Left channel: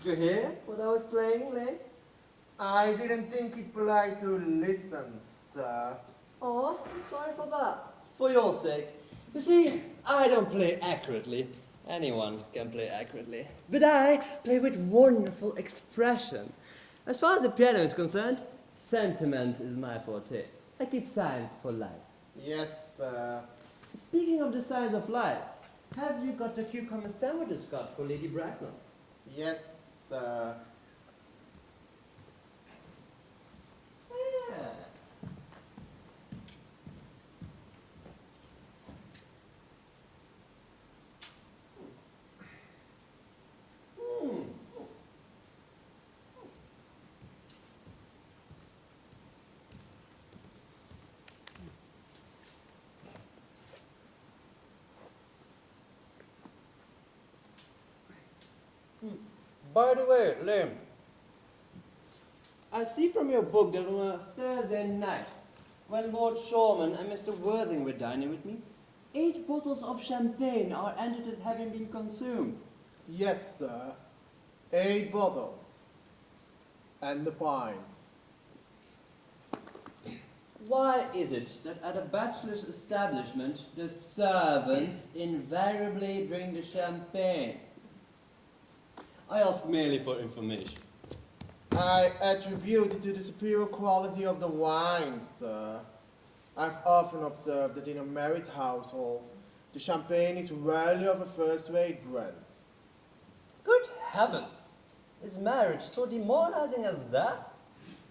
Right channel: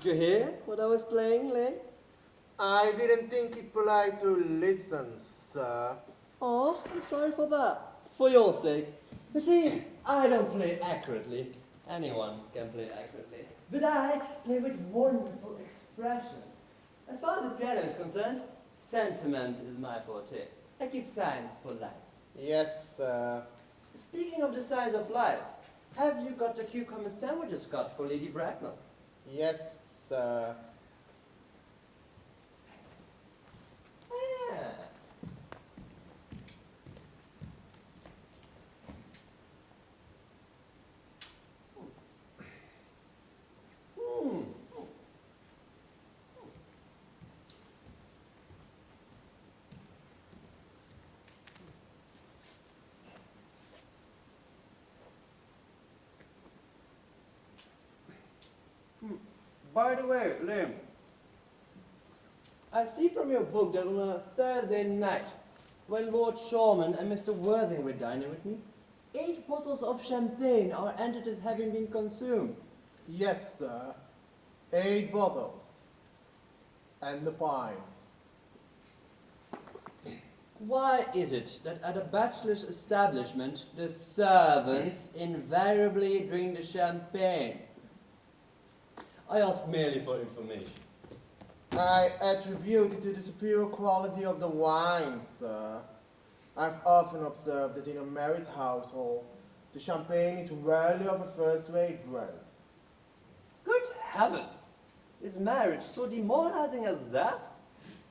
Did you hear what I was playing, Lane? I didn't think it polite to listen, sir. Oh, I'm sorry for that. For your sake. You see, I don't play accurately. Anyone can play accurately. But I play with wonderful expression. As far as the piano is concerned, sentiment is my forte. I keep signs for life. Yes, sir. Speaking of the signs of life, have you got the cucumber sandwiches cut for Lady Bracknell? Yes, sir. Yeah. Hmm. By the way, Lim, I see from your book that on a Thursday night, when Lord Shawman and Mr. Worthing were dining with me, 8 bottles of champagne are entered as having been consumed. Yes, sir. 8 bottles. And the pints. Why is it that at a bachelor's establishment, the servants invariably drink the champagne? I ask merely for information. I attribute it to the superior quality of the wine, sir. I've often observed that in a married household, the champagne is rarely of a first-rate brand. Good heavens! Is marriage so demoralizing as that?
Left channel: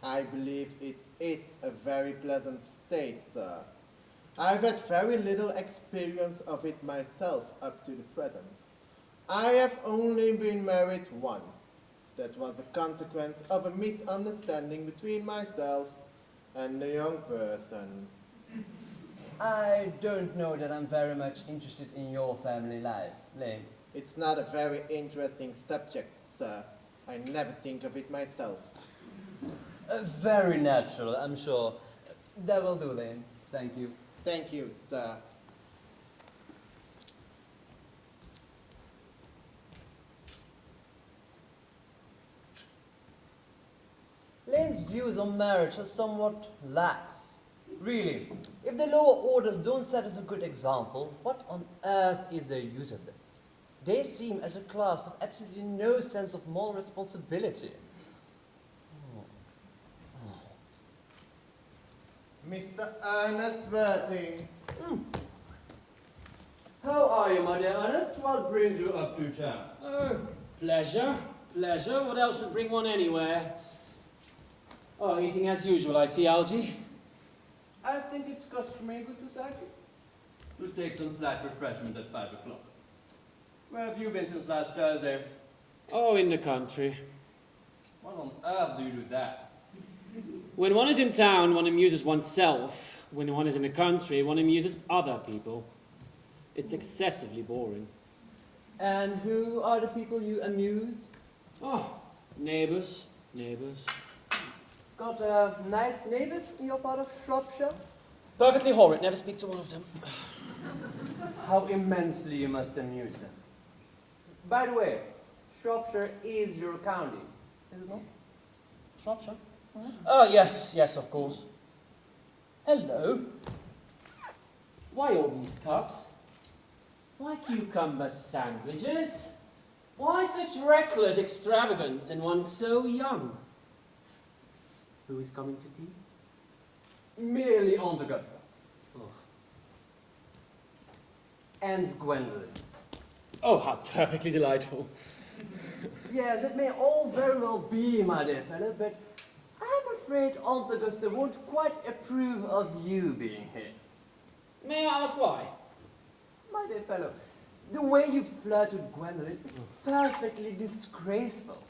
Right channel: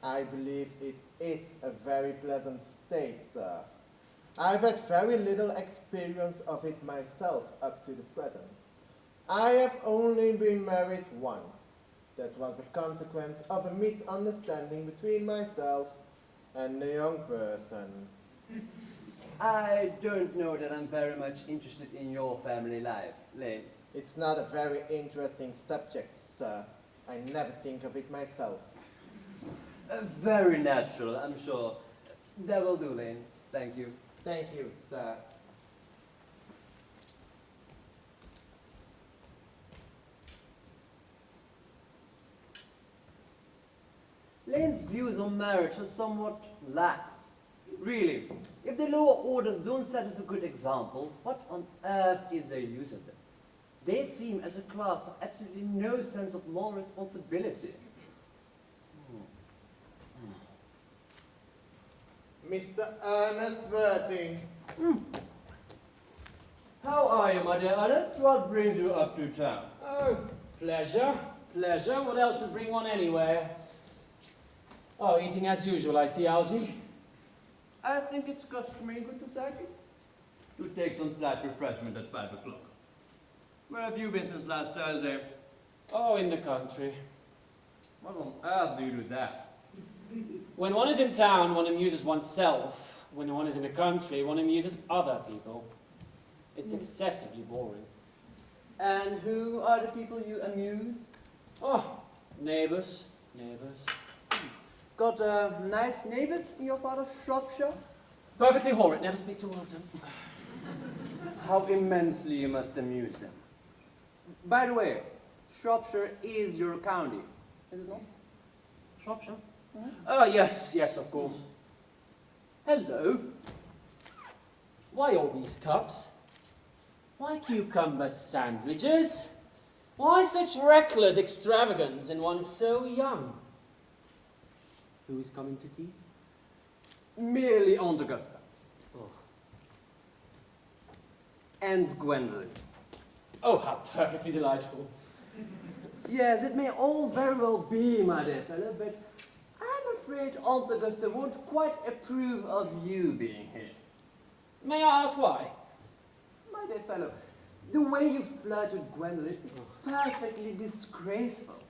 I believe it is a very pleasant state, sir. I've had very little experience of it myself up to the present. I have only been married once. That was a consequence of a misunderstanding between myself and the young person. I don't know that I'm very much interested in your family life, Lane. It's not a very interesting subject, sir. I never think of it myself. Very natural, I'm sure. That will do, Lane. Thank you. Thank you, sir. Lane's views on marriage are somewhat lax. Really, if the lower orders don't set us a good example, what on earth is the use of them? They seem as a class of absolutely no sense of moral responsibility. Mr. Earnest Worthing. How are you, my dear Earnest? What brings you up to town? Oh, pleasure. Pleasure. What else would bring one anywhere? Oh, eating as usual, I see, Algie. I think it's customary in good society to take some slight refreshment at 5 o'clock. Where have you been since last Thursday? Oh, in the country. What on earth do you do that? When one is in town, one amuses oneself. When one is in the country, one amuses other people. It's excessively boring. And who are the people you amuse? Oh, neighbours. Got nice neighbours in your part of Shropshire? Perfectly horrid, never speak to one of them. How immensely you must amuse them. By the way, Shropshire is your county, is it not? Shropshire? Oh, yes, of course. Hello. Why all these cups? Why cucumber sandwiches? Why such reckless extravagance in one so young? Who is coming to tea? Merely Aunt Augusta. And Gwendolyn. Oh, how perfectly delightful. Yes, it may all very well be, my dear fellow, but I'm afraid Aunt Augusta won't quite approve of you being here. May I ask why? My dear fellow, the way you flirt with Gwendolyn is perfectly disgraceful.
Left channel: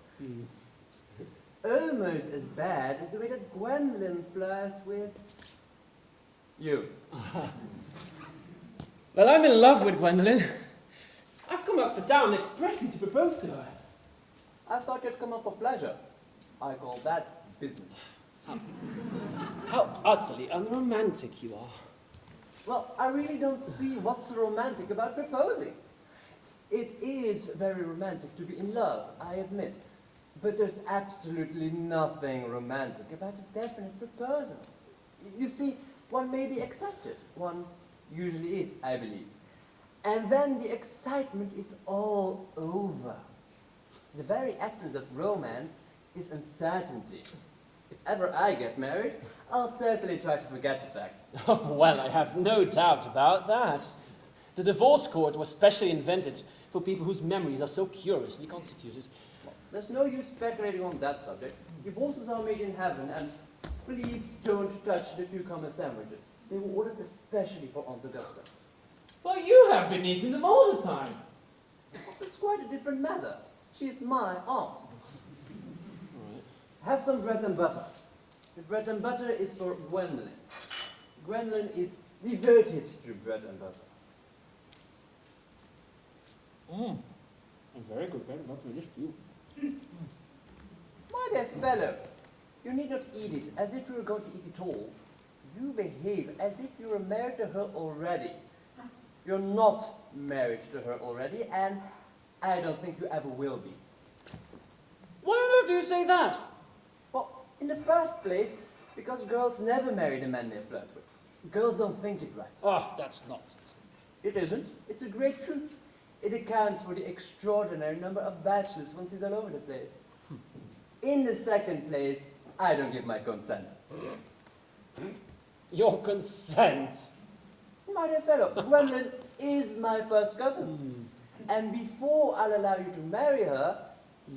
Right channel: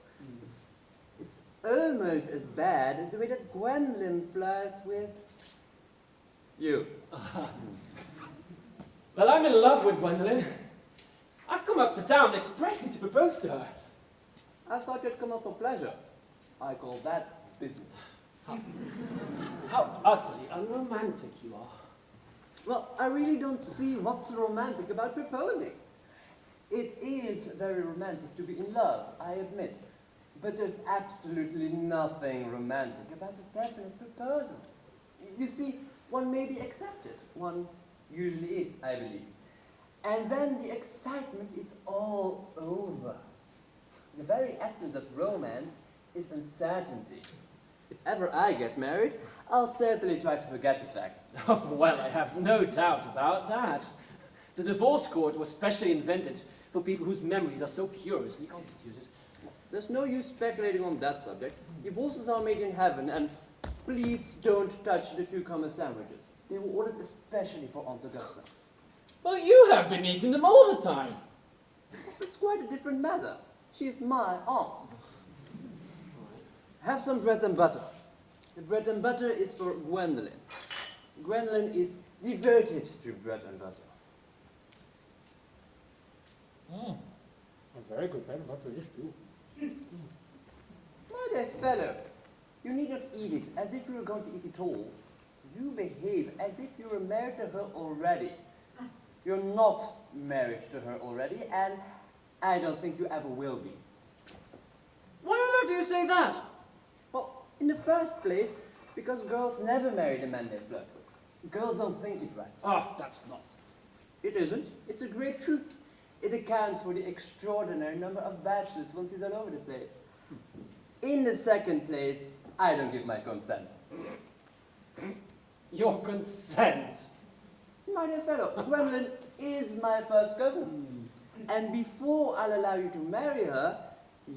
It's almost as bad as the way that Gwendolyn flirts with you. Well, I'm in love with Gwendolyn. I've come up to town expressly to propose to her. I thought you'd come up for pleasure. I call that business. How utterly unromantic you are. Well, I really don't see what's romantic about proposing. It is very romantic to be in love, I admit. But there's absolutely nothing romantic about a definite proposal. You see, one may be accepted. One usually is, I believe. And then the excitement is all over. The very essence of romance is uncertainty. If ever I get married, I'll certainly try to forget the fact. Oh, well, I have no doubt about that. The divorce court was specially invented for people whose memories are so curiously constituted. There's no use speculating on that subject. Divorces are made in heaven, and please don't touch the cucumber sandwiches. They were ordered especially for Aunt Augusta. Well, you have been eating them all the time. It's quite a different matter. She's my aunt. Have some bread and butter. The bread and butter is for Gwendolyn. Gwendolyn is devoted to bread and butter. A very good bread and butter is too. My dear fellow, you need not eat it as if you were going to eat it all. You behave as if you were married to her already. You're not married to her already, and I don't think you ever will be. Why on earth do you say that? Well, in the first place, because girls never marry the man they flirt with. Girls don't think it right. Oh, that's nonsense. It isn't. It's a great truth. It accounts for the extraordinary number of bachelors one sees all over the place. In the second place, I don't give my consent. Your consent? My dear fellow, Gwendolyn is my first cousin. And before I'll allow you to marry her,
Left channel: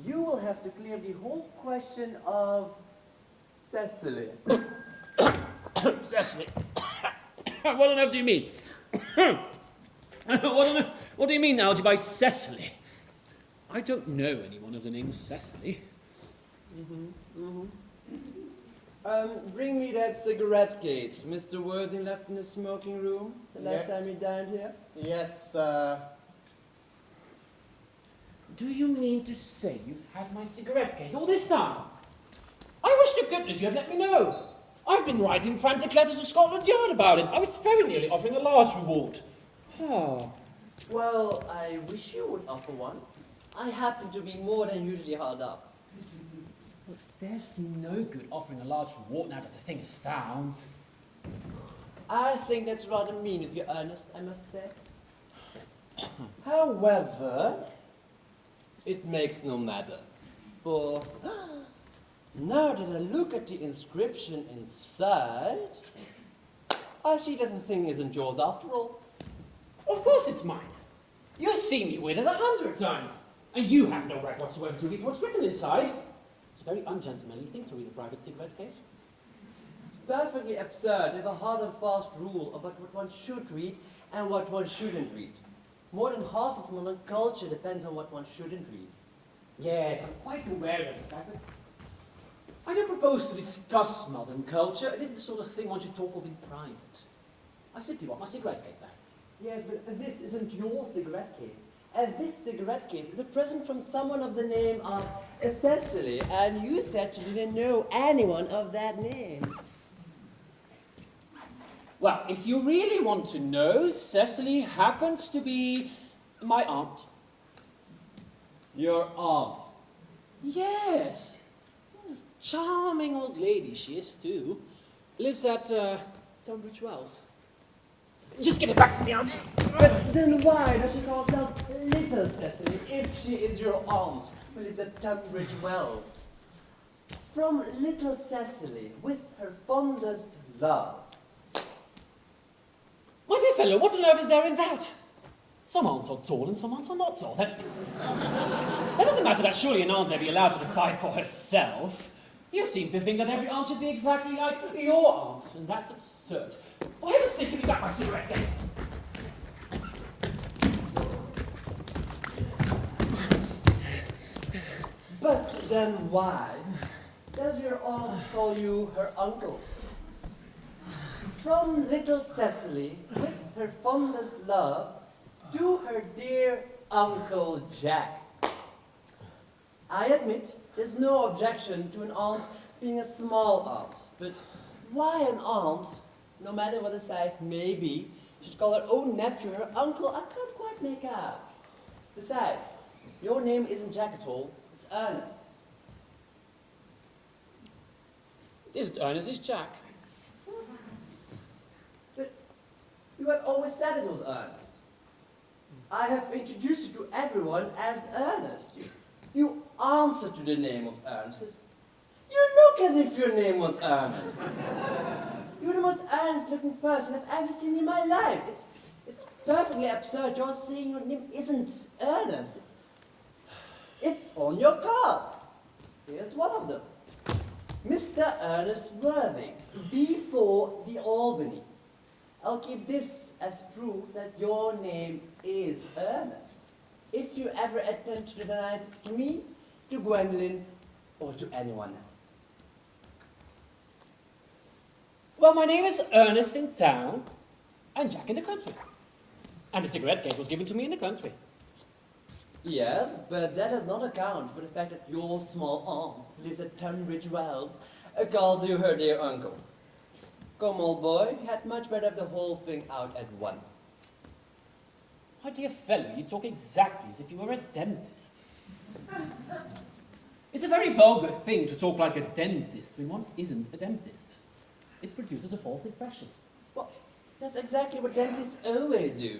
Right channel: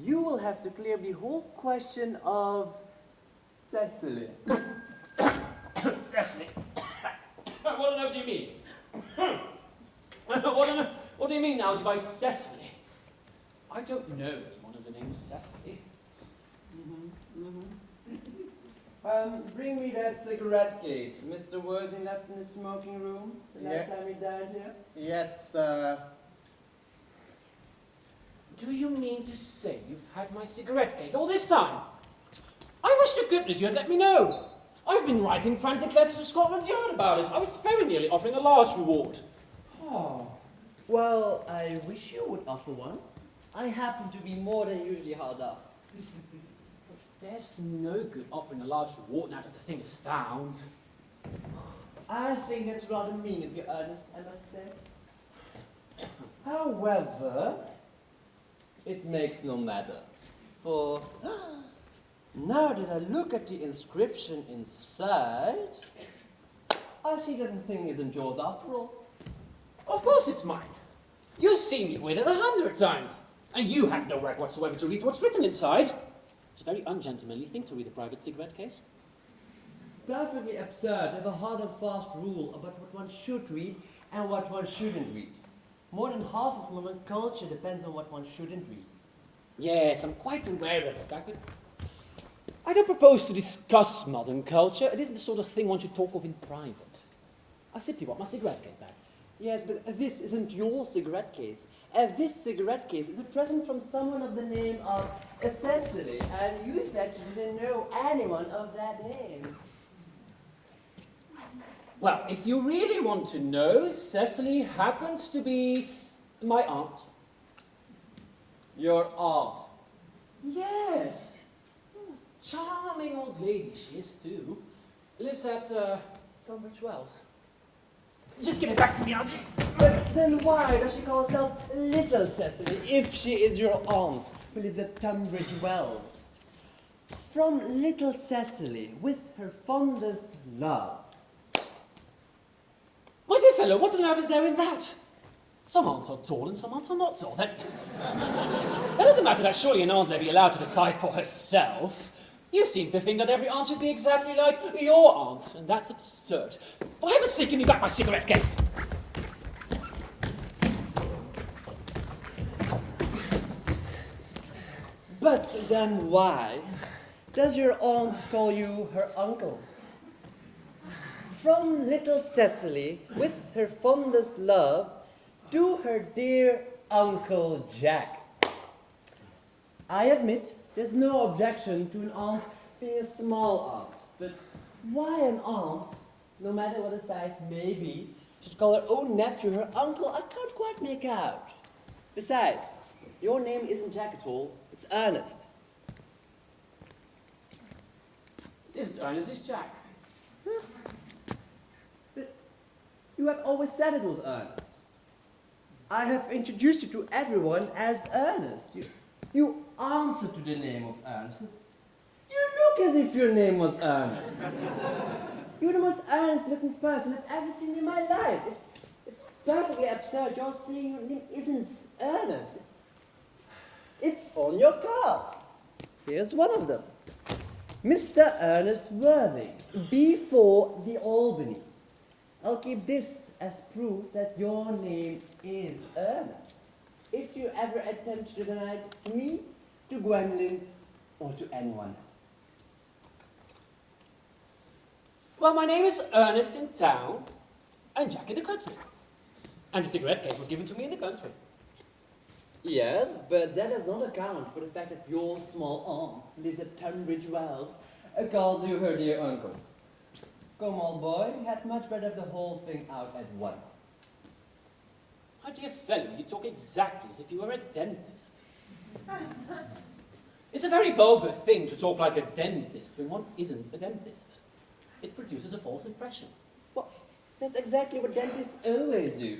you will have to clear the whole question of Cecily. Cecily? What on earth do you mean? What do you mean, Algy, by Cecily? I don't know anyone of the name Cecily. Bring me that cigarette case Mr. Worthing left in the smoking room the last Yeah. time he dined here. Yes, sir. Do you mean to say you've had my cigarette case all this time? I wish to goodness you had let me know. I've been writing frantic letters to Scotland Yard about it. I was very nearly offering a large reward. Oh, well, I wish you would offer one. I happen to be more than usually hard up. There's no good offering a large reward now that the thing is found. I think that's rather mean of you, Ernest, I must say. However, it makes no matter. For now that I look at the inscription inside, I see that the thing isn't yours after all. Of course it's mine. You've seen me with it 100 times. And you have no right whatsoever to read what's written inside. It's a very ungentlemanly thing to read a private cigarette case. It's perfectly absurd to have a hard and fast rule about what one should read and what one shouldn't read. More than half of modern culture depends on what one shouldn't read. Yes, I'm quite aware of the fact that I don't propose to discuss modern culture. It isn't the sort of thing one should talk of in private. I simply want my cigarette case back. Yes, but this isn't your cigarette case. And this cigarette case is a present from someone of the name of Cecily, and you said you didn't know anyone of that name. Well, if you really want to know, Cecily happens to be my aunt. Your aunt. Yes. Charming old lady she is too. Lives at Tunbridge Wells. Just give it back to me, Algy. But then why does she call herself Little Cecily if she is your aunt who lives at Tunbridge Wells? From Little Cecily, with her fondest love. My dear fellow, what on earth is there in that? Some aunts are tall and some aunts are not tall. That doesn't matter. That surely an aunt may be allowed to decide for herself. You seem to think that every aunt should be exactly like your aunt, and that's absurd. For heaven's sake, give me back my cigarette case. But then why does your aunt call you her uncle? From Little Cecily, with her fondest love, to her dear Uncle Jack. I admit there's no objection to an aunt being a small aunt, but why an aunt, no matter what the size may be, should call her own nephew her uncle, I can't quite make out. Besides, your name isn't Jack at all, it's Earnest. This Ernest is Jack. You have always said it was Ernest. I have introduced you to everyone as Earnest. You answer to the name of Ernest. You look as if your name was Ernest. You're the most earnest-looking person I've ever seen in my life. It's perfectly absurd you're saying your name isn't Ernest. It's on your cards. Here's one of them. Mr. Ernest Worthing, B4 the Albany. I'll keep this as proof that your name is Ernest. If you ever attempt to deny it to me, to Gwendolyn, or to anyone else. Well, my name is Ernest in town, and Jack in the country. And the cigarette case was given to me in the country. Yes, but that does not account for the fact that your small aunt lives at Tunbridge Wells, calls you her dear uncle. Come, old boy, you had much better have the whole thing out at once. My dear fellow, you talk exactly as if you were a dentist. It's a very vulgar thing to talk like a dentist when one isn't a dentist. It produces a false impression. Well, that's exactly what dentists always do.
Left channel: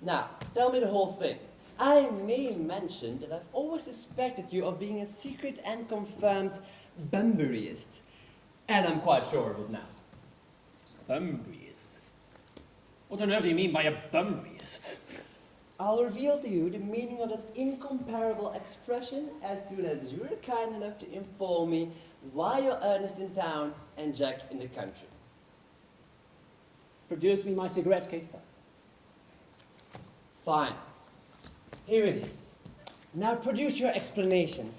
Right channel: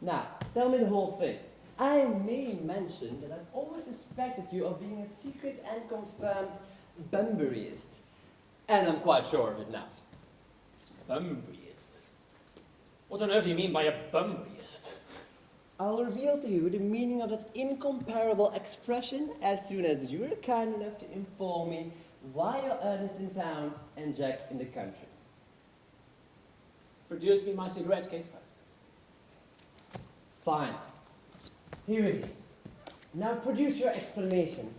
Now, tell me the whole thing. I may mention that I've always suspected you of being a secret and confirmed Bunburyist. And I'm quite sure of it now. Bunburyist? What on earth do you mean by a Bunburyist? I'll reveal to you the meaning of that incomparable expression as soon as you're kind enough to inform me why you're Ernest in town and Jack in the country. Produce me my cigarette case first. Fine. Here it is. Now produce your explanation.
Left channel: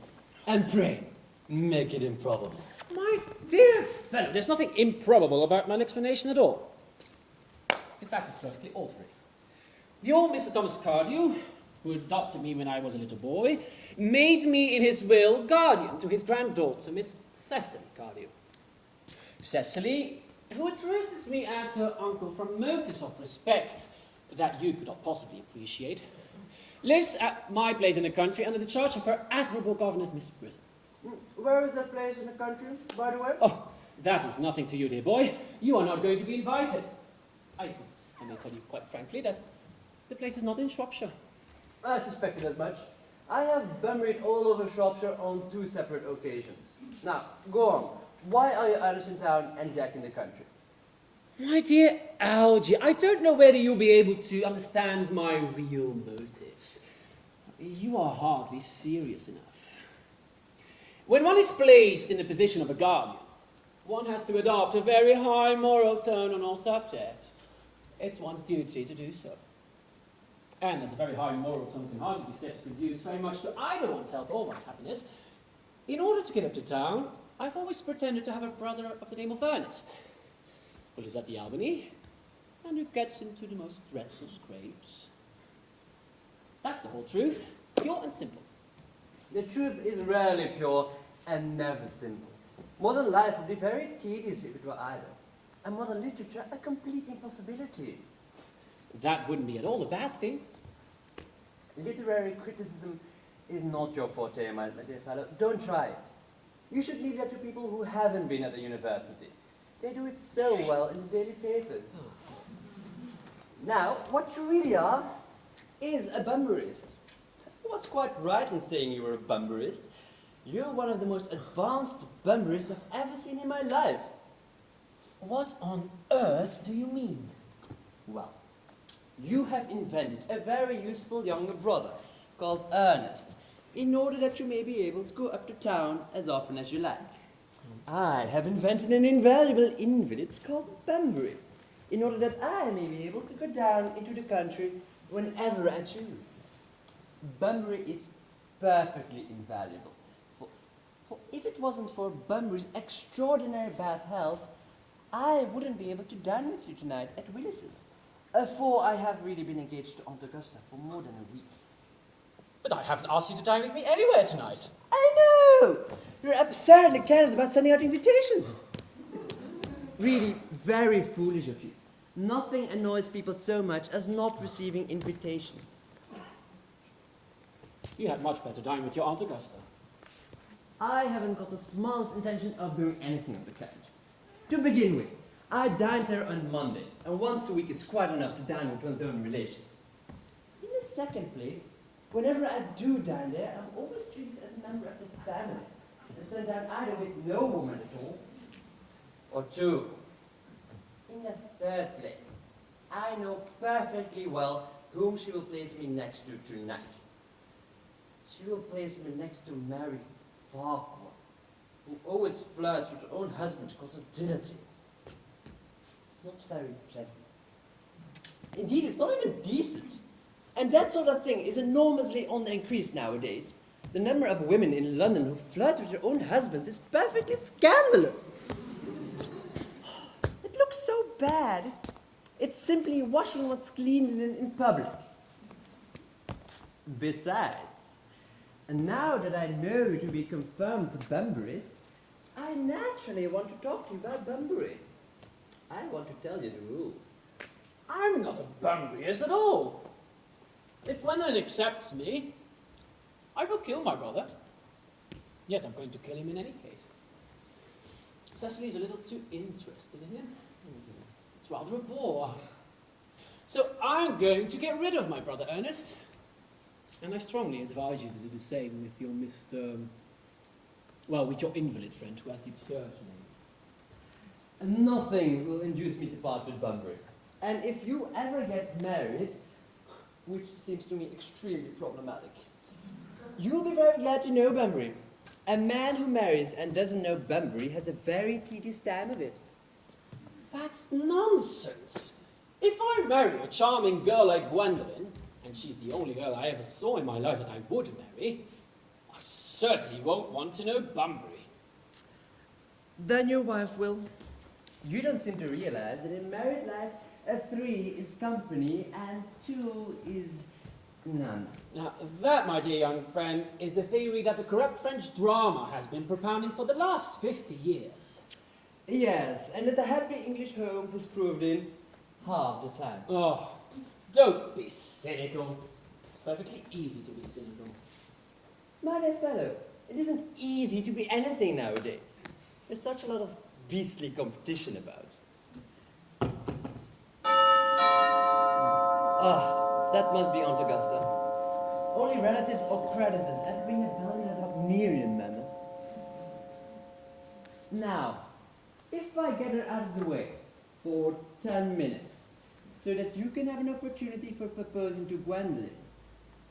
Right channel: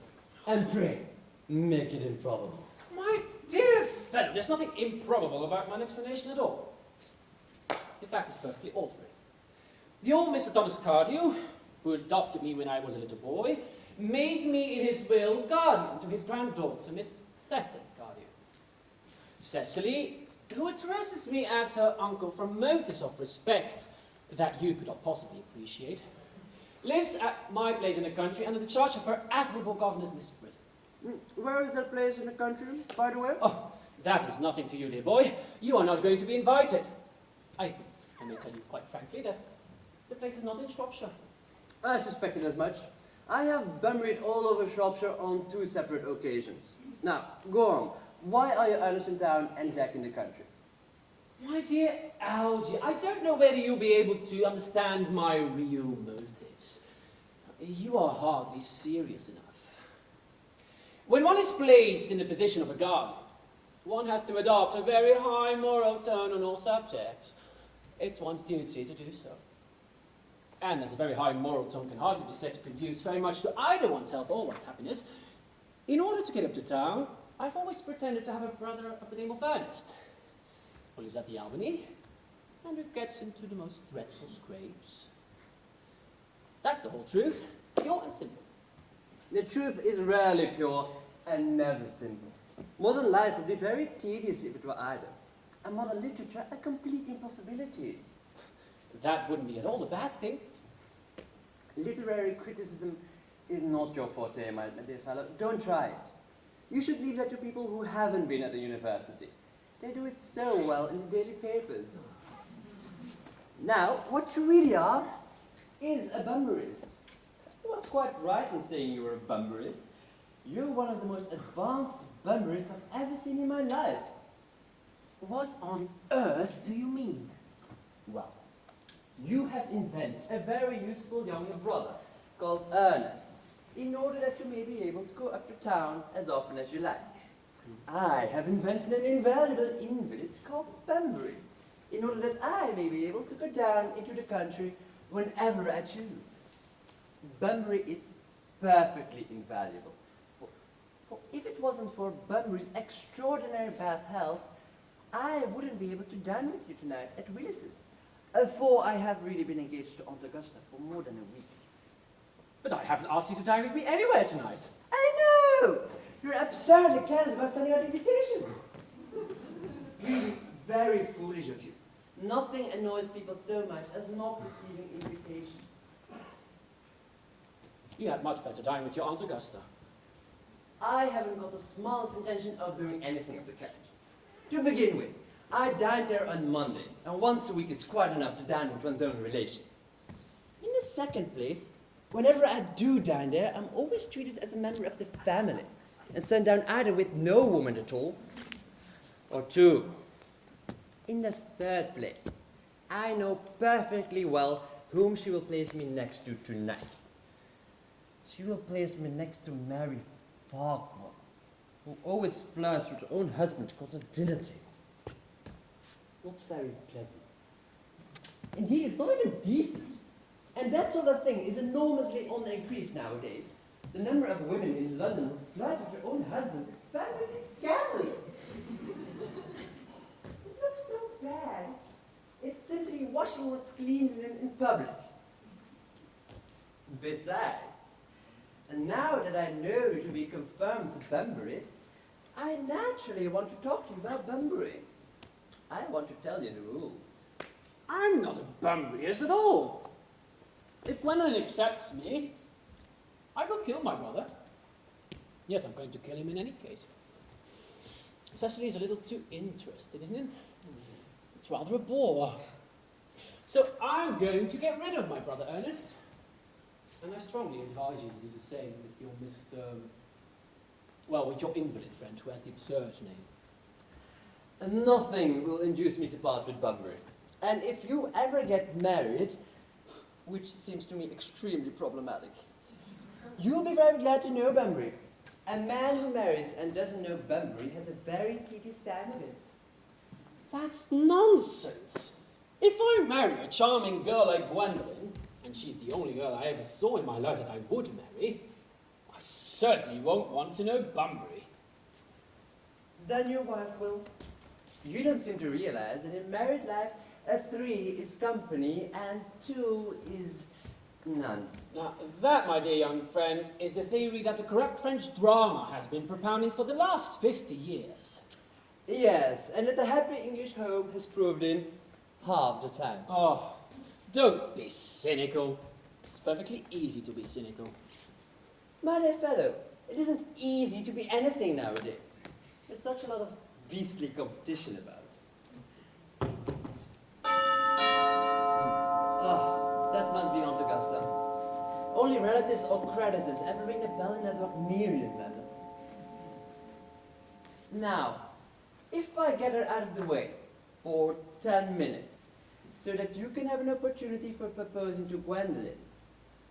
And pray, make it improbable. My dear fellow, there's nothing improbable about my explanation at all. In fact, it's perfectly ordinary. The old Mr. Thomas Cardew, who adopted me when I was a little boy, made me in his will guardian to his granddaughter, Miss Cecily Cardew. Cecily, who addresses me as her uncle from motives of respect that you could not possibly appreciate, lives at my place in the country under the charge of her admirable governess, Miss Britton. Where is that place in the country, by the way? Oh, that is nothing to you, dear boy. You are not going to be invited. I may tell you quite frankly that the place is not in Shropshire. I suspected as much. I have Bunburyed all over Shropshire on 2 separate occasions. Now, go on. Why are you Ernest in town and Jack in the country? My dear Algy, I don't know whether you'll be able to understand my real motives. You are hardly serious enough. When one is placed in the position of a guardian, one has to adopt a very high moral tone on all subjects. It's one's duty to do so. And as a very high moral tone can hardly be said to conduce very much to either one's health or one's happiness, in order to get up to town, I've always pretended to have a brother of the name of Earnest, who lives at the Albany, and who gets into the most dreadful scrapes. That's the whole truth, pure and simple. The truth is rarely pure and never simple. Modern life would be very tedious if it were either. And modern literature a complete impossibility. That wouldn't be at all a bad thing. Literary criticism is not your forte, my dear fellow. Don't try it. You should leave that to people who haven't been at a university. They do it so well in the daily papers. Now, what you really are is a Bunburyist. I was quite right in saying you were a Bunburyist. You're one of the most advanced Bunburyists I've ever seen in my life. What on earth do you mean? Well, you have invented a very useful younger brother called Earnest, in order that you may be able to go up to town as often as you like. I have invented an invaluable invalid called Bunbury, in order that I may be able to go down into the country whenever I choose. Bunbury is perfectly invaluable, for if it wasn't for Bunbury's extraordinary bad health, I wouldn't be able to dine with you tonight at Willis's, for I have really been engaged to Aunt Augusta for more than a week. But I haven't asked you to dine with me anywhere tonight. I know! You're absurdly careless about sending out invitations. Really very foolish of you. Nothing annoys people so much as not receiving invitations. You had much better dine with your Aunt Augusta. I haven't got the smallest intention of doing anything of the kind. To begin with, I dined there on Monday, and once a week is quite enough to dine with one's own relations. In the second place, whenever I do dine there, I'm always treated as a member of the family, and sent down either with no woman at all, or two. In the third place, I know perfectly well whom she will place me next to tonight. She will place me next to Mary Falkmore, who always flirts with her own husband to go to dinner table. It's not very pleasant. Indeed, it's not even decent. And that sort of thing is enormously on the increase nowadays. The number of women in London who flirt with their own husbands is perfectly scandalous. It looks so bad. It's simply washing what's clean in public. Besides, and now that I know you to be a confirmed bumberist, I naturally want to talk to you about bumbering. I want to tell you the rules. I'm not a bumbriest at all. If Gwendolyn accepts me, I will kill my brother. Yes, I'm going to kill him in any case. Cecily is a little too interested in him. It's rather a bore. So I'm going to get rid of my brother Ernest. And I strongly advise you to do the same with your with your invalid friend who has the absurd name. And nothing will induce me to part with bumbering. And if you ever get married, which seems to me extremely problematic, you will be very glad to know Bunbury. A man who marries and doesn't know Bunbury has a very tedious time of it. That's nonsense. If I marry a charming girl like Gwendolyn, and she's the only girl I ever saw in my life that I would marry, I certainly won't want to know Bunbury. Then your wife will. You don't seem to realize that in married life, a 3 is company and 2 is none. Now, that, my dear young friend, is the theory that the corrupt French drama has been propounding for the last 50 years. Yes, and that the happy English home has proved in half the time. Oh, don't be cynical. It's perfectly easy to be cynical. My dear fellow, it isn't easy to be anything nowadays. There's such a lot of beastly competition about. Ah, that must be Aunt Augusta. Only relatives or creditors ever ring a bell in that Wagnerian manner. Now, if I get her out of the way for 10 minutes, so that you can have an opportunity for proposing to Gwendolyn,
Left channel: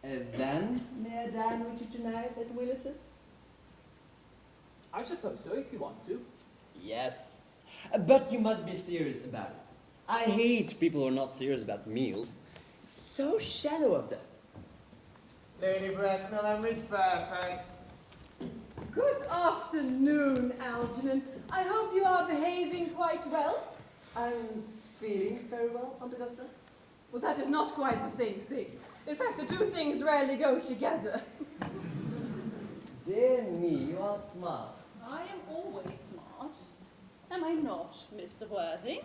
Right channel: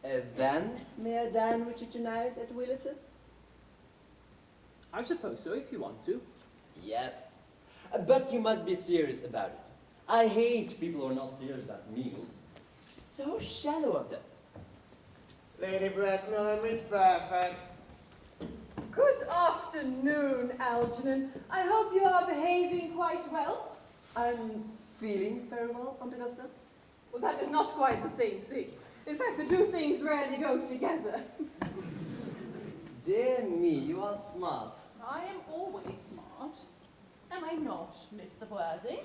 then may I dine with you tonight at Willis's? I suppose so, if you want to. Yes, but you must be serious about it. I hate people who are not serious about meals. It's so shallow of them. Lady Bracknell and Miss Fairfax. Good afternoon, Algernon. I hope you are behaving quite well. I'm feeling very well, Aunt Augusta. Well, that is not quite the same thing. In fact, the two things rarely go together. Dear me, you are smart. I am always smart. Am I not, Mr. Worthing?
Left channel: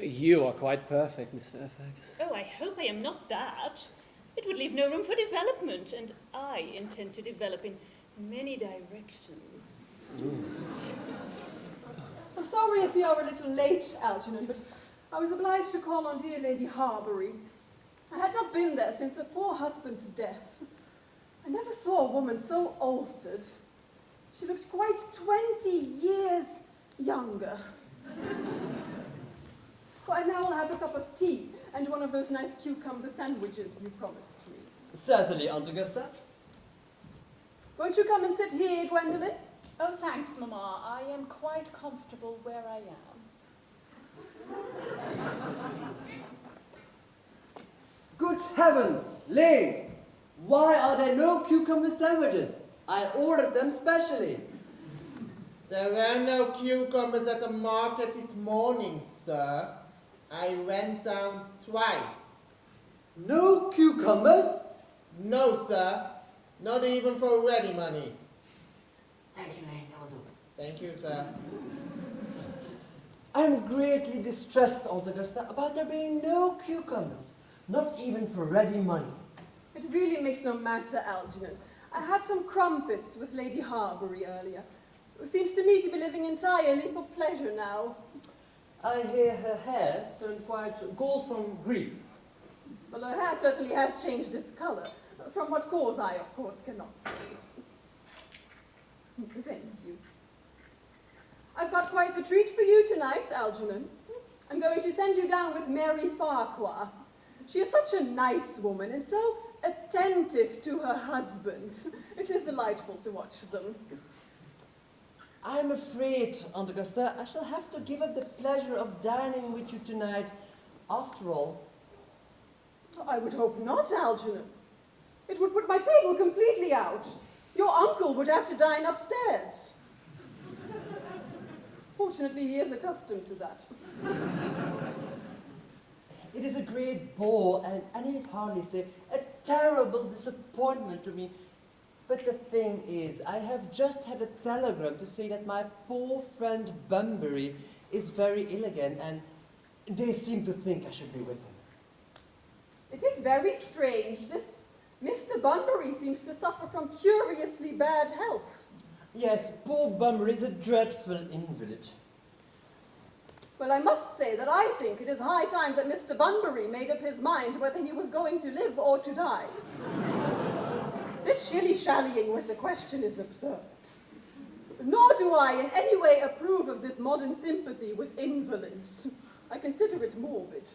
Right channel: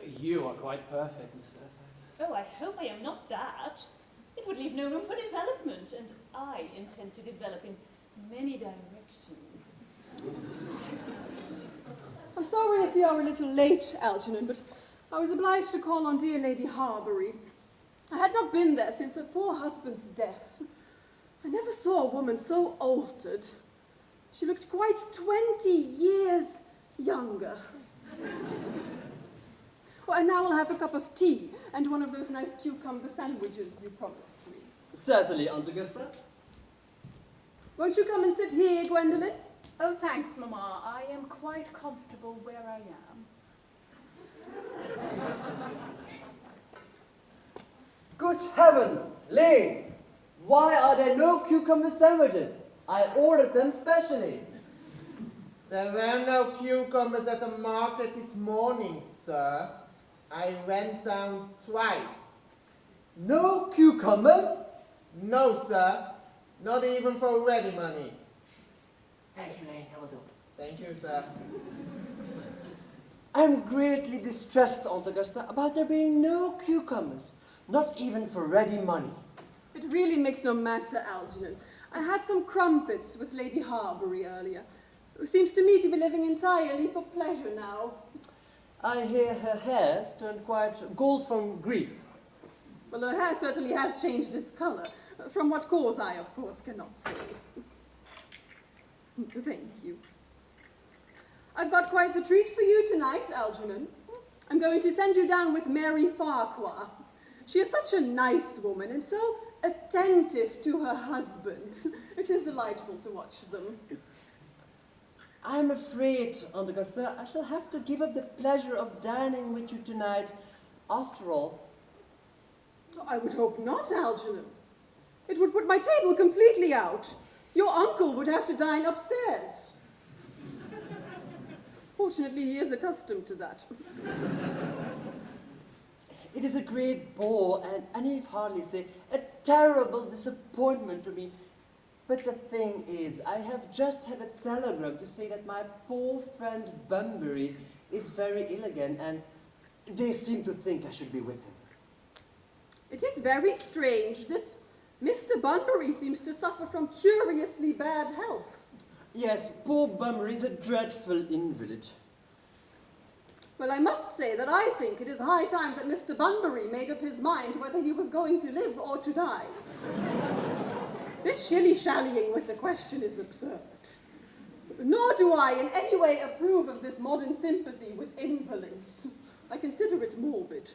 You are quite perfect, Miss Fairfax. Oh, I hope I am not that. It would leave no room for development, and I intend to develop in many directions. I'm sorry if you are a little late, Algernon, but I was obliged to call on dear Lady Harbury. I had not been there since her poor husband's death. I never saw a woman so altered. She looked quite 20 years younger. Well, and now I'll have a cup of tea and one of those nice cucumber sandwiches you promised me. Certainly, Aunt Augusta. Won't you come and sit here, Gwendolyn? Oh, thanks, Mamma. I am quite comfortable where I am. Good heavens, Lane! Why are there no cucumber sandwiches? I ordered them specially. There were no cucumbers at the market this morning, sir. I went down twice. No cucumbers? No, sir. Not even for ready money. Thank you, Lane. I will do. Thank you, sir. I'm greatly distressed, Aunt Augusta, about there being no cucumbers. Not even for ready money. It really makes no matter, Algernon. I had some crumpets with Lady Harbury earlier, who seems to me to be living entirely for pleasure now. I hear her hair's turned quite gold from grief. Well, her hair certainly has changed its colour. From what cause I, of course, cannot say. Thank you. I've got quite the treat for you tonight, Algernon. I'm going to send you down with Mary Farquhar. She is such a nice woman and so attentive to her husband. It is delightful to watch them. I'm afraid, Aunt Augusta, I shall have to give up the pleasure of dining with you tonight, after all. I would hope not, Algernon. It would put my table completely out. Your uncle would have to dine upstairs. Fortunately, he is accustomed to that. It is a great bore, and I need hardly say a terrible disappointment to me. But the thing is, I have just had a telegram to say that my poor friend Bunbury is very ill again, and they seem to think I should be with him. It is very strange. This Mr. Bunbury seems to suffer from curiously bad health. Yes, poor Bunbury is a dreadful invalid. Well, I must say that I think it is high time that Mr. Bunbury made up his mind whether he was going to live or to die. This shilly-shallying with the question is absurd. Nor do I in any way approve of this modern sympathy with invalids. I consider it morbid.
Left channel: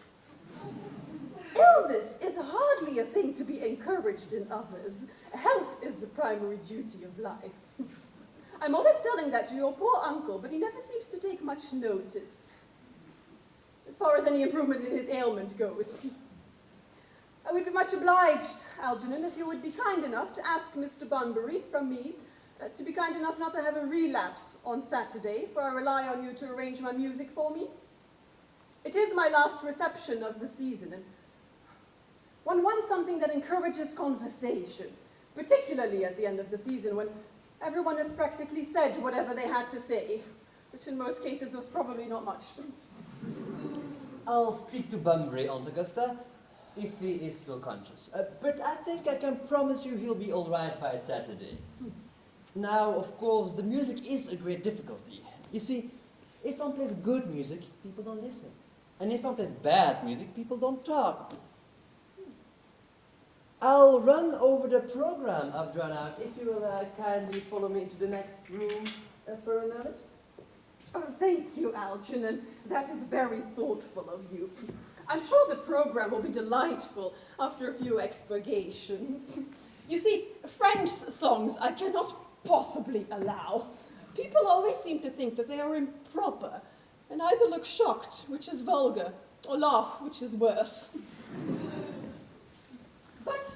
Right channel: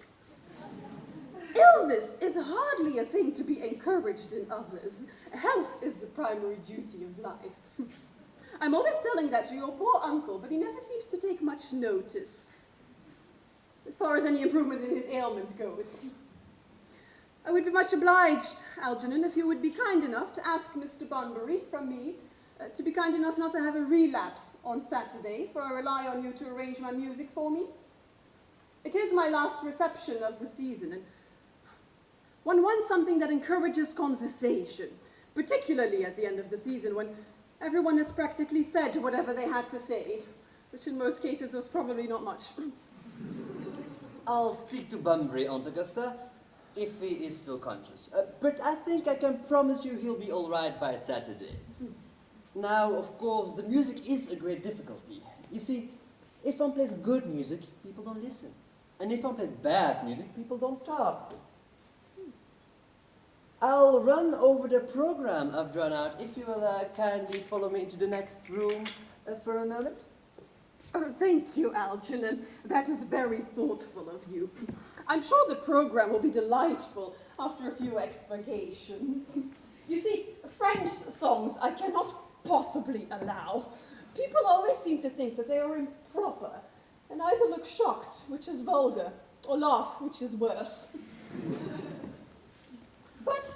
Illness is hardly a thing to be encouraged in others. Health is the primary duty of life. I'm always telling that to your poor uncle, but he never seems to take much notice, as far as any improvement in his ailment goes. I would be much obliged, Algernon, if you would be kind enough to ask Mr. Bunbury from me to be kind enough not to have a relapse on Saturday, for I rely on you to arrange my music for me. It is my last reception of the season, and one wants something that encourages conversation, particularly at the end of the season when everyone has practically said whatever they had to say, which in most cases was probably not much. I'll speak to Bunbury, Aunt Augusta, if he is still conscious. But I think I can promise you he'll be all right by Saturday. Now, of course, the music is a great difficulty. You see, if one plays good music, people don't listen. And if one plays bad music, people don't talk. I'll run over the program I've drawn out, if you will kindly follow me into the next room for a moment. Oh, thank you, Algernon. That is very thoughtful of you. I'm sure the program will be delightful after a few expurgations. You see, French songs I cannot possibly allow. People always seem to think that they are improper, and either look shocked, which is vulgar, or laugh, which is worse. But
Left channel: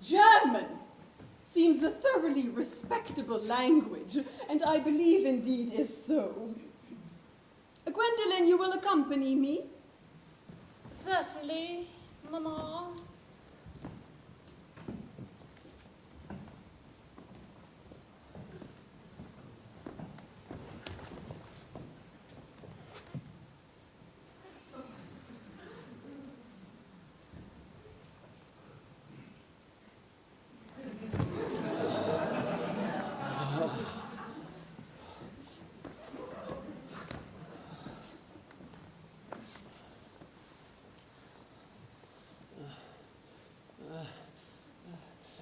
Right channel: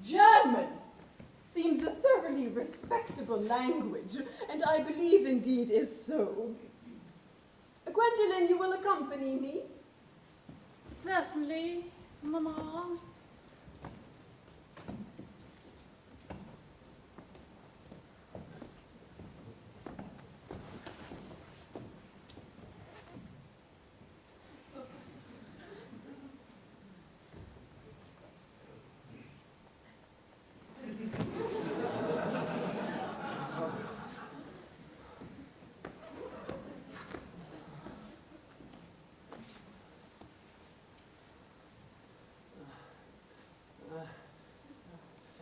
German seems a thoroughly respectable language, and I believe indeed is so. Gwendolen, you will accompany me? Certainly, Mamma.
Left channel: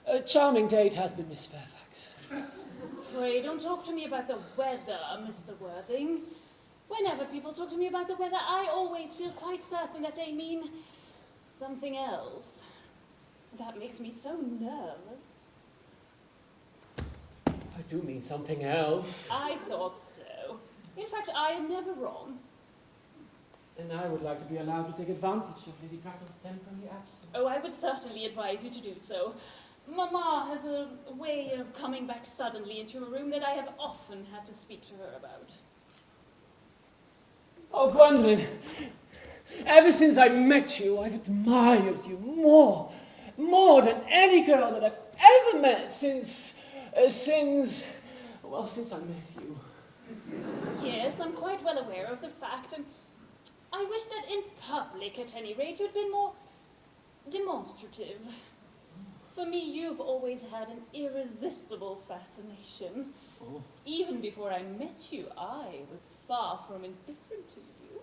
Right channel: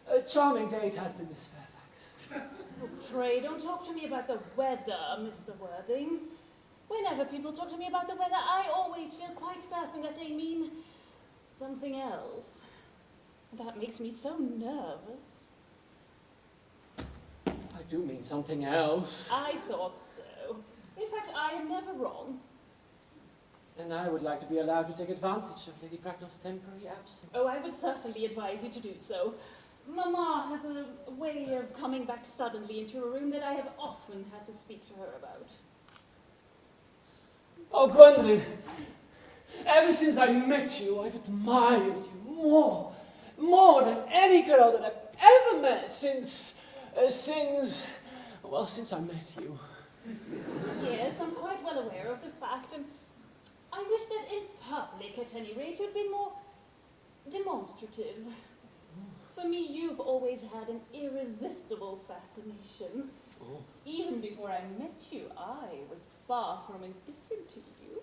A charming day it has been, Miss Fairfax. Pray don't talk to me about the weather, Mr. Worthing. Whenever people talk to me about the weather, I always feel quite certain that they mean something else. That makes me so nervous. I do mean something else. I thought so. In fact, I am never wrong. And I would like to be allowed to take advantage of Lady Bracknell's temporary absence. Oh, I would certainly advise you to do so. Mamma has a way of coming back suddenly into a room that I have often had to speak to her about. Oh, Gwendolen, ever since I met you, I've admired you more than any girl that I've ever met since I met you. Yes, I'm quite well aware of the fact, and I wish that in public, at any rate, you'd been more demonstrative. For me, you've always had an irresistible fascination. Oh. Even before I met you, I was far from indifferent to you.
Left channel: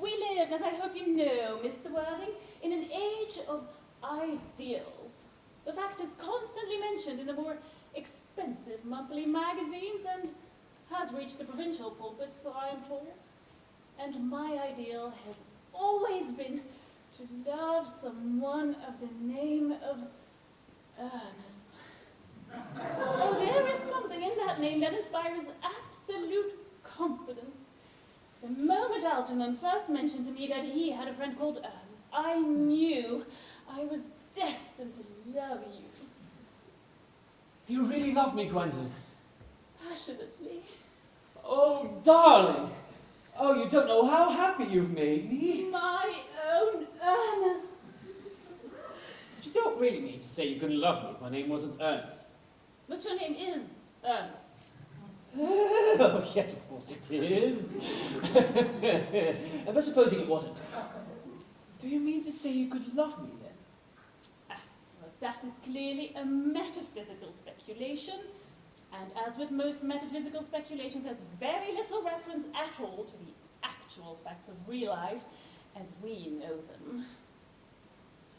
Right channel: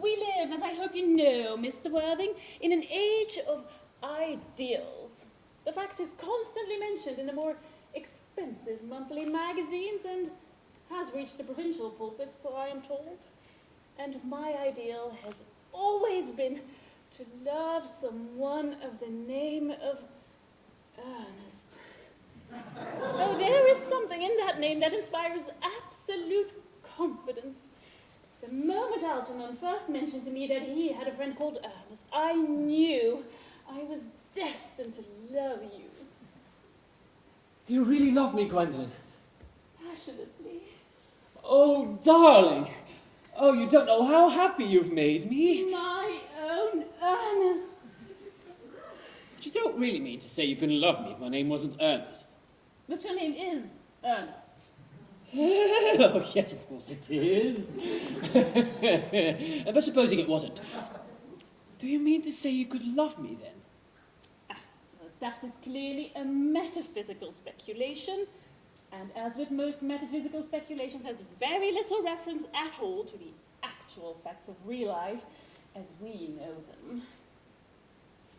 We live, as I hope you know, Mr. Worthing, in an age of ideals. The fact is constantly mentioned in the more expensive monthly magazines and has reached the provincial pulpits, so I am told. And my ideal has always been to love someone of the name of Earnest. Oh, there is something in that name that inspires absolute confidence. The moment Algernon first mentioned to me that he had a friend called Earnest, I knew I was destined to love you. You really love me, Gwendolyn. Passionately. Oh, darling. Oh, you don't know how happy you've made me. My own Earnest. But you don't really mean to say you couldn't love me if my name wasn't Earnest. But your name is Earnest. Oh, yes, of course it is. But supposing it wasn't, do you mean to say you could love me then? Well, that is clearly a metaphysical speculation, and as with most metaphysical speculations, has very little reference at all to the actual facts of real life as we know them.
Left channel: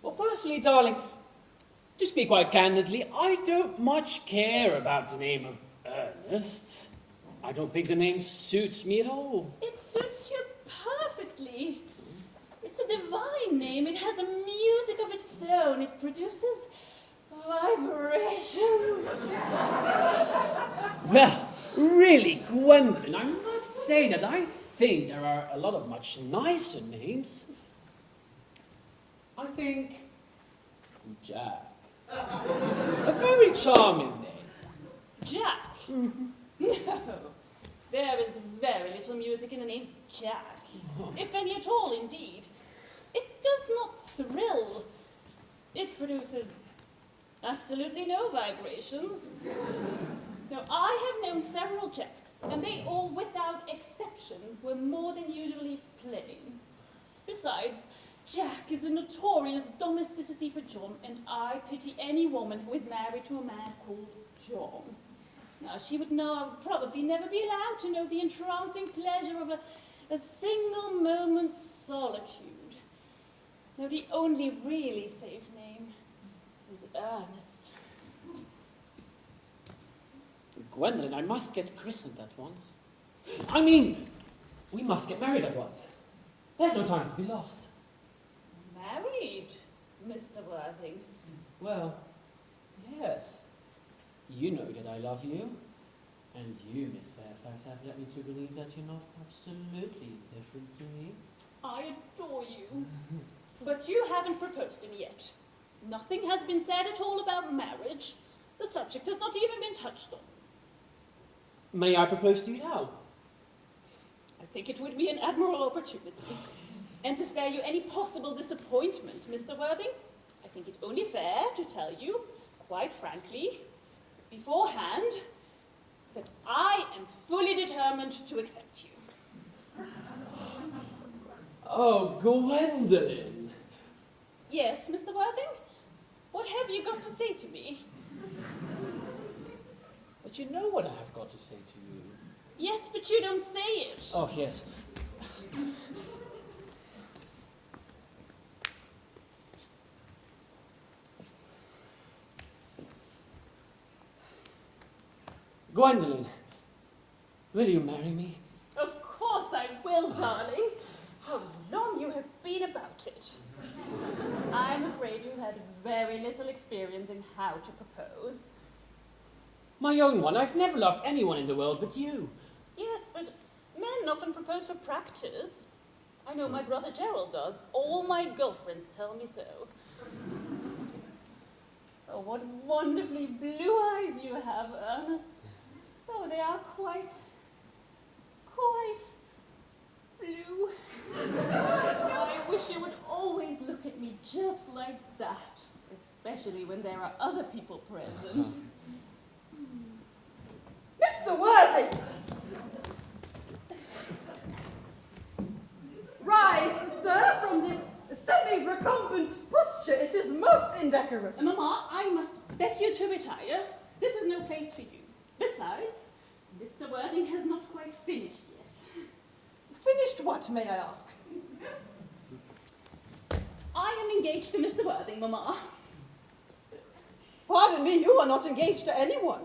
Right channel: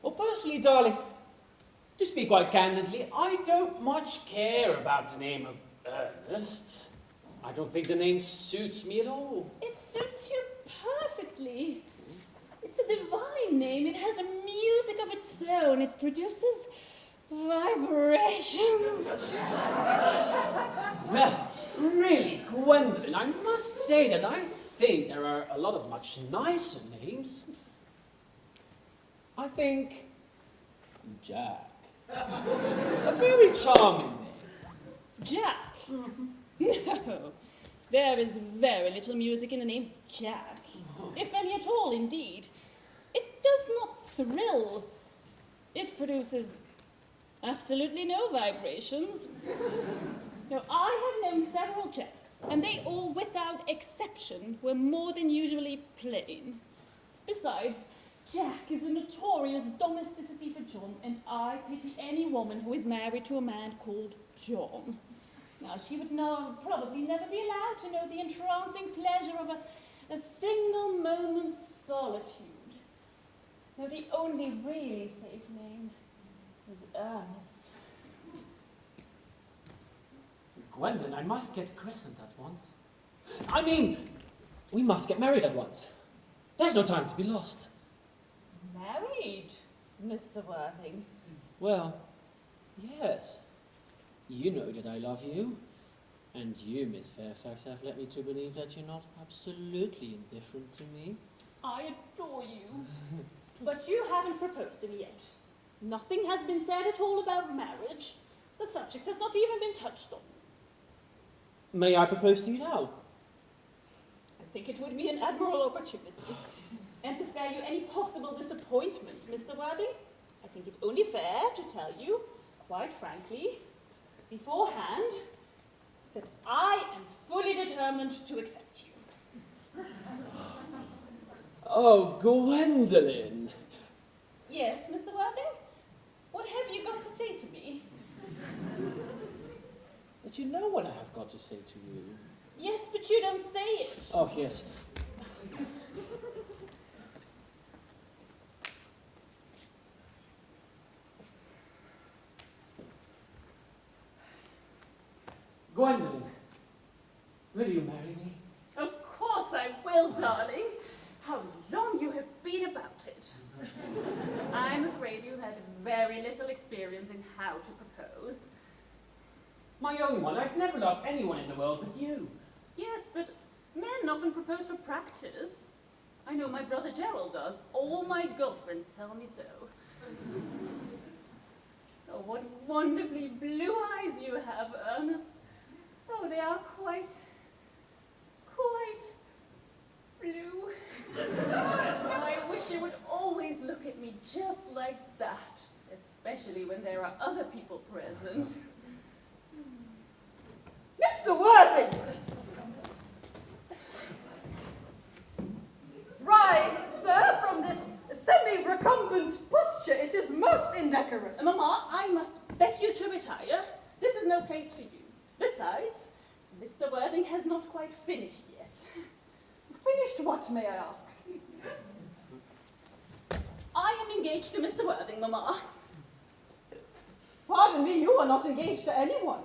Well, personally, darling, to speak quite candidly, I don't much care about the name of Earnest. I don't think the name suits me at all. It suits you perfectly. It's a divine name. It has a music of its own. It produces vibrations. Well, really, Gwendolyn, I must say that I think there are a lot of much nicer names. I think Jack. A very charming name. Jack? No, there is very little music in the name Jack, if any at all, indeed. It does not thrill. It produces absolutely no vibrations. Now, I have known several Jacks, and they all, without exception, were more than usually plain. Besides, Jack is a notorious domesticity for John, and I pity any woman who is married to a man called John. Now, she would probably never be allowed to know the entrancing pleasure of a single moment's solitude. Now, the only really safe name is Earnest. Gwendolyn, I must get christened at once. I mean, we must get married at once. There's no time to be lost. Married, Mr. Worthing? Well, yes. You know that I love you, and you, Miss Fairfax, have led me to believe that you're not absolutely indifferent to me. I adore you. But you haven't proposed to me yet. Nothing has been said at all about marriage. The subject has not even been touched on. May I propose to you now? I think it would be an admirable opportunity. And to spare you any possible disappointment, Mr. Worthing, I think it only fair to tell you, quite frankly, beforehand, that I am fully determined to accept you. Oh, Gwendolyn. Yes, Mr. Worthing? What have you got to say to me? But you know what I have got to say to you. Yes, but you don't say it. Oh, yes. Gwendolyn, will you marry me? Of course I will, darling. How long you have been about it. I'm afraid you had very little experience in how to propose. My own one. I've never loved anyone in the world but you. Yes, but men often propose for practice. I know my brother Gerald does. All my girlfriends tell me so. Oh, what wonderfully blue eyes you have, Ernest. Oh, they are quite blue. Oh, I wish you would always look at me just like that, especially when there are other people present. Mr. Worthing! Rise, sir, from this semi-recumbent posture. It is most indecorous. not quite finished yet. Finished what, may I ask? I am engaged to Mr. Worthing, Mamma. Pardon me, you are not engaged to anyone.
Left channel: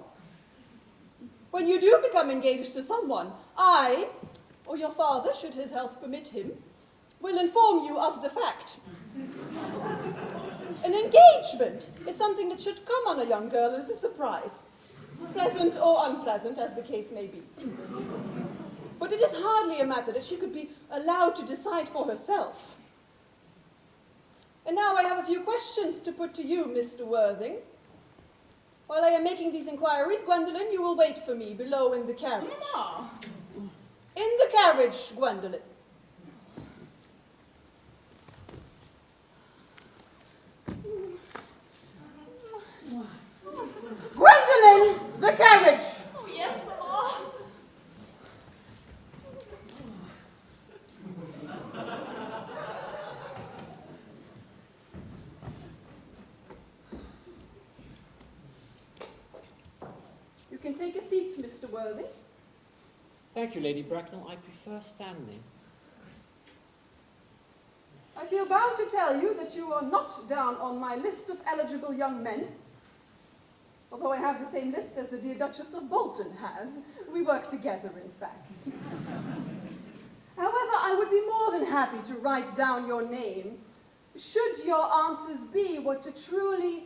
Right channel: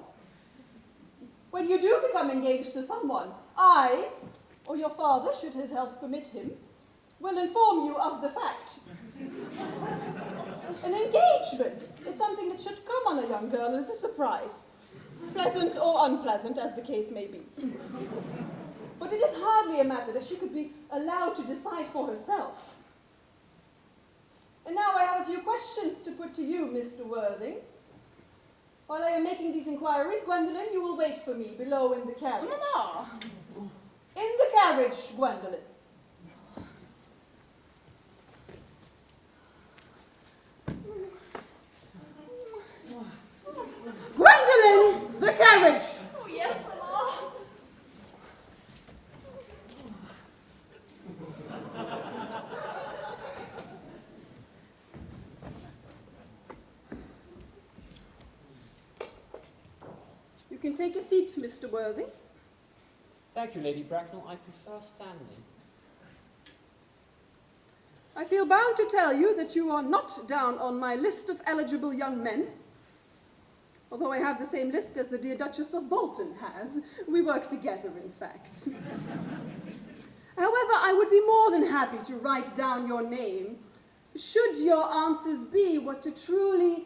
When you do become engaged to someone, I, or your father, should his health permit him, will inform you of the fact. An engagement is something that should come on a young girl as a surprise, pleasant or unpleasant, as the case may be. But it is hardly a matter that she could be allowed to decide for herself. And now I have a few questions to put to you, Mr. Worthing. While I am making these inquiries, Gwendolen, you will wait for me below in the carriage. Mamma! In the carriage, Gwendolen. Gwendolen, the carriage! Oh, yes, Mamma. You can take a seat, Mr. Worthing. Thank you, Lady Bracknell. I prefer standing. I feel bound to tell you that you are not down on my list of eligible young men. Although I have the same list as the dear Duchess of Bolton has. We work together, in fact. However, I would be more than happy to write down your name, should your answers be what a truly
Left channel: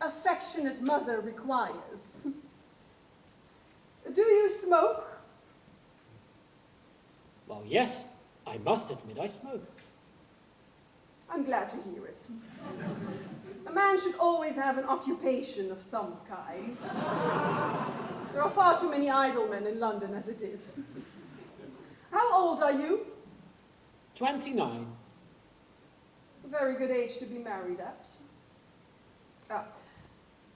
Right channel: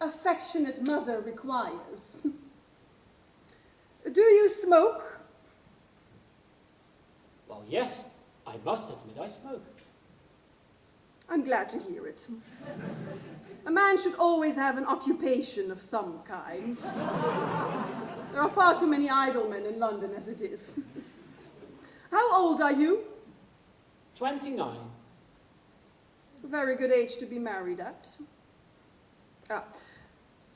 affectionate mother requires. Do you smoke? Well, yes, I must admit I smoke. I'm glad to hear it. A man should always have an occupation of some kind. There are far too many idle men in London as it is. How old are you? 29. A very good age to be married at.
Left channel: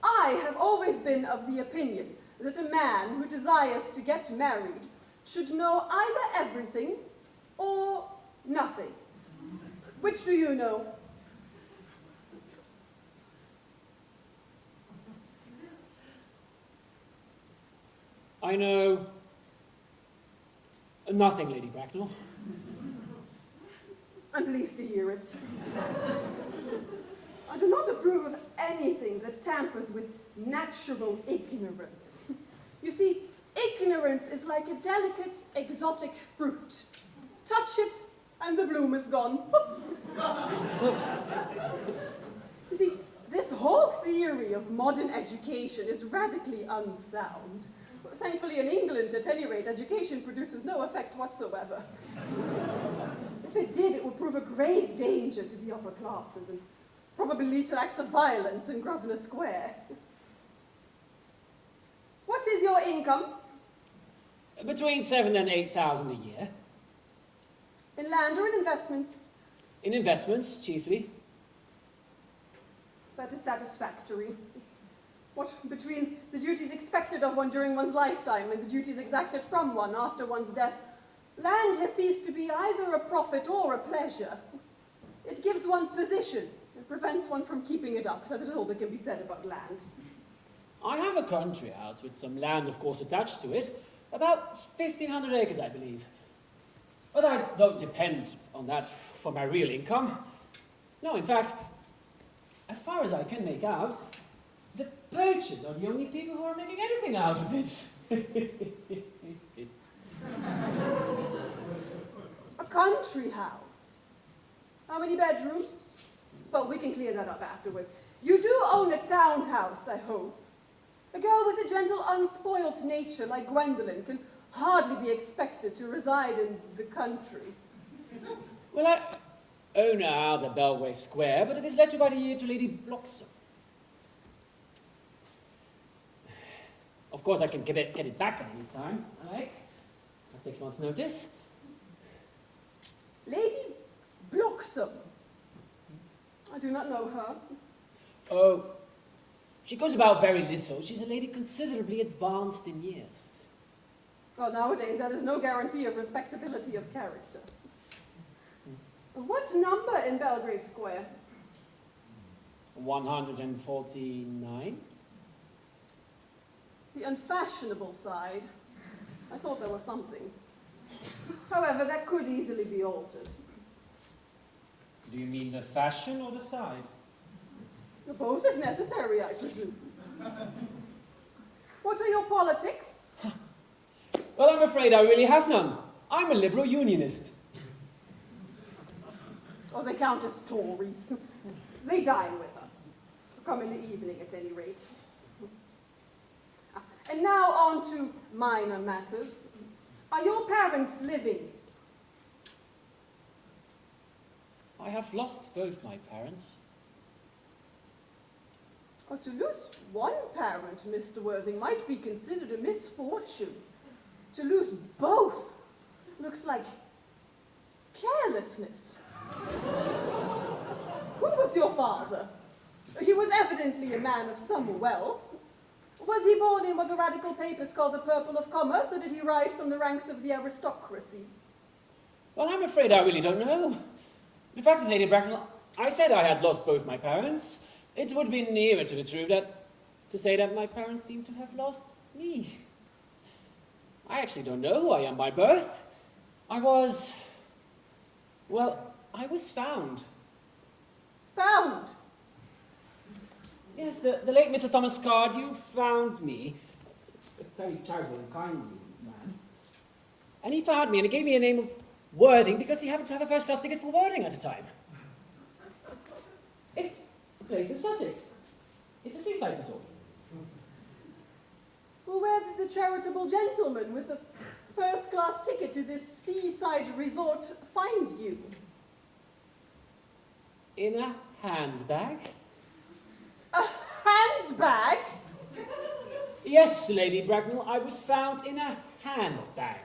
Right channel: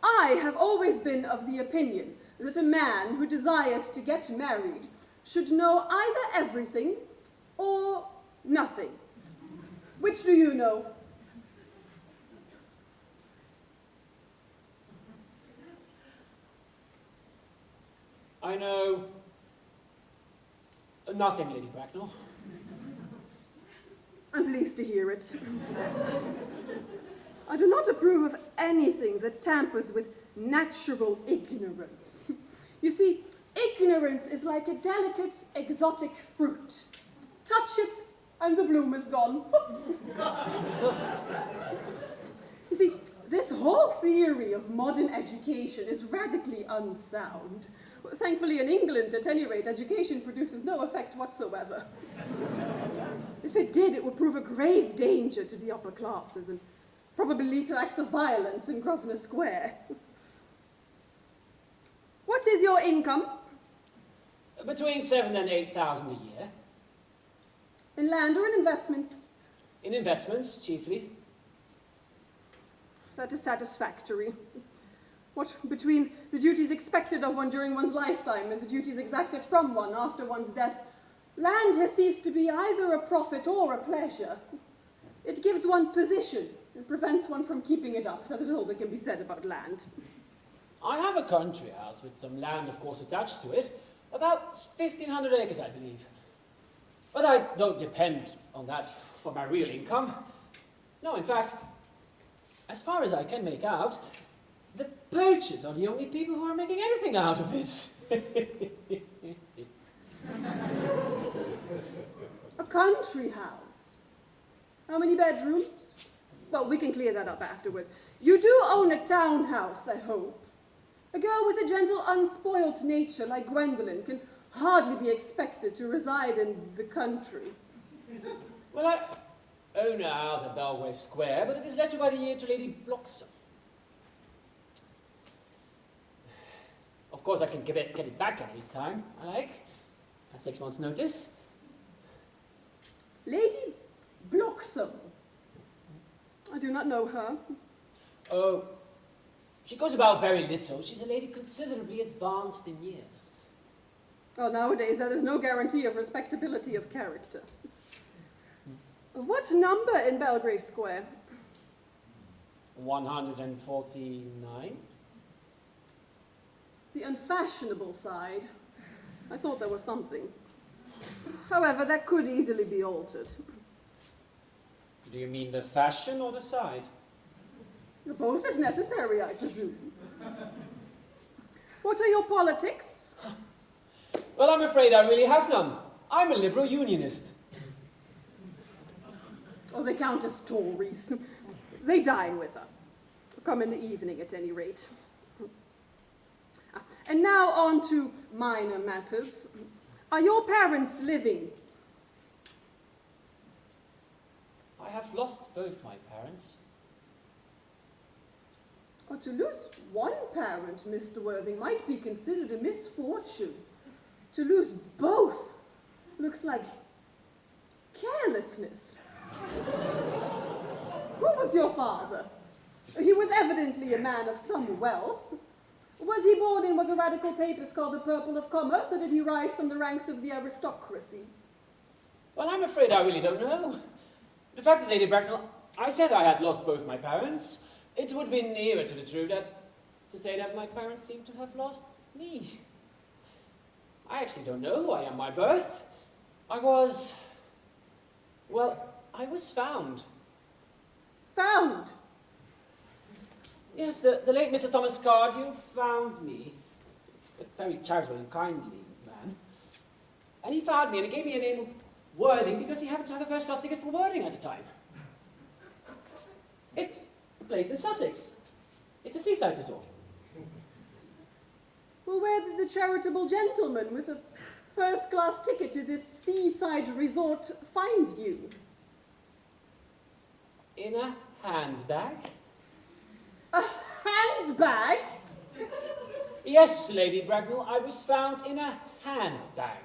I have always been of the opinion that a man who desires to get married should know either everything or nothing. Which do you know? I know nothing, Lady Bracknell. I'm pleased to hear it. I do not approve of anything that tampers with natural ignorance. You see, ignorance is like a delicate, exotic fruit. Touch it, and the bloom is gone. You see, this whole theory of modern education is radically unsound. Thankfully, in England, at any rate, education produces no effect whatsoever. If it did, it would prove a grave danger to the upper classes and probably lead to acts of violence in Grosvenor Square. What is your income? Between 7,000 and 8,000 a year. In land or in investments? In investments, chiefly. That is satisfactory. What, between the duties expected of one during one's lifetime and the duties exacted from one after one's death, land has ceased to be either a profit or a pleasure. It gives one position and prevents one from keeping it up. That is all that can be said about land. I have a country house with some land, of course, attached to it. About 1,500 acres, I believe. But I don't depend on that for my real income. No, in fact, as far as I can make out, the poachers are the only people who are making anything out of it. A country house. How many bedrooms? Well, we can clear that up afterwards. You do own a townhouse, I hope. A girl with a gentle, unspoilt nature like Gwendolen can hardly be expected to reside in the country. Well, I own a house at Belgrave Square, but it is let to by the year to Lady Bloxham. Of course, I can get it back at any time I like. At 6 months' notice. Lady Bloxham. I do not know her. Oh, she goes about very little. She's a lady considerably advanced in years. Well, nowadays there is no guarantee of respectability of character. What number in Belgrave Square? 149. The unfashionable side. I thought there was something. However, that could easily be altered. Do you mean the fashion or the side? Both if necessary, I presume. What are your politics? Well, I'm afraid I really have none. I'm a liberal unionist. Oh, they count as Tories. They dine with us. Come in the evening, at any rate. And now on to minor matters. Are your parents living? I have lost both my parents. Oh, to lose one parent, Mr. Worthing, might be considered a misfortune. To lose both looks like carelessness. Who was your father? He was evidently a man of some wealth. Was he born in what the radical papers call the purple of commerce, or did he rise from the ranks of the aristocracy? Well, I'm afraid I really don't know. The fact is, Lady Bracknell, I said I had lost both my parents. It would be nearer to the truth to say that my parents seem to have lost me. I actually don't know who I am by birth. I was found. Found? Yes, the late Mr. Thomas Cardew found me. A very charitable and kindly man. And he found me and he gave me a name of Worthing because he happened to have a first-class ticket for Worthing at the time. It's a place in Sussex. It's a seaside resort. Well, where did the charitable gentleman with a first-class ticket to this seaside resort find you? In a handbag? A handbag? Yes, Lady Bracknell, I was found in a handbag.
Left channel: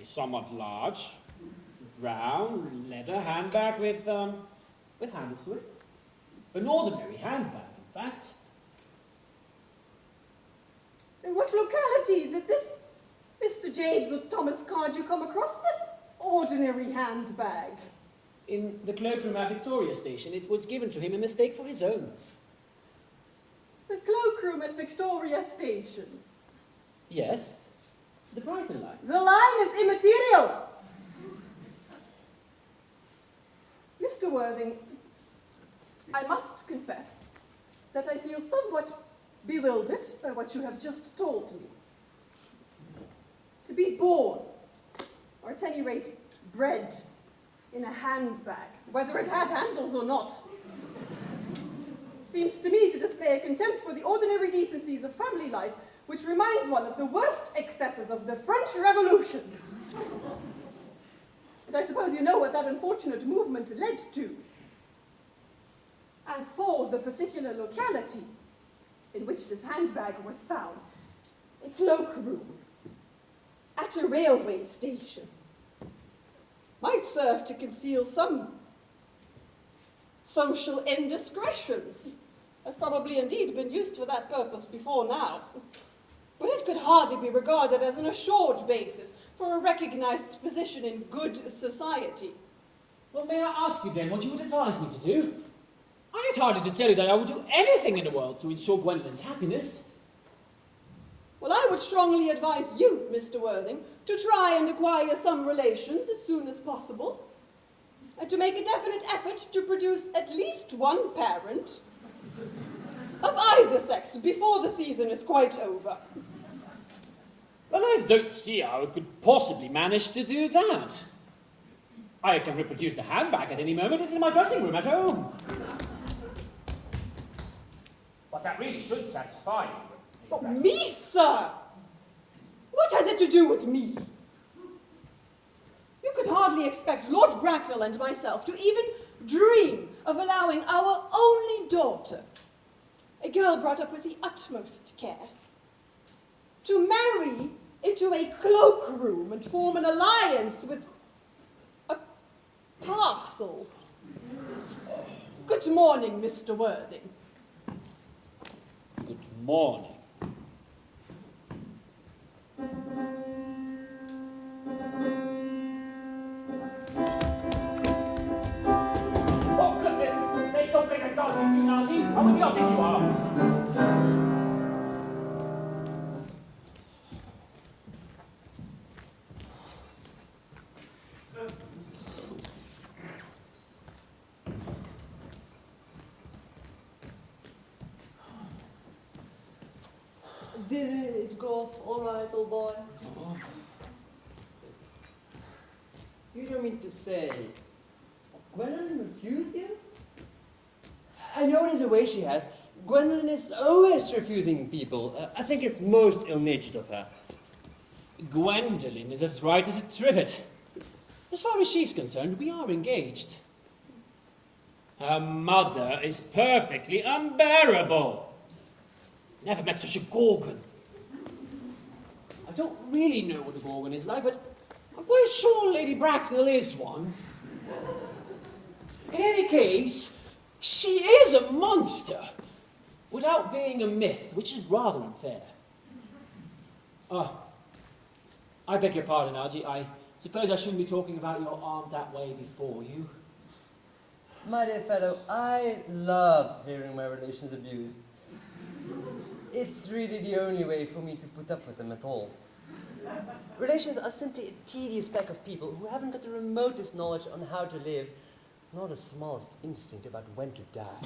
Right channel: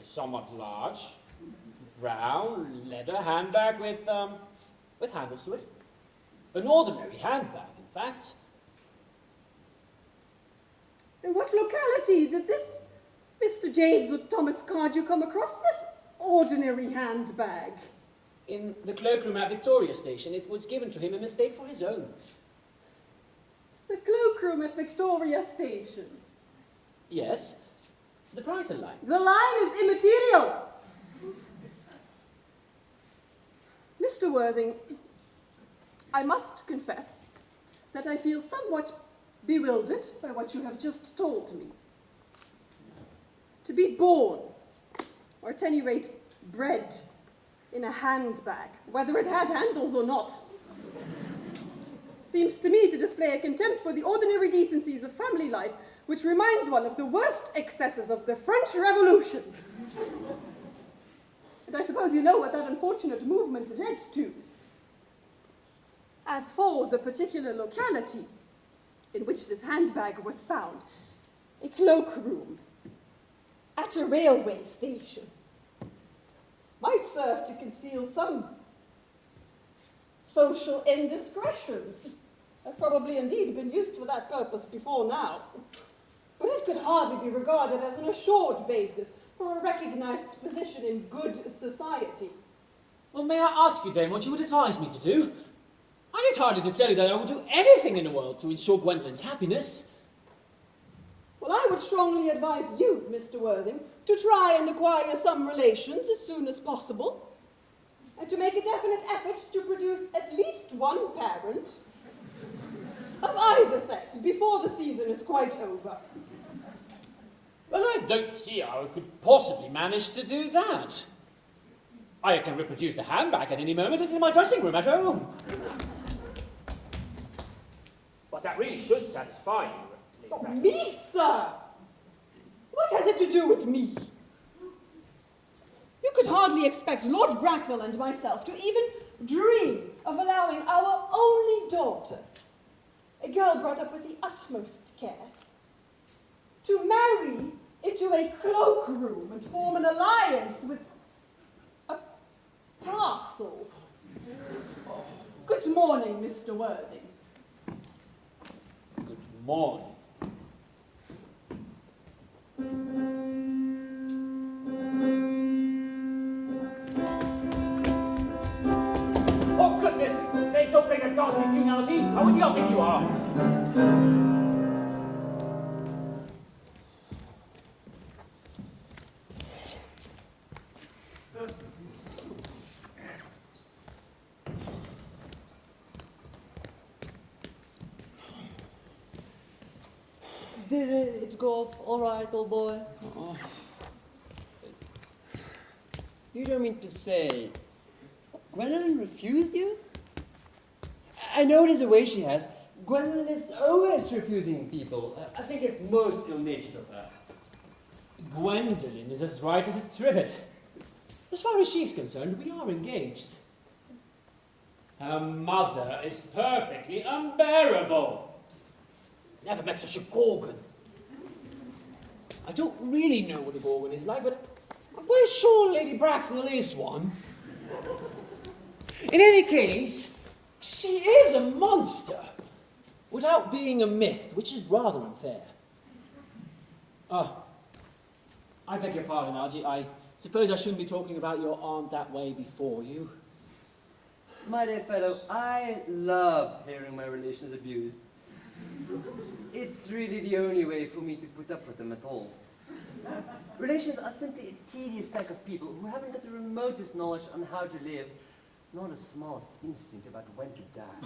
A somewhat large, brown, leather handbag with handles to it. An ordinary handbag, in fact. In what locality did this Mr. James or Thomas Cardew come across this ordinary handbag? In the cloakroom at Victoria Station, it was given to him in mistake for his own. The cloakroom at Victoria Station. Yes, the Brighton line. The line is immaterial. Mr. Worthing, I must confess that I feel somewhat bewildered by what you have just told me. To be born, or at any rate bred, in a handbag, whether it had handles or not, seems to me to display a contempt for the ordinary decencies of family life, which reminds one of the worst excesses of the French Revolution. And I suppose you know what that unfortunate movement led to. As for the particular locality in which this handbag was found, a cloakroom at a railway station, might serve to conceal some social indiscretion. Has probably indeed been used for that purpose before now. But it could hardly be regarded as an assured basis for a recognized position in good society. Well, may I ask you, Dame, what you would advise me to do? I need hardly to tell you that I would do anything in the world to ensure Gwendolyn's happiness. Well, I would strongly advise you, Mr. Worthing, to try and acquire some relations as soon as possible, and to make a definite effort to produce at least one parent of either sex before the season is quite over. Well, I don't see how I could possibly manage to do that. I can reproduce the handbag at any moment. It's in my dressing room at home. But that really should satisfy you. But me, sir? What has it to do with me? You could hardly expect Lord Bracknell and myself to even dream of allowing our only daughter, a girl brought up with the utmost care, to marry into a cloakroom and form an alliance with a parcel. Good morning, Mr. Worthing. Good morning. Oh, goodness sake, don't make a ghastly scene, Archie. How idiotic you are. There it goes. All right, old boy. Oh. You don't mean to say Gwendolyn refused you? I know there's a way she has. Gwendolyn is always refusing people. I think it's most ill-natured of her. Gwendolyn is as right as a trivet. As far as she's concerned, we are engaged. Her mother is perfectly unbearable. Never met such a gorgon. I don't really know what a gorgon is like, but I'm quite sure Lady Bracknell is one. In any case, she is a monster, without being a myth, which is rather unfair. I beg your pardon, Algy. I suppose I shouldn't be talking about your aunt that way before you. My dear fellow, I love hearing my relations abused. It's really the only way for me to put up with them at all. Relations are simply a tedious pack of people who haven't got the remotest knowledge on how to live, nor the smallest instinct about when to die.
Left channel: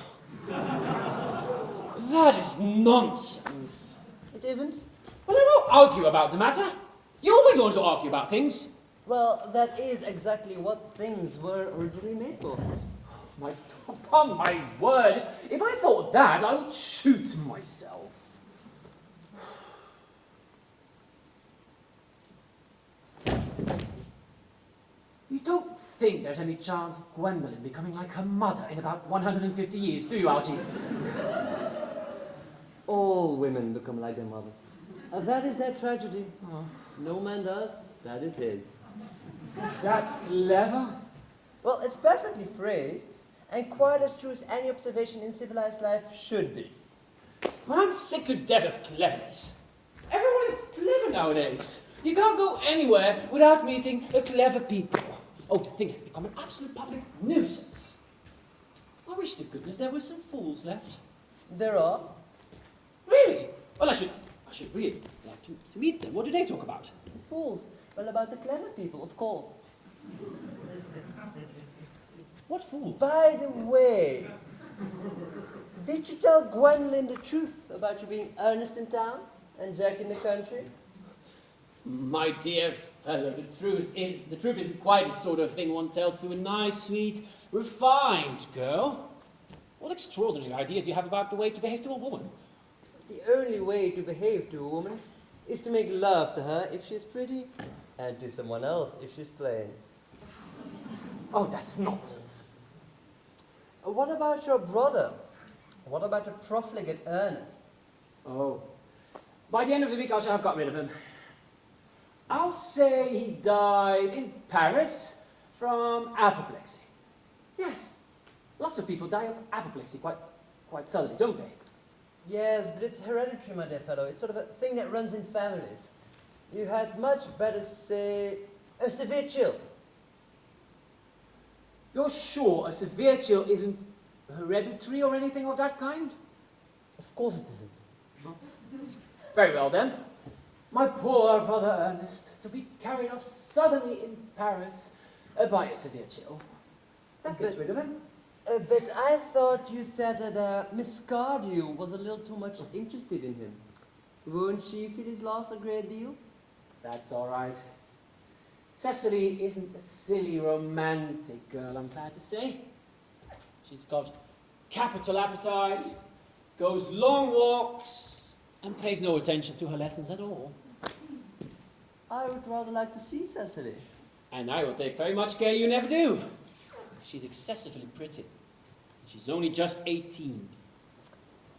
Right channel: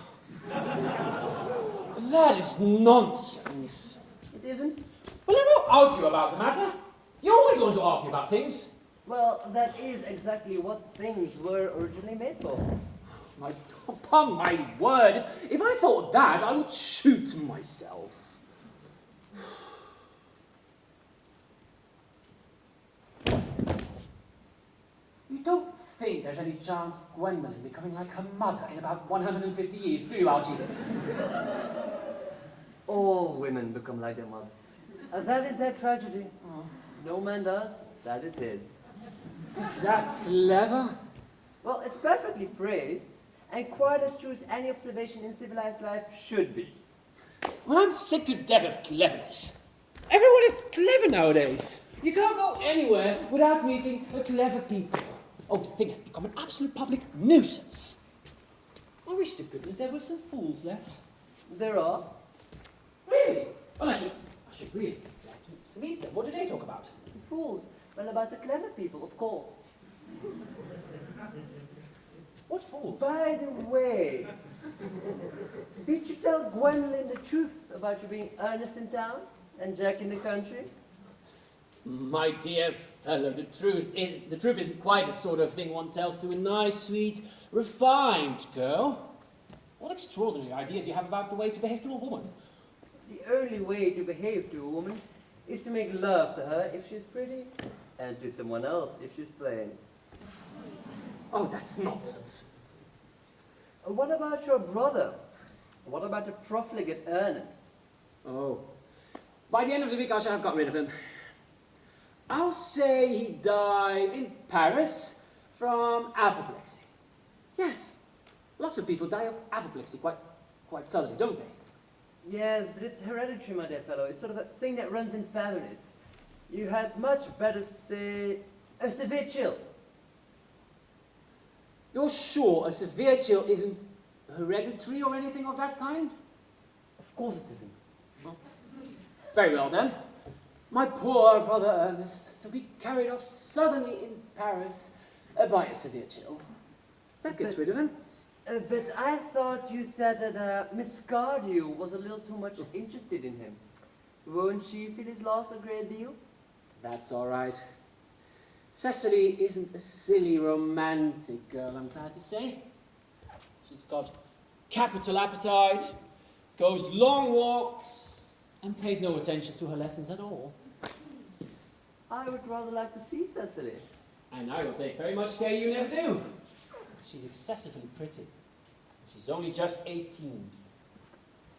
That is nonsense. It isn't? Well, I won't argue about the matter. You always want to argue about things. Well, that is exactly what things were originally made for. Upon my word, if I thought that, I would shoot myself. You don't think there's any chance of Gwendolyn becoming like her mother in about 150 years, do you, Algy? All women become like their mothers. And that is their tragedy. Oh. No man does, that is his. Is that clever? Well, it's perfectly phrased, and quite as true as any observation in civilized life should be. Well, I'm sick to death of cleverness. Everyone is clever nowadays. You can't go anywhere without meeting clever people. Oh, the thing has become an absolute public nuisance. I wish to goodness there were some fools left. There are. Really? Well, I should really like to meet them. What do they talk about? Fools. Well, about the clever people, of course. What fools? By the way, did you tell Gwendolyn the truth about you being Earnest in town and Jack in the country? My dear fellow, the truth isn't quite the sort of thing one tells to a nice, sweet, refined girl. What extraordinary ideas you have about the way to behave to a woman. The only way to behave to a woman is to make love to her if she's pretty, and to someone else if she's plain. Oh, that's nonsense. What about your brother? What about the profligate Earnest? Oh, by the end of the week I shall have got rid of him. I'll say he died in Paris from apoplexy. Yes, lots of people die of apoplexy quite suddenly, don't they? Yes, but it's hereditary, my dear fellow. It's sort of a thing that runs in families. You had much better say a severe chill. You're sure a severe chill isn't hereditary or anything of that kind? Of course it isn't. Very well then. My poor brother Ernest, to be carried off suddenly in Paris by a severe chill. That gets rid of him. But I thought you said that Miss Cardew was a little too much interested in him. Won't she feel his loss a great deal? That's all right. Cecily isn't a silly, romantic girl, I'm glad to say. She's got capital appetite, goes long walks, and pays no attention to her lessons at all. I would rather like to see Cecily. And I will take very much care you never do. She's excessively pretty. She's only just 18.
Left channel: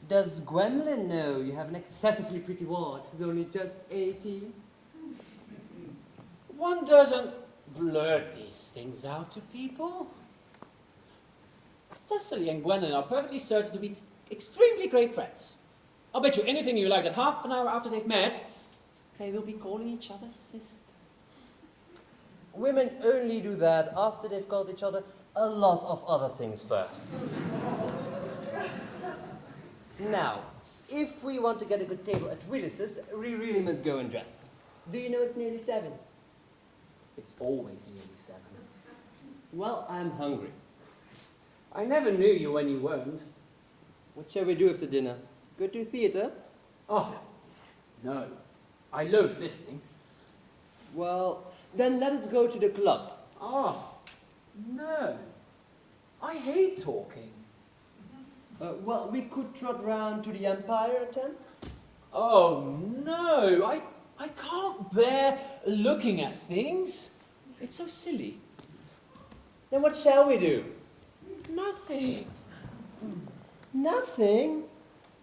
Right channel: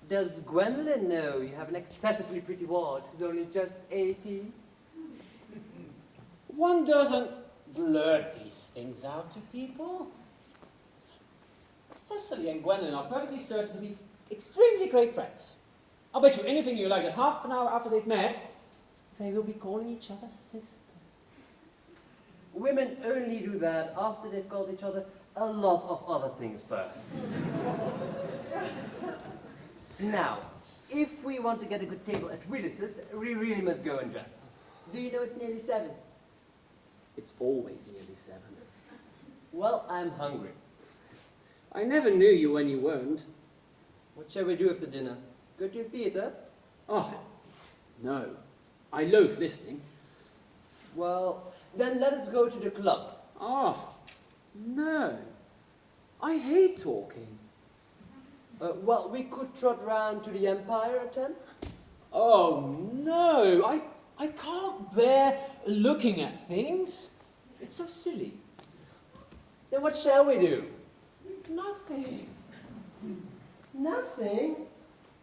Does Gwendolyn know you have an excessively pretty ward who's only just 18? One doesn't blurt these things out to people. Cecily and Gwendolyn are perfectly certain to be extremely great friends. I'll bet you anything you like that half an hour after they've met, they will be calling each other sisters. Women only do that after they've called each other a lot of other things first. Now, if we want to get a good table at Willis's, we really must go and dress. Do you know it's nearly 7? It's always nearly 7. Well, I'm hungry. I never knew you when you weren't. What shall we do after dinner? Go to theatre? Oh, No. I loathe listening. Well, then let us go to the club. Oh, no. I hate talking. Well, we could trot round to the Empire at 10. Oh, no. I can't bear looking at things. It's so silly. Then what shall we do? Nothing. Nothing?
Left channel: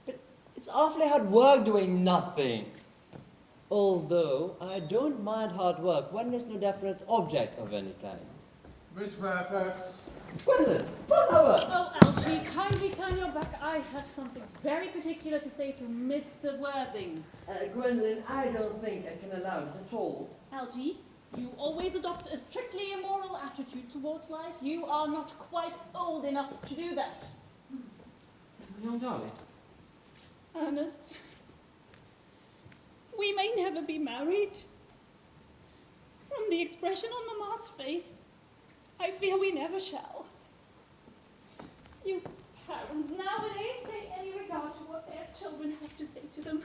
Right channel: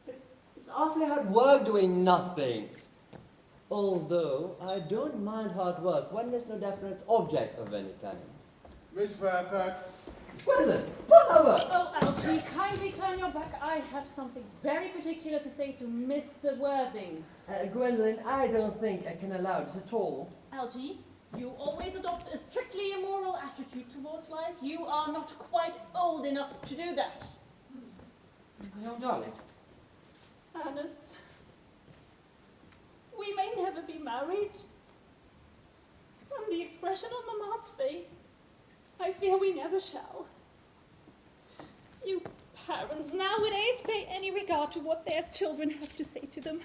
But it's awfully hard work doing nothing. Although, I don't mind hard work when there's no definite object of any kind. Miss Fairfax. Gwendolyn, what over? Oh, Algie, kindly turn your back. I have something very particular to say to Mr. Worthing. Gwendolyn, I don't think I can allow this at all. Algie, you always adopt a strictly immoral attitude towards life. You are not quite old enough to do that. My own darling. Ernest, we may never be married. From the expression on Mamma's face, I fear we never shall. You parents nowadays pay any regard to what their children have to say to them.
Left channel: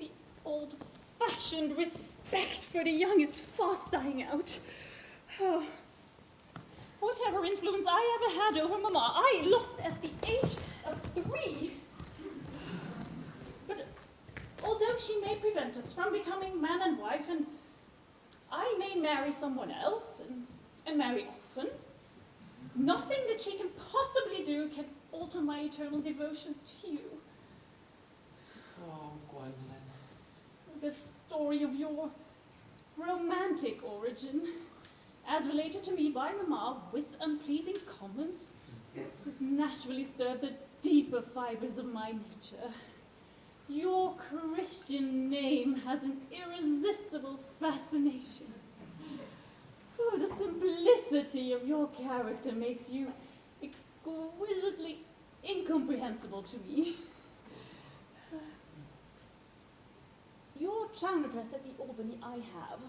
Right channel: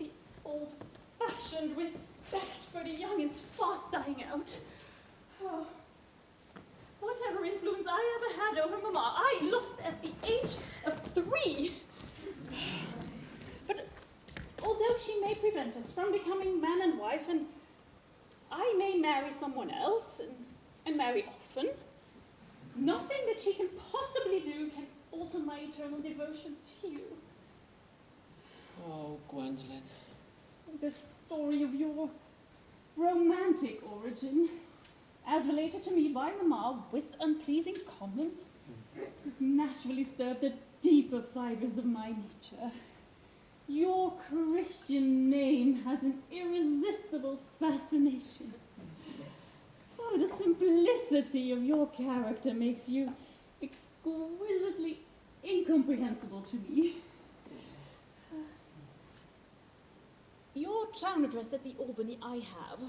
The old-fashioned respect for the young is fast dying out. Oh. Whatever influence I ever had over Mamma, I lost at the age of 3. But although she may prevent us from becoming man and wife, and I may marry someone else, and marry often, nothing that she can possibly do can alter my eternal devotion to you. Oh, Gwendolyn. The story of your romantic origin, as related to me by Mamma with unpleasing comments, has naturally stirred the deeper fibres of my nature. Your Christian name has an irresistible fascination. Oh, the simplicity of your character makes you exquisitely incomprehensible to me. Your town address at the Albany I have.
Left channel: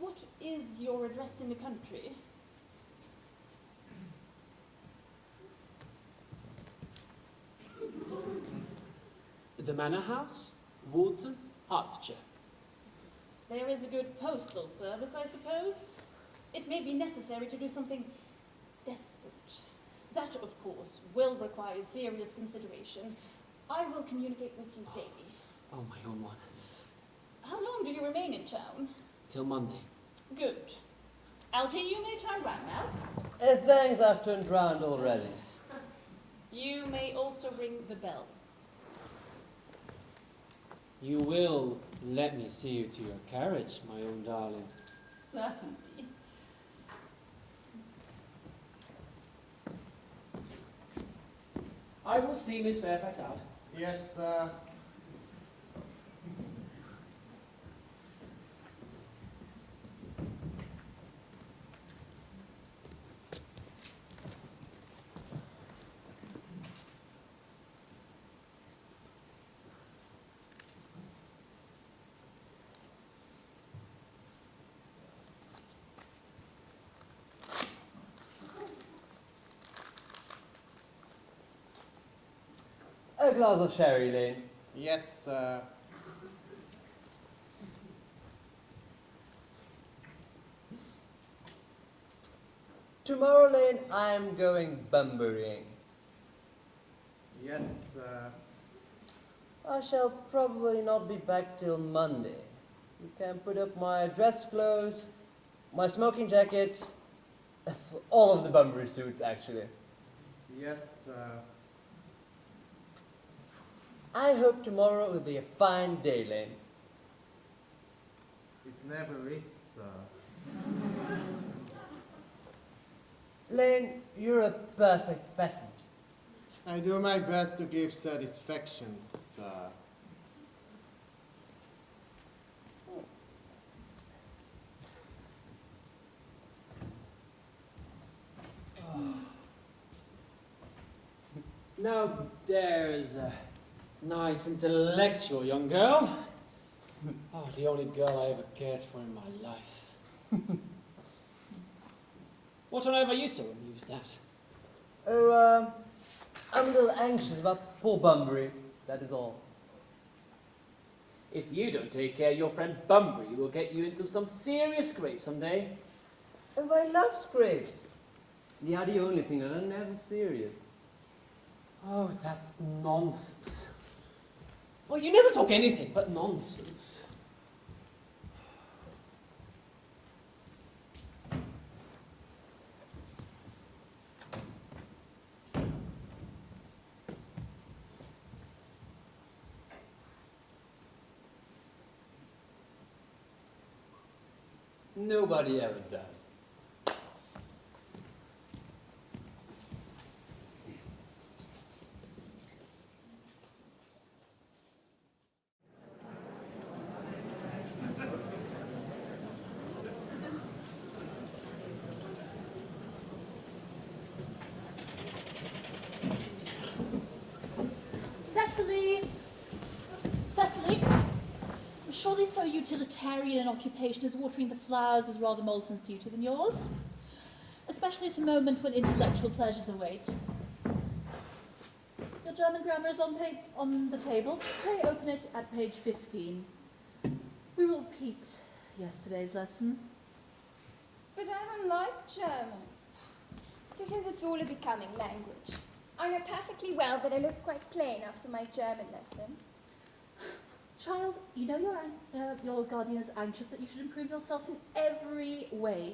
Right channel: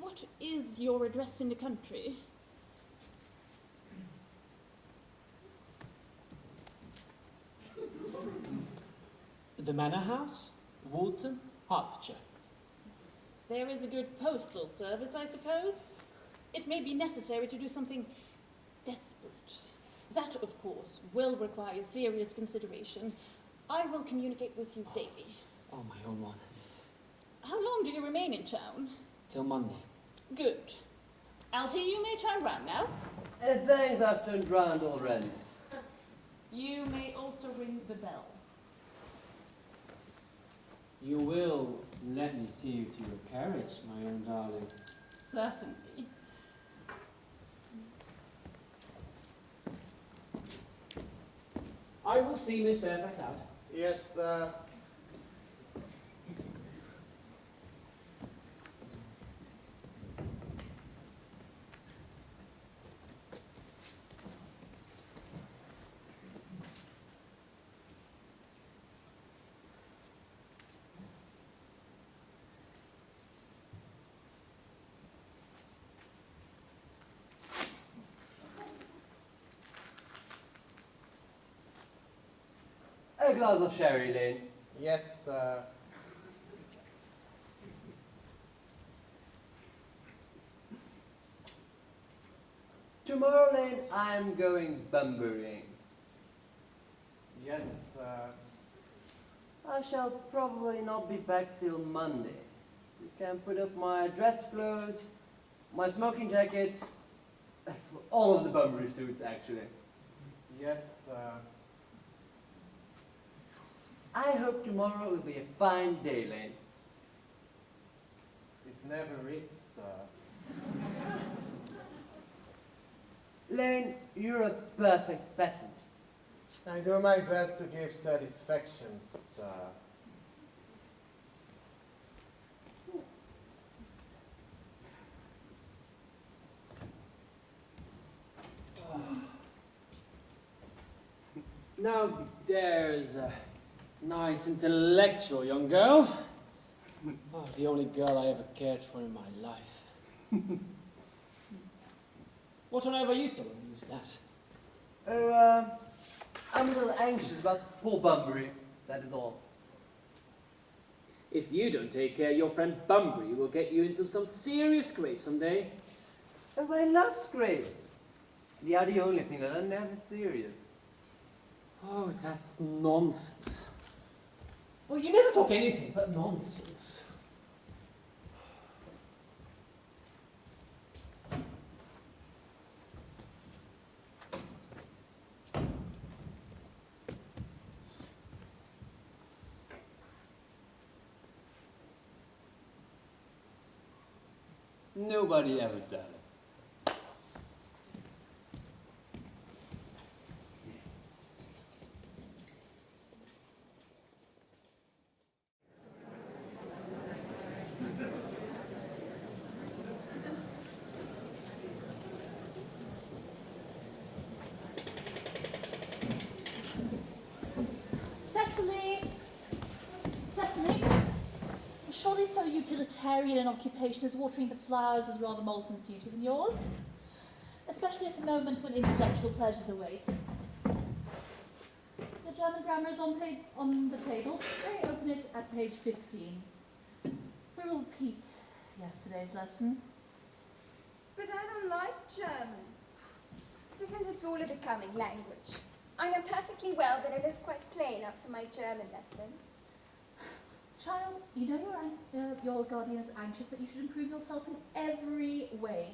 What is your address in the country? The Manor House, Wilde, Hertfordshire. There is a good postal service, I suppose. It may be necessary to do something desperate. That, of course, will require serious consideration. I will communicate with you daily. Oh, my own one. How long do you remain in town? Till Monday. Good. Algie, you may turn round now. Thanks, I've turned round already. You may also ring the bell. You will let me see you to your carriage, my own darling. Certainly. I will see Miss Fairfax out. Yes, sir. A glass of sherry, Lane. Yes, sir. Tomorrow, Lane, I am going bumburying. Yes, sir. I shall probably not be back till Monday. You can put up my dress clothes, my smoking jacket, all of the Bunbury suits, actually. Yes, sir. I hope tomorrow will be a fine day, Lane. It never is, sir. Lane, you're a perfect pessimist. I do my best to give satisfaction, sir. Now there's a nice intellectual young girl. Oh, the only girl I ever cared for in my life. What on earth are you so amused at? Oh, I'm a little anxious about poor Bunbury, that is all. If you don't take care, your friend Bunbury will get you into some serious scrape someday. Oh, I love scrapes. They are the only thing that are never serious. Oh, that's nonsense. Well, you never talk anything but nonsense. Nobody ever does. Cecily! Cecily! Surely so utilitarian an occupation as watering the flowers is rather Moulton's duty than yours. Especially at a moment when intellectual pleasures await. Your German grammar is on the table. Pray open it at page 15. We will repeat yesterday's lesson. But I don't like German. It isn't at all a becoming language. I know perfectly well that I look quite plain after my German lesson. Child, you know your guardian is anxious that you should improve yourself in every way.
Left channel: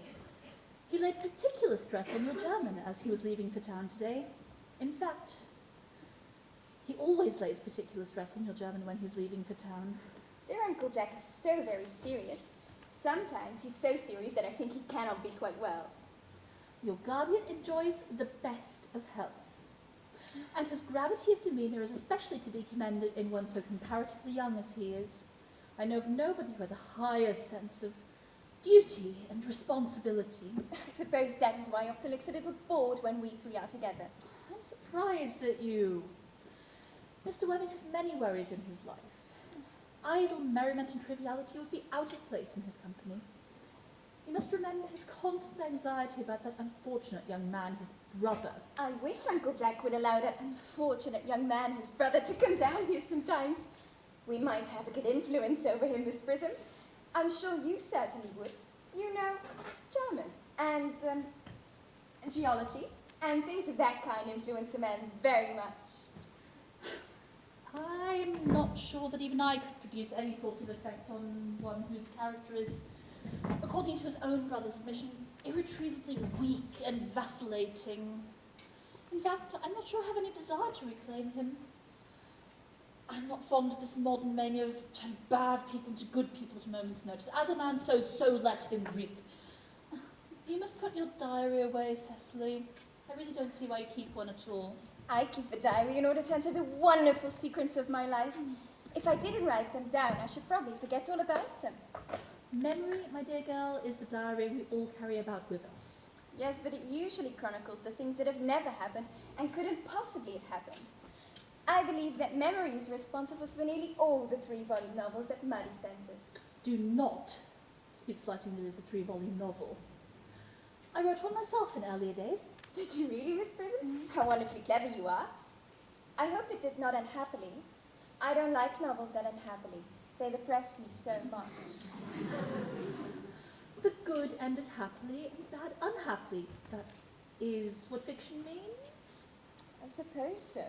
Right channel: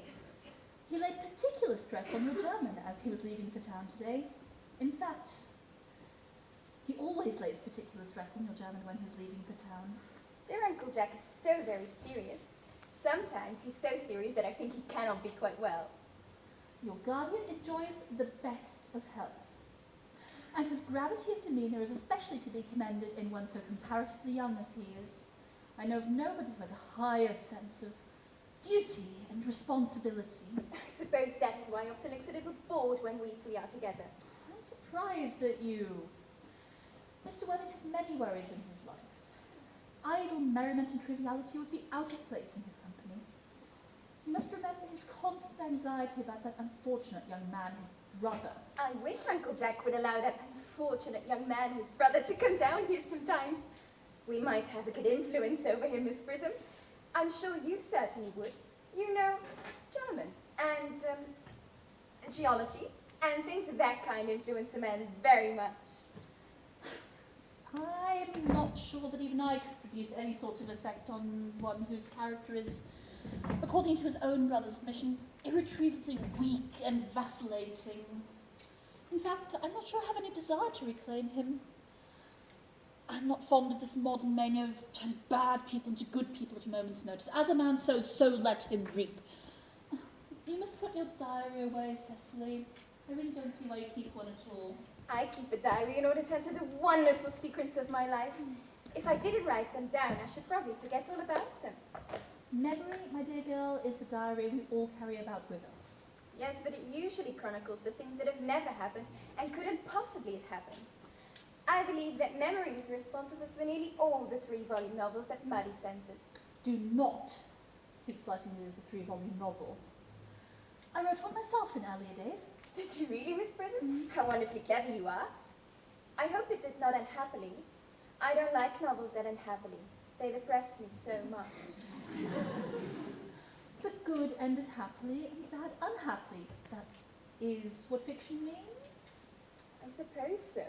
He laid particular stress on your German as he was leaving for town today. In fact, he always lays particular stress on your German when he's leaving for town. Dear Uncle Jack is so very serious. Sometimes he's so serious that I think he cannot be quite well. Your guardian enjoys the best of health. And his gravity of demeanour is especially to be commended in one so comparatively young as he is. I know of nobody who has a higher sense of duty and responsibility. I suppose that is why he often looks a little bored when we three are together. I'm surprised at you. Mr. Worthing has many worries in his life. Idle merriment and triviality would be out of place in his company. You must remember his constant anxiety about that unfortunate young man, his brother. I wish Uncle Jack would allow that unfortunate young man, his brother, to come down here sometimes. We might have a good influence over him, Miss Prism. I'm sure you certainly would. You know, German and geology and things of that kind influence a man very much. I'm not sure that even I could produce any sort of effect on one whose character is, according to his own brother's admission, irretrievably weak and vacillating. In fact, I'm not sure I have any desire to reclaim him. I'm not fond of this modern mania of turning bad people into good people at a moment's notice. As a man sows, so let him reap. You must put your diary away, Cecily. I really don't see why you keep one at all. I keep a diary in order to enter the wonderful secrets of my life. If I didn't write them down, I should probably forget all about them. Memory, my dear girl, is the diary we all carry about with us. Yes, but it usually chronicles the things that have never happened and couldn't possibly have happened. I believe that memory is responsible for nearly all the 3-volume novels that Muddy sent us. Do not speak slightingly of the 3-volume novel. I wrote one myself in earlier days. Did you really, Miss Prism? How wonderfully clever you are. I hope it did not end happily. I don't like novels that end happily. They depress me so much. The good ended happily, the bad unhappily. That is what fiction means. I suppose so.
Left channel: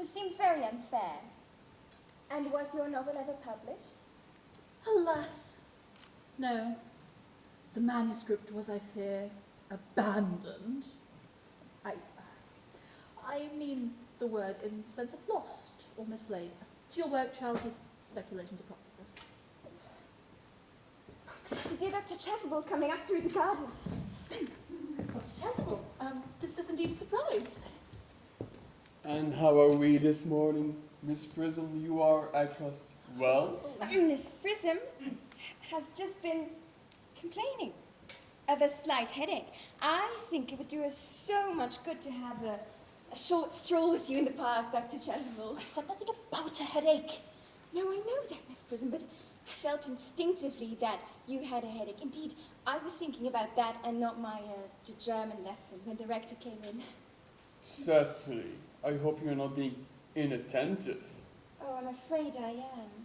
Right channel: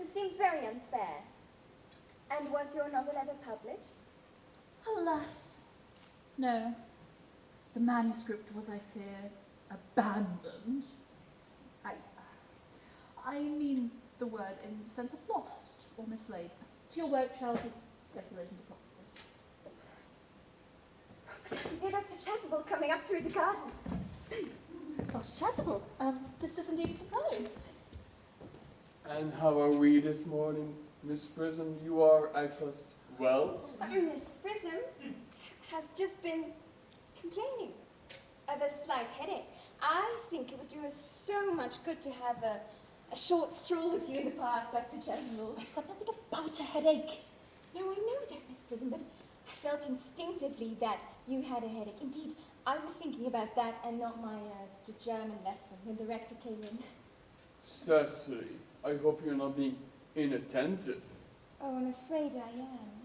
It seems very unfair. And was your novel ever published? Alas, no. The manuscript was, I fear, abandoned. I mean the word in the sense of lost or mislaid. To your work, child, his speculations are profitless. Yes, dear Dr. Chasuble coming up through the garden. Dr. Chasuble, this is indeed a surprise. And how are we this morning, Miss Prism? You are, I trust, well? Miss Prism has just been complaining of a slight headache. I think it would do us so much good to have a short stroll with you in the park, Dr. Chasuble. I've said nothing about a headache. No, I know that, Miss Prism, but I felt instinctively that you had a headache. Indeed, I was thinking about that and not my German lesson when the rector came in. Cecily, I hope you're not being inattentive. Oh, I'm afraid I am.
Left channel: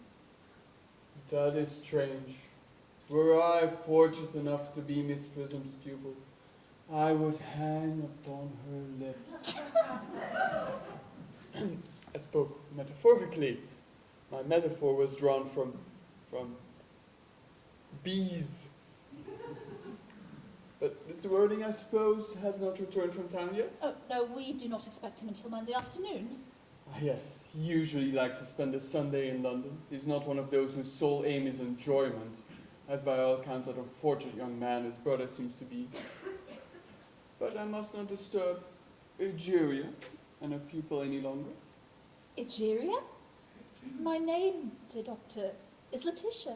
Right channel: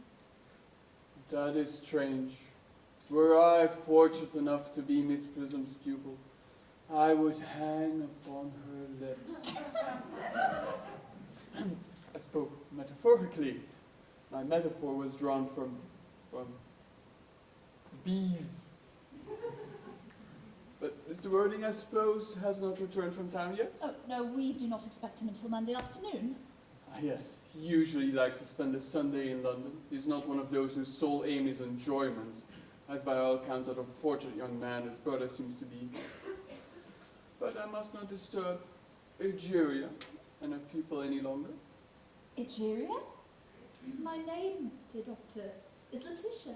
That is strange. Were I fortunate enough to be Miss Prism's pupil, I would hang upon her lips. I spoke metaphorically. My metaphor was drawn from bees. But Mr. Worthing, I suppose, has not returned from town yet? Oh, no, we do not expect him until Monday afternoon. Ah, yes, he usually likes to spend a Sunday in London. He's not one of those whose sole aim is enjoyment, as by all accounts that unfortunate young man his brother seems to be. But I must not disturb Egeria and her pupil any longer. Egeria? My name, dear doctor, is Letitia.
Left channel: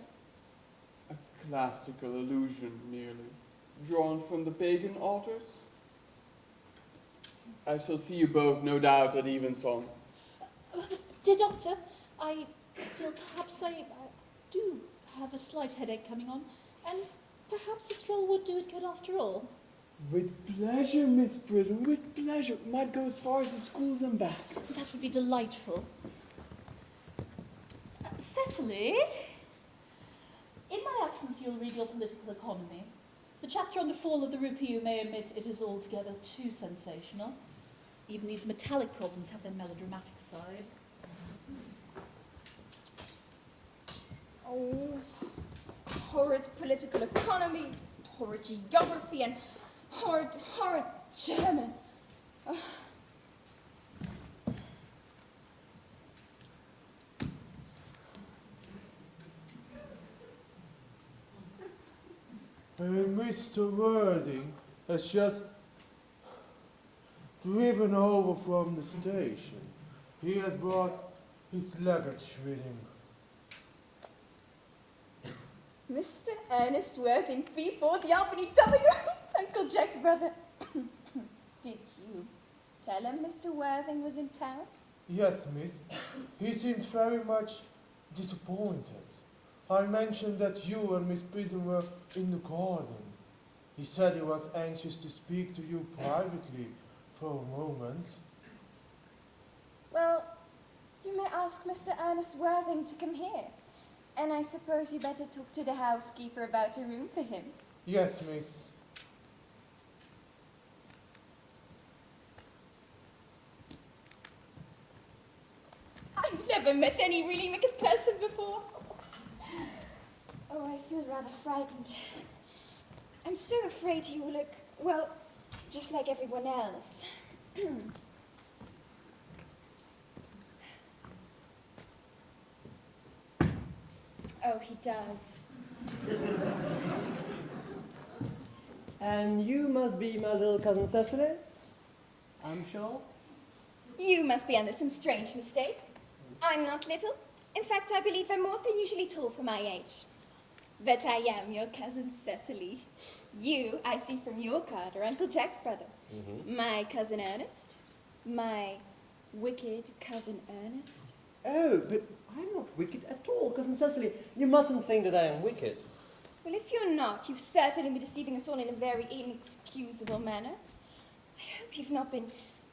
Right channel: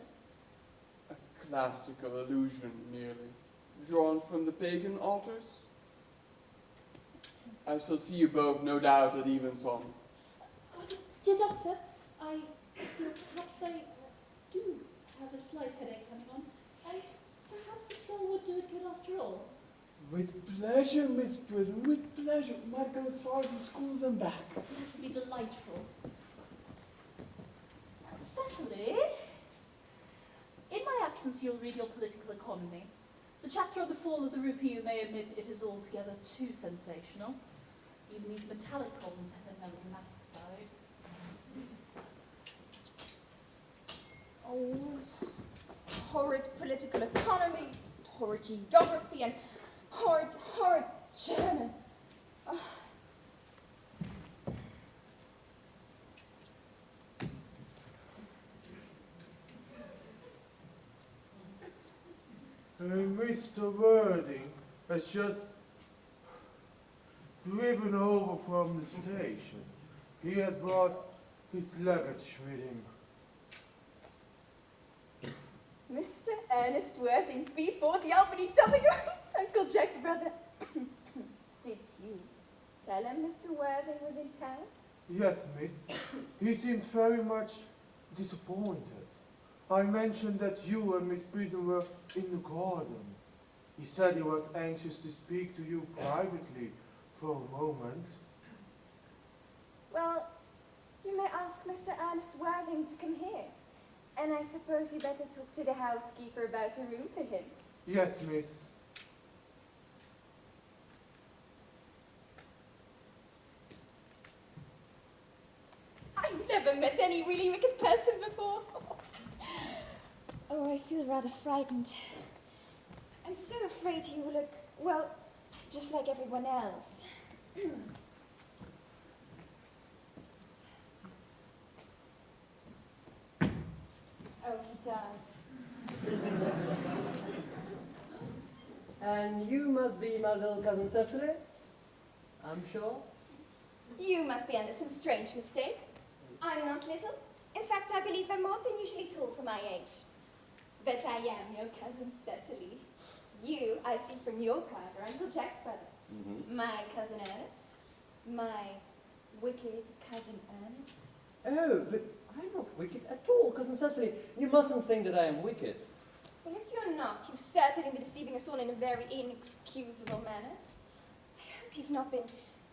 A classical allusion, merely, drawn from the pagan authors. I shall see you both, no doubt, at evensong. Dear doctor, I feel perhaps I do have a slight headache coming on, and perhaps a stroll would do it good after all. With pleasure, Miss Prism, with pleasure. Might go as far as the schools and back. That would be delightful. Cecily, in my absence you'll read your political economy. The chapter on the fall of the rupee, you may admit, it is altogether too sensational. Even these metallic problems have their melodramatic side. Oh, horrid political economy, horrid geography, and horrid German. Oh. Mr. Worthing has just driven over from the station. He has brought his luggage with him. Mr. Earnest Worthing, V4, the Albany W. It's Uncle Jack's brother. Did you tell him Mr. Worthing was in town? Yes, miss. He seemed very much disappointed. I mentioned that you and Miss Prism were in the garden. He said he was anxious to speak to you privately for a moment. Well, you may ask Mr. Earnest Worthing to come here. And I suppose you better talk to the housekeeper about a room for him. Yes, miss. I've never met any really wicked person before. Oh, I feel rather frightened. I'm so afraid he will look, well, just like everyone else. Oh, he does. And you must be my little cousin Cecily, I'm sure. You must be under some strange mistake. I'm not little. In fact, I believe I'm more than usually tall for my age. But I am your cousin Cecily. You, I see from your card, are Uncle Jack's brother. Mm-hmm. My cousin Ernest. My wicked cousin Ernest. Oh, but I'm not wicked at all, cousin Cecily. You mustn't think that I am wicked. Well, if you're not, you've certainly been deceiving us all in a very inexcusable manner. I hope you've not been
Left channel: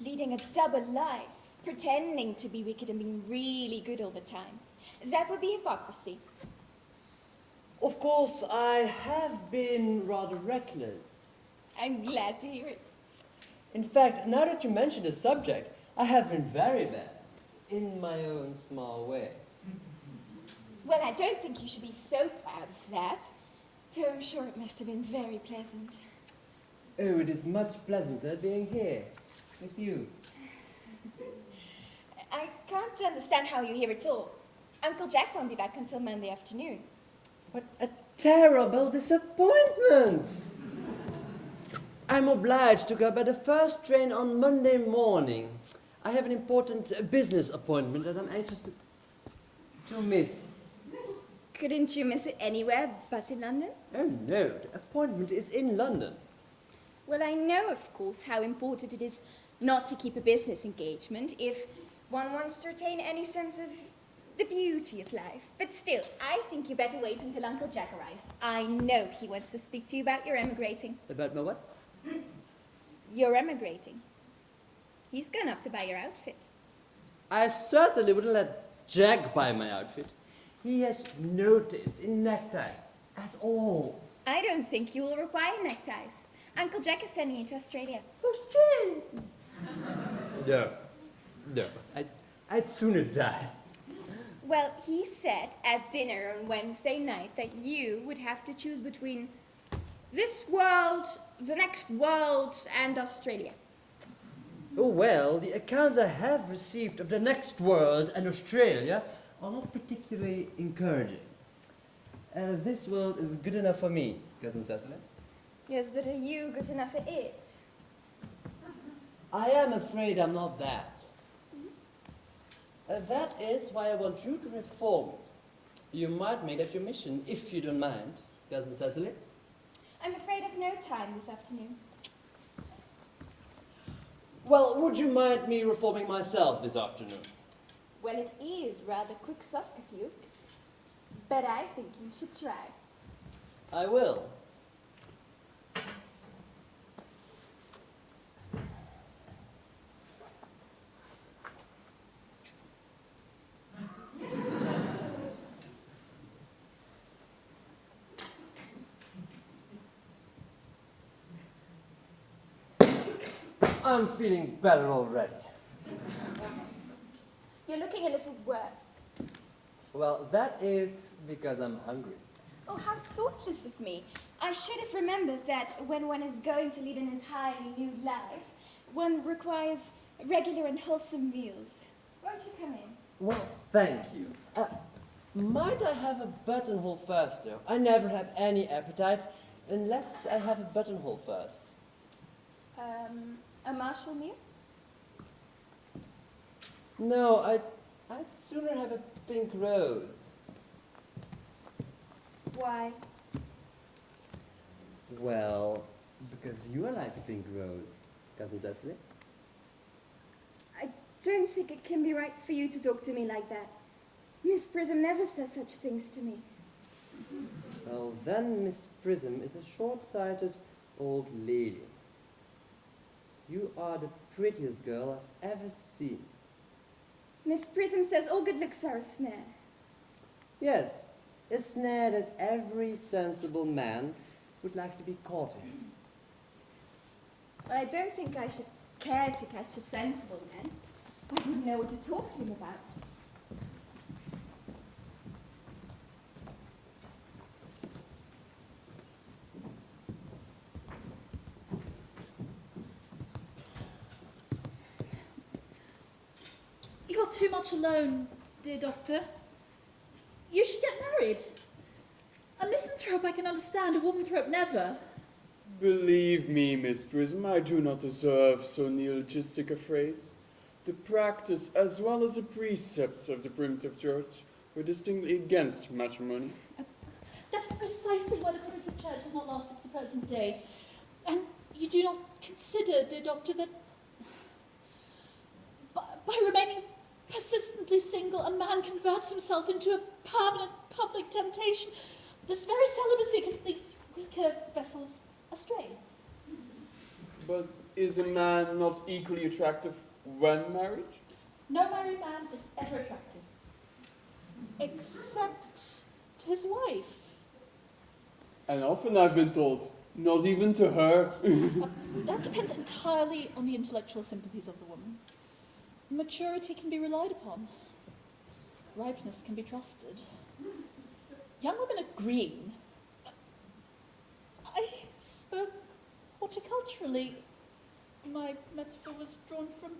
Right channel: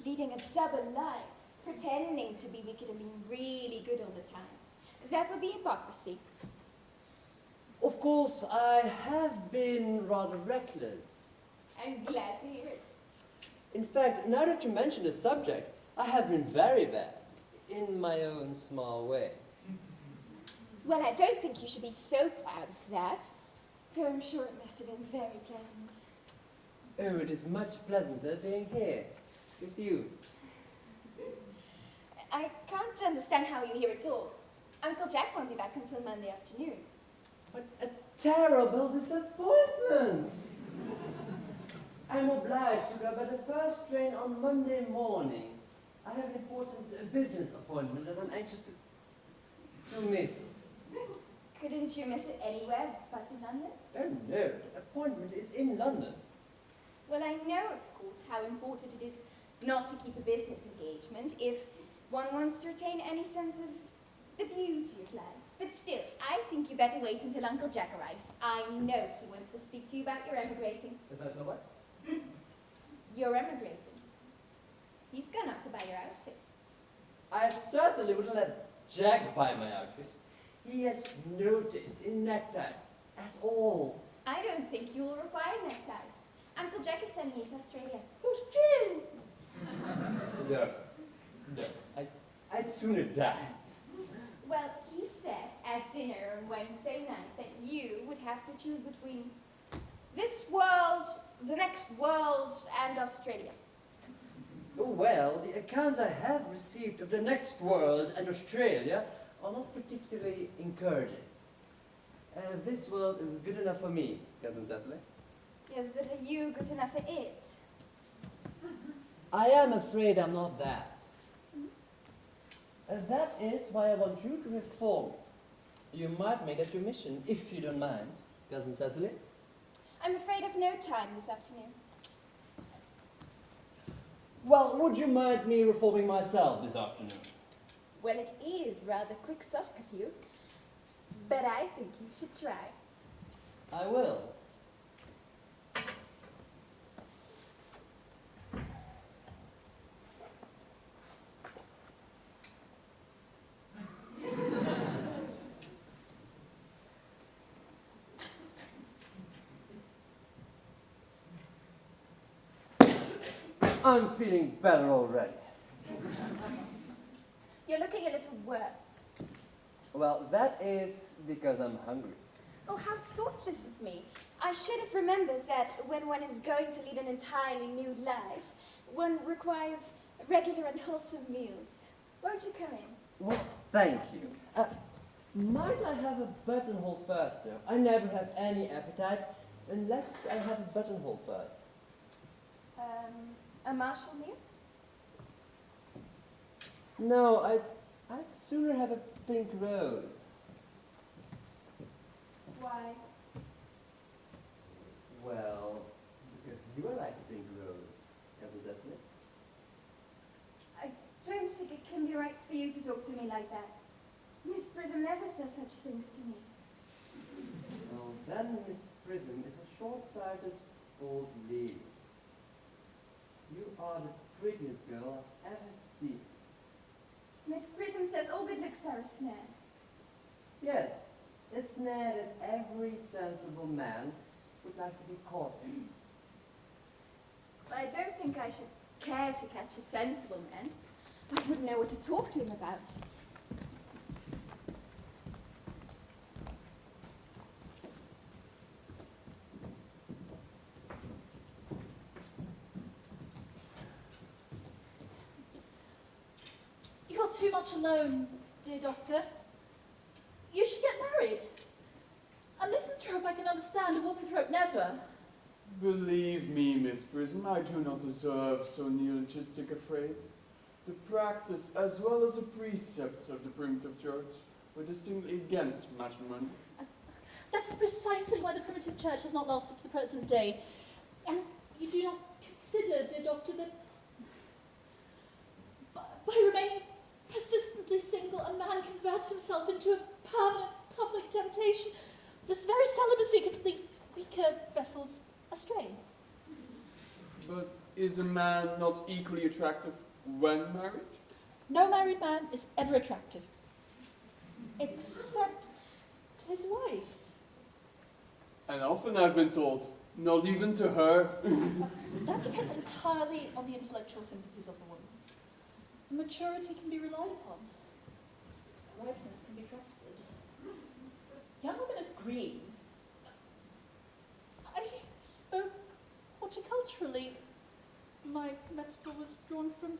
leading a double life, pretending to be wicked and being really good all the time. That would be hypocrisy. Of course, I have been rather reckless. I'm glad to hear it. In fact, now that you mention the subject, I have been very bad, in my own small way. Well, I don't think you should be so proud of that, though I'm sure it must have been very pleasant. Oh, it is much pleasanter being here, with you. I can't understand how you're here at all. Uncle Jack won't be back until Monday afternoon. What a terrible disappointment! I'm obliged to go by the first train on Monday morning. I have an important business appointment that I'm anxious to miss. Couldn't you miss it anywhere but in London? Oh no, the appointment is in London. Well, I know, of course, how important it is not to keep a business engagement if one wants to retain any sense of the beauty of life. But still, I think you better wait until Uncle Jack arrives. I know he wants to speak to you about your emigrating. About my what? You're emigrating. He's gone up to buy your outfit. I certainly wouldn't let Jack buy my outfit. he has no taste in neckties at all. I don't think you will require neckties. Uncle Jack is sending you to Australia. No. I'd sooner die. Well, he said at dinner on Wednesday night that you would have to choose between this world, the next world, and Australia. Oh well, the accounts I have received of the next world and Australia are not particularly encouraging. This world is good enough for me, Cousin Cecily. Yes, but are you good enough for it? I am afraid I'm not that. That is why I want you to reform it. You might make that your mission, if you don't mind, Cousin Cecily. I'm afraid I've no time this afternoon. Well, would you mind me reforming myself this afternoon? Well, it is rather quixotic of you, but I think you should try. I will. I'm feeling better already. You're looking a little worse. Well, that is because I'm hungry. Oh, how thoughtless of me. I should have remembered that when one is going to lead an entirely new life, one requires regular and wholesome meals. Won't you come in? Well, thank you. Might I have a buttonhole first, though? I never have any appetite unless I have a buttonhole first. A martial meal? No, I'd sooner have a pink rose. Why? Well, because you are like a pink rose, Cousin Cecily. I don't think it can be right for you to talk to me like that. Miss Prism never says such things to me. Well, then Miss Prism is a short-sighted old lady. You are the prettiest girl I've ever seen. Miss Prism says all good looks are a snare. Yes, a snare that every sensible man would like to be caught in. But I don't think I should care to catch a sensible man. I wouldn't know what to talk to him about. You're too much alone, dear Doctor. You should get married. A misanthrope I can understand, a womanthrope never. Believe me, Miss Prism, I do not deserve so neologistic a phrase. The practice as well as the precepts of the primitive church were distinctly against matrimony. That is precisely why the primitive church has not lasted to the present day. And you do not consider, dear Doctor, that by remaining persistently single, a man converts himself into a permanent public temptation. This very celibacy can lead weaker vessels astray. But is a man not equally attractive when married? No married man is ever attractive, except to his wife. And often I've been told, not even to her. That depends entirely on the intellectual sympathies of the woman. Maturity can be relied upon. Ripeness can be trusted. Young women are green. I spoke horticulturally. My metaphor was drawn from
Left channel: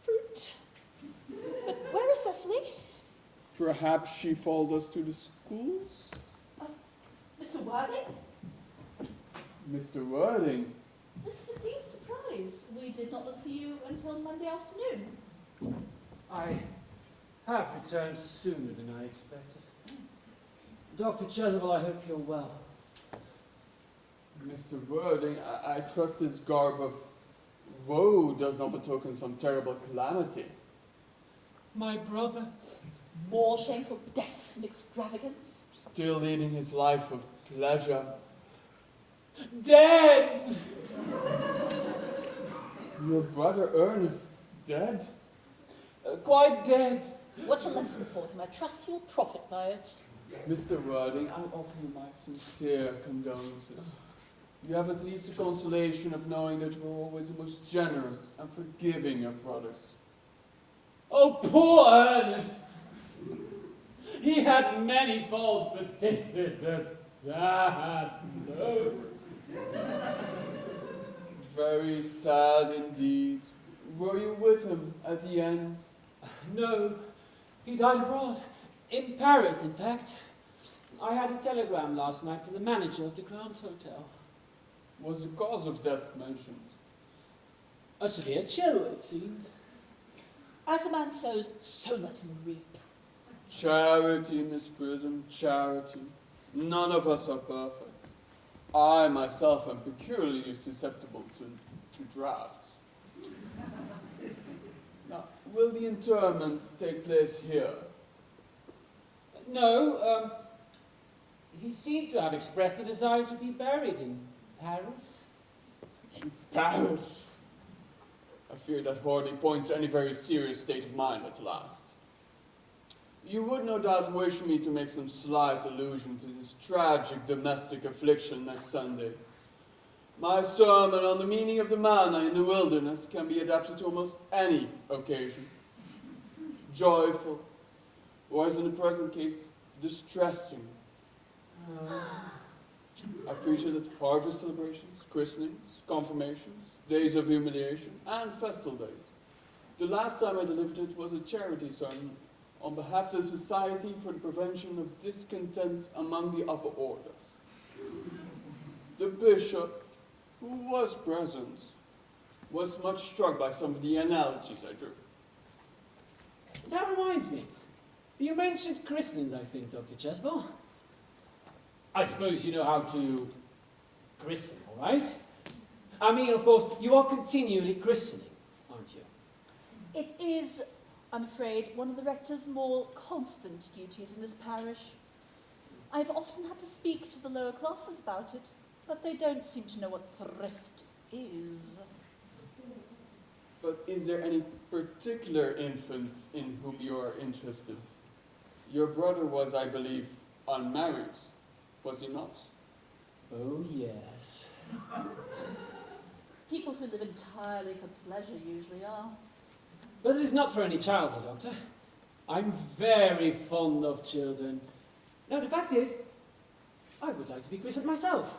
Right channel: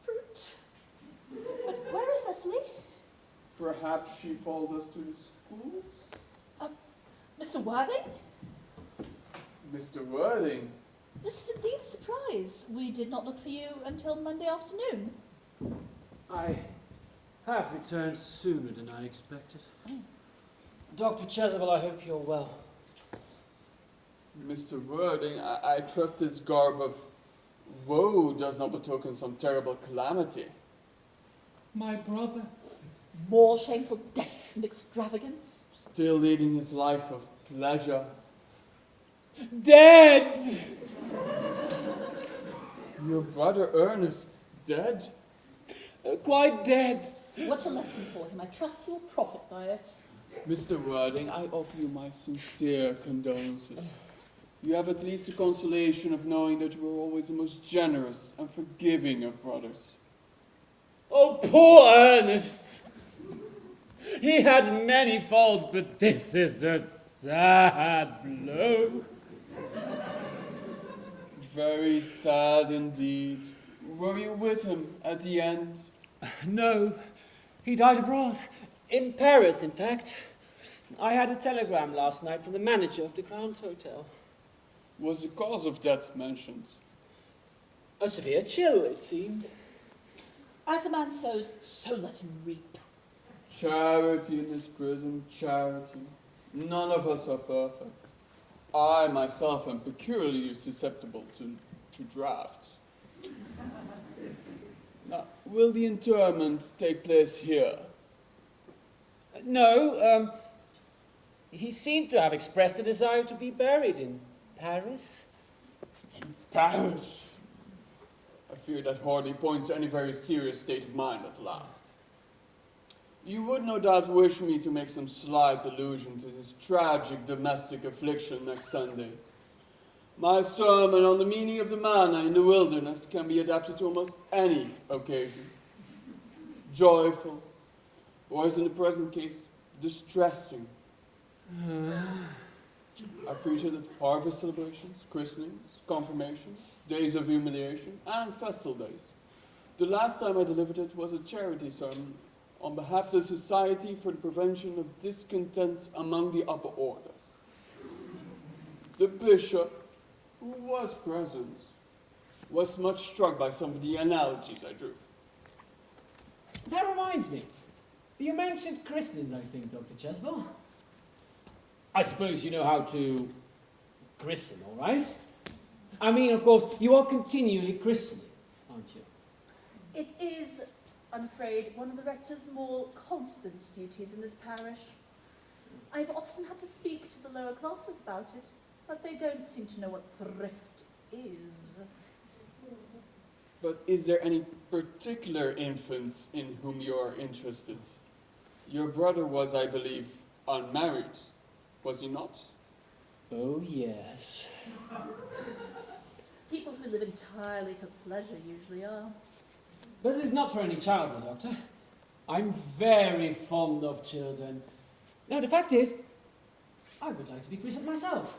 fruit. But where is Cecily? Perhaps she followed us to the schools? Mr. Worthing? Mr. Worthing? This is indeed a surprise. We did not look for you until Monday afternoon. I have returned sooner than I expected. Dr. Chasuble, I hope you're well. Mr. Worthing, I trust this garb of woe does not betoken some terrible calamity. My brother? More shameful debts and extravagance. Still leading his life of pleasure. Dead! Your brother Earnest, dead? Quite dead. What a lesson for him. I trust he will profit by it. Mr. Worthing, I offer you my sincere condolences. You have at least the consolation of knowing that you were always the most generous and forgiving of brothers. Oh, poor Ernest! He had many faults, but this is a sad blow. Very sad indeed. Were you with him at the end? No, he died abroad. In Paris, in fact. I had a telegram last night from the manager of the Grand Hotel. Was the cause of death mentioned? A severe chill, it seemed. As a man sows, so let him reap. Charity in this prison, charity. None of us are perfect. I myself am peculiarly susceptible to drafts. Now, will the interment take place here? No, he seemed to have expressed a desire to be buried in Paris. In Paris? I fear that hardly points to any very serious state of mind at last. You would no doubt wish me to make some slight allusion to this tragic domestic affliction next Sunday. My sermon on the meaning of the manna in the wilderness can be adapted to almost any occasion. Joyful, or as in the present case, distressing. I preach it at harvest celebrations, christenings, confirmations, days of humiliation, and festal days. The last time I delivered it was a charity sermon on behalf of the Society for the Prevention of Discontent among the Upper Orders. The bishop, who was present, was much struck by some of the analogies I drew. That reminds me. You mentioned christenings, I think, Dr. Cheswell. I suppose you know how to christen, all right? I mean, of course, you are continually christening, aren't you? It is, I'm afraid, one of the rector's more constant duties in this parish. I've often had to speak to the lower classes about it, but they don't seem to know what thrift is. But is there any particular infant in whom you are interested? Your brother was, I believe, unmarried, was he not? Oh, yes. People who live entirely for pleasure usually are. But it's not for any child, Doctor. I'm very fond of children. Now, the fact is, I would like to be christened myself.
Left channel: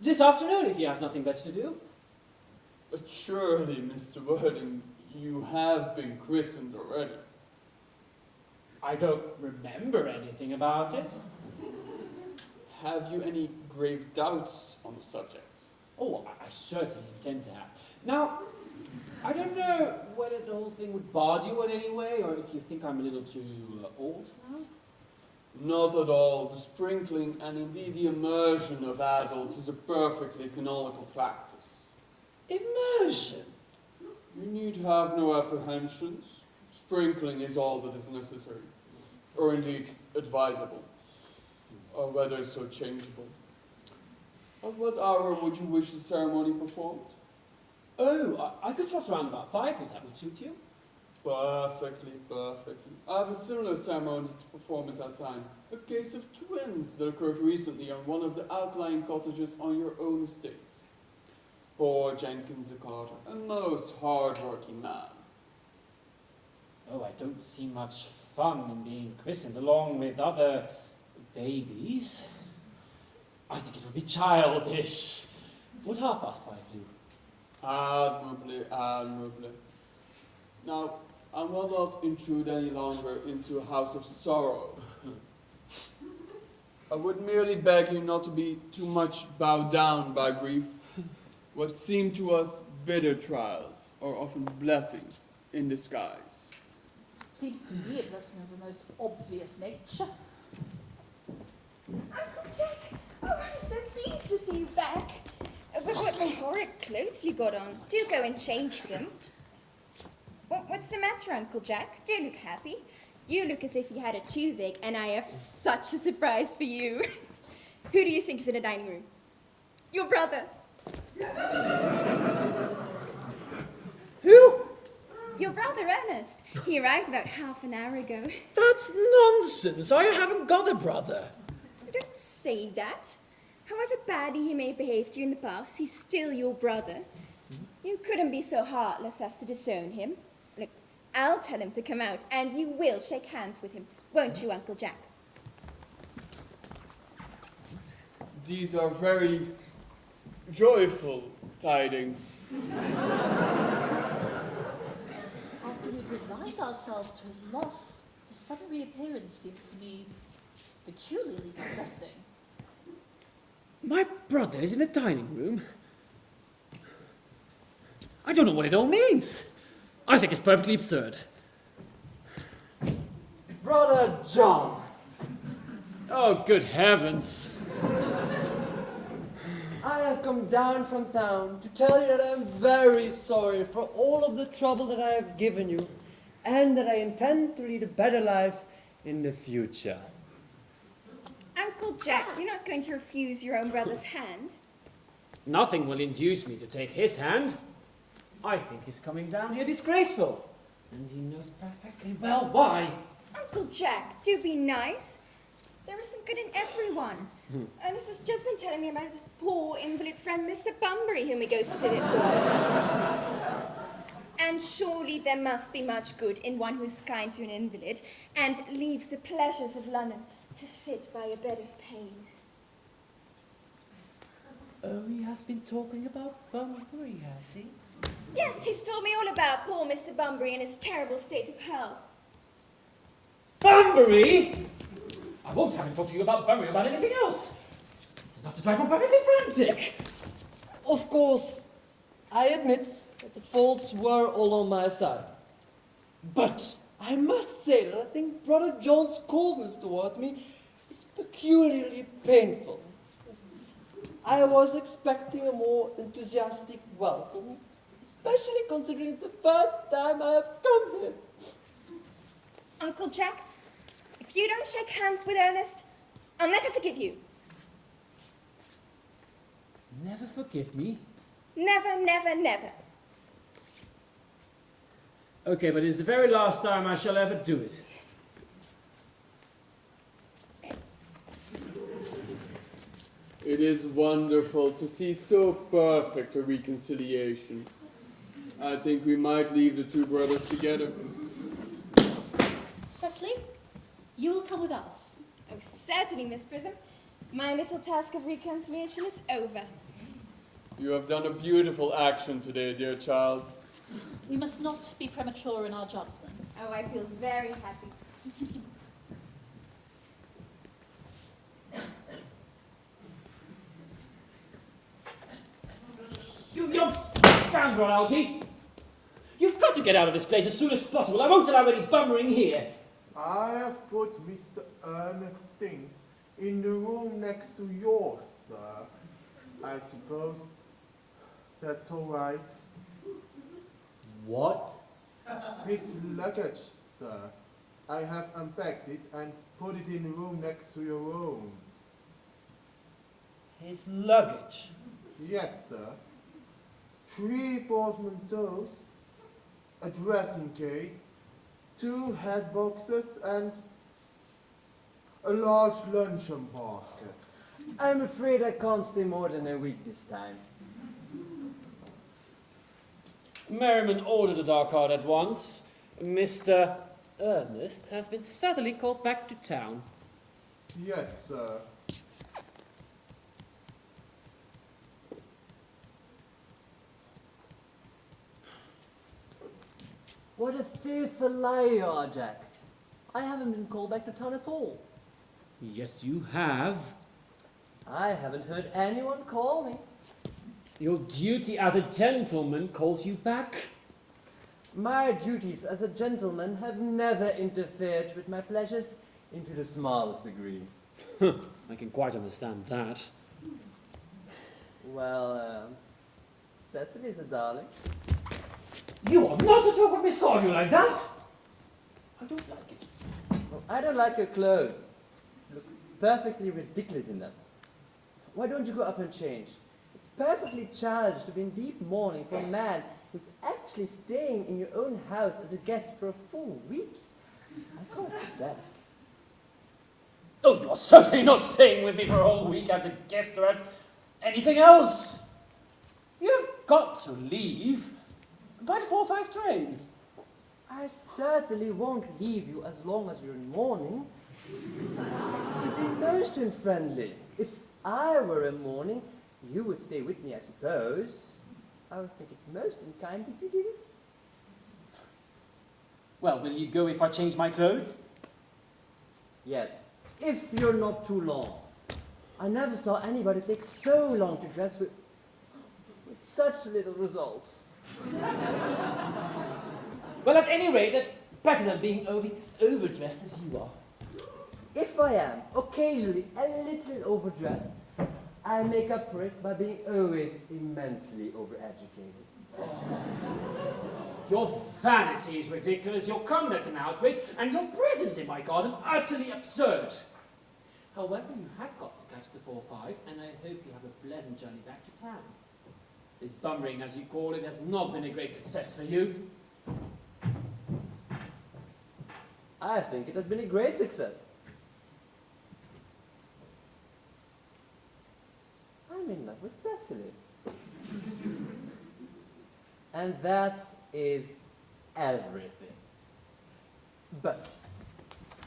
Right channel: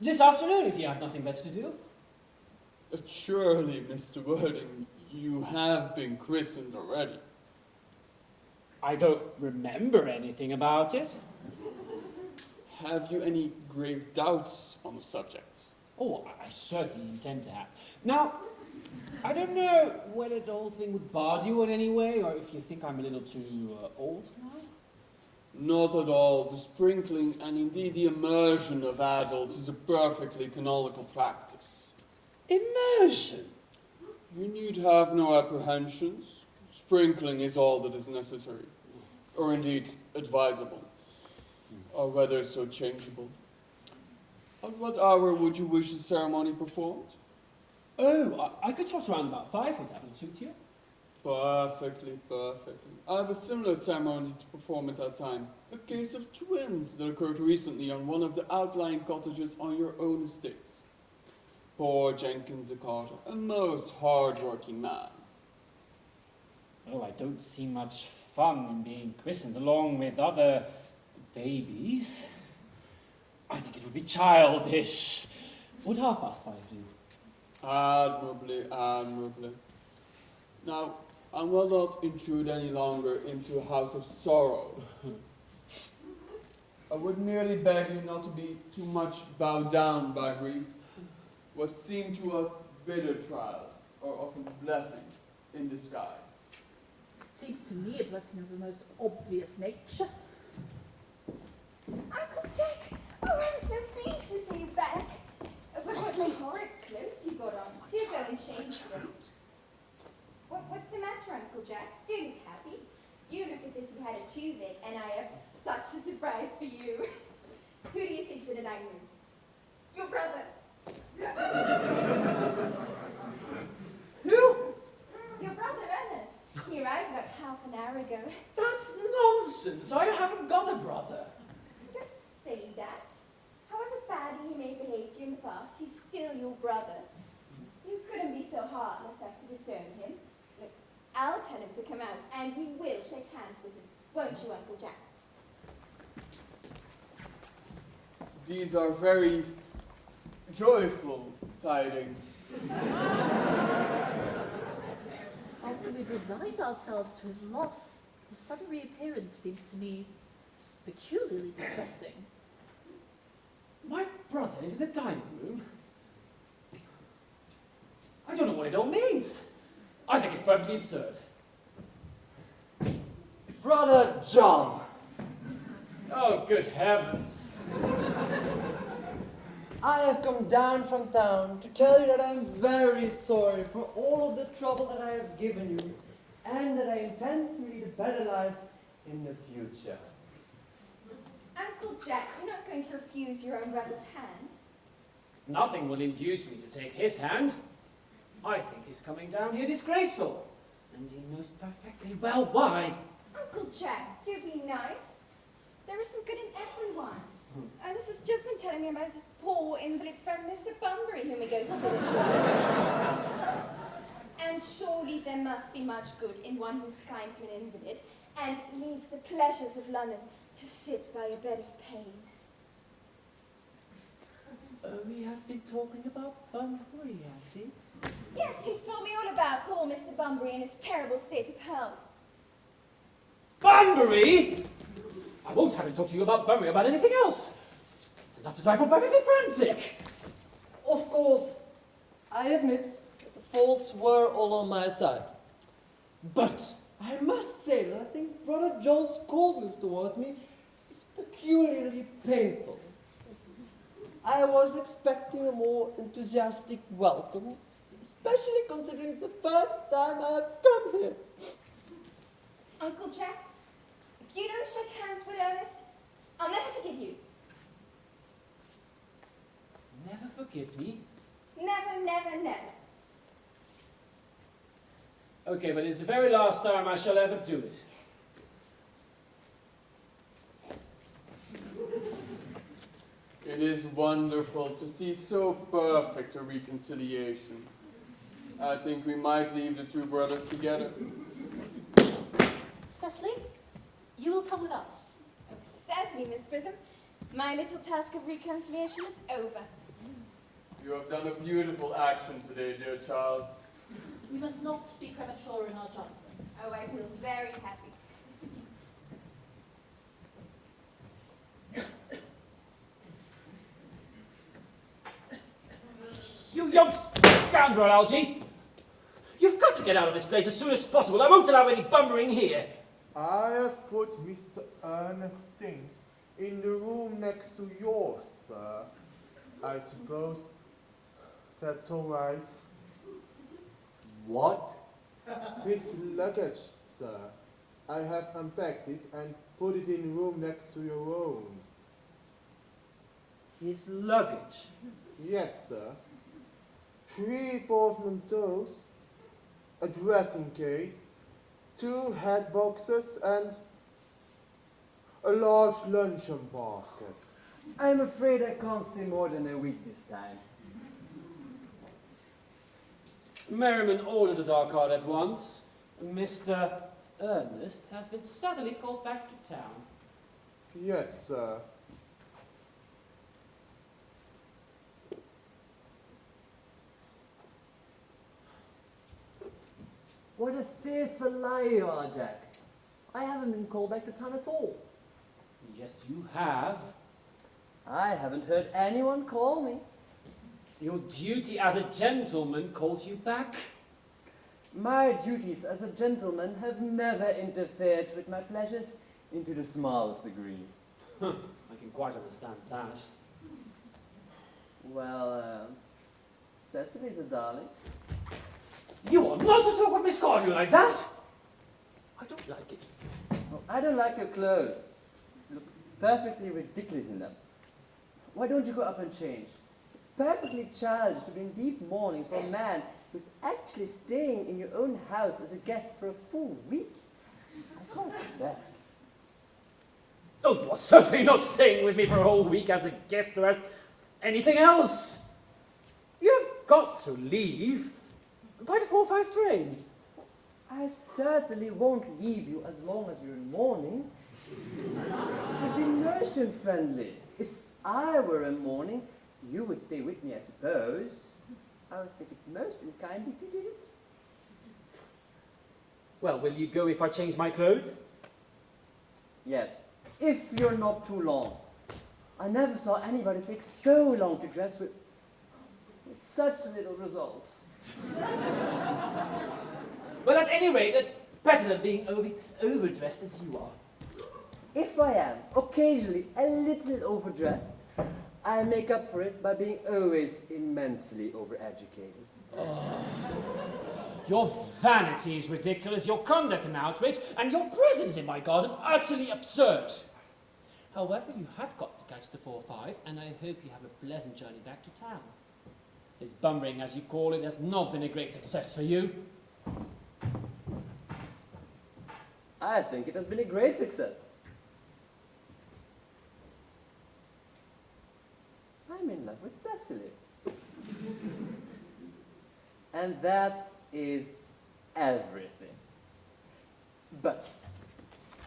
This afternoon, if you have nothing better to do. But surely, Mr. Worthing, you have been christened already. I don't remember anything about it. Have you any grave doubts on the subject? Oh, I certainly intend to have. Now, I don't know whether the whole thing would bother you in any way, or if you think I'm a little too old now. Not at all. The sprinkling and indeed the immersion of adults is a perfectly canonical practice. Immersion? You need have no apprehensions. Sprinkling is all that is necessary, or indeed advisable, or whether so changeable. At what hour would you wish the ceremony performed? Oh, I could trot around about 5 if that would suit you. Perfectly, perfectly. I have a similar ceremony to perform at that time. A case of twins that occurred recently on one of the outlying cottages on your own estates. Poor Jenkins the carter, a most hard-working man. Oh, I don't see much fun in being christened along with other babies. I think it would be childish. Would 5:30 do? Admirably, admirably. Now, I will not intrude any longer into a house of sorrow. I would merely beg you not to be too much bowed down by grief. What seem to us bitter trials are often blessings in disguise. It seems to me a blessing of the most obvious nature. Uncle Jack! Oh, I'm so pleased to see you back. But what horrid clothes you got on. Do go and change them. What's the matter, Uncle Jack? Don't look happy. You look as if you had a toothache, and I have such a surprise for you. Who do you think is in the dining room? Your brother. Who? Your brother Ernest. He arrived about half an hour ago. That's nonsense. I haven't got a brother. Don't say that. However badly he may have behaved to you in the past, he's still your brother. You couldn't be so heartless as to disown him. Look, I'll tell him to come out, and you will shake hands with him, won't you, Uncle Jack? These are very joyful tidings. After we'd resigned ourselves to his loss, his sudden reappearance seems to me peculiarly distressing. My brother is in the dining room. I don't know what it all means. I think it's perfectly absurd. Brother John! Oh, good heavens. I have come down from town to tell you that I am very sorry for all of the trouble that I have given you, and that I intend to lead a better life in the future. Uncle Jack, you're not going to refuse your own brother's hand? Nothing will induce me to take his hand. I think he's coming down here disgraceful. And he knows perfectly well why. Uncle Jack, do be nice. There is some good in everyone. Ernest has just been telling me about his poor invalid friend, Mr. Bunbury, whom he goes to visit so often. And surely there must be much good in one who's kind to an invalid and leaves the pleasures of London to sit by a bed of pain. Oh, he has been talking about Bunbury, has he? Yes, he's told me all about poor Mr. Bunbury and his terrible state of health. Bunbury? I won't have him talk to you about Bunbury about anything else. It's enough to drive him perfectly frantic. Of course, I admit that the faults were all on my side. But I must say that I think Brother John's coldness towards me is peculiarly painful. I was expecting a more enthusiastic welcome, especially considering it's the first time I have come here. Uncle Jack, if you don't shake hands with Ernest, I'll never forgive you. Never forgive me? Never, never, never. Okay, but it's the very last time I shall ever do it. It is wonderful to see so perfect a reconciliation. I think we might leave the two brothers together. Cecily, you will come with us. Oh, certainly, Miss Prism. My little task of reconciliation is over. You have done a beautiful action today, dear child. We must not be premature in our judgments. Oh, I feel very happy. You young scoundrel, Algie! You've got to get out of this place as soon as possible. I won't allow any bumbering here. I have put Mr. Earnest's things in the room next to yours, sir. I suppose that's all right. What? His luggage, sir. I have unpacked it and put it in the room next to your own. His luggage? Yes, sir. 3 portmanteaus, a dressing case, 2 hat boxes, and a large luncheon basket. I'm afraid I can't stay more than a week this time. Merriman ordered a dark card at once. Mr. Earnest has been suddenly called back to town. Yes, sir. What a fearful liar you are, Jack. I haven't been called back to town at all. Yes, you have. I haven't heard anyone call me. Your duty as a gentleman calls you back. My duties as a gentleman have never interfered with my pleasures into the smallest degree. I can quite understand that. Well, Cecily's a darling. You are not to talk of Miss Cardew like that! I don't like it. Oh, I don't like your clothes. You look perfectly ridiculous in them. Why don't you go up and change? It's perfectly childish to be in deep mourning for a man who's actually staying in your own house as a guest for a full week. I can't protest. Oh, you're certainly not staying with me for a whole week as a guest or as anything else. You've got to leave by the 4:05 train. I certainly won't leave you as long as you're in mourning. It'd be most unfriendly. If I were in mourning, you would stay with me, I suppose. I would think it most unkind if you didn't. Well, will you go if I change my clothes? Yes, if you're not too long. I never saw anybody take so long to dress with such little results. Well, at any rate, that's better than being overdressed as you are. If I am occasionally a little overdressed, I make up for it by being always immensely overeducated. Your vanity is ridiculous, your conduct an outrage, and your presence in my garden utterly absurd. However, you have got to catch the 4:05, and I hope you have a pleasant journey back to town. This bummering, as you call it, has not been a great success for you. I think it has been a great success. I'm in love with Cecily. And that is everything. But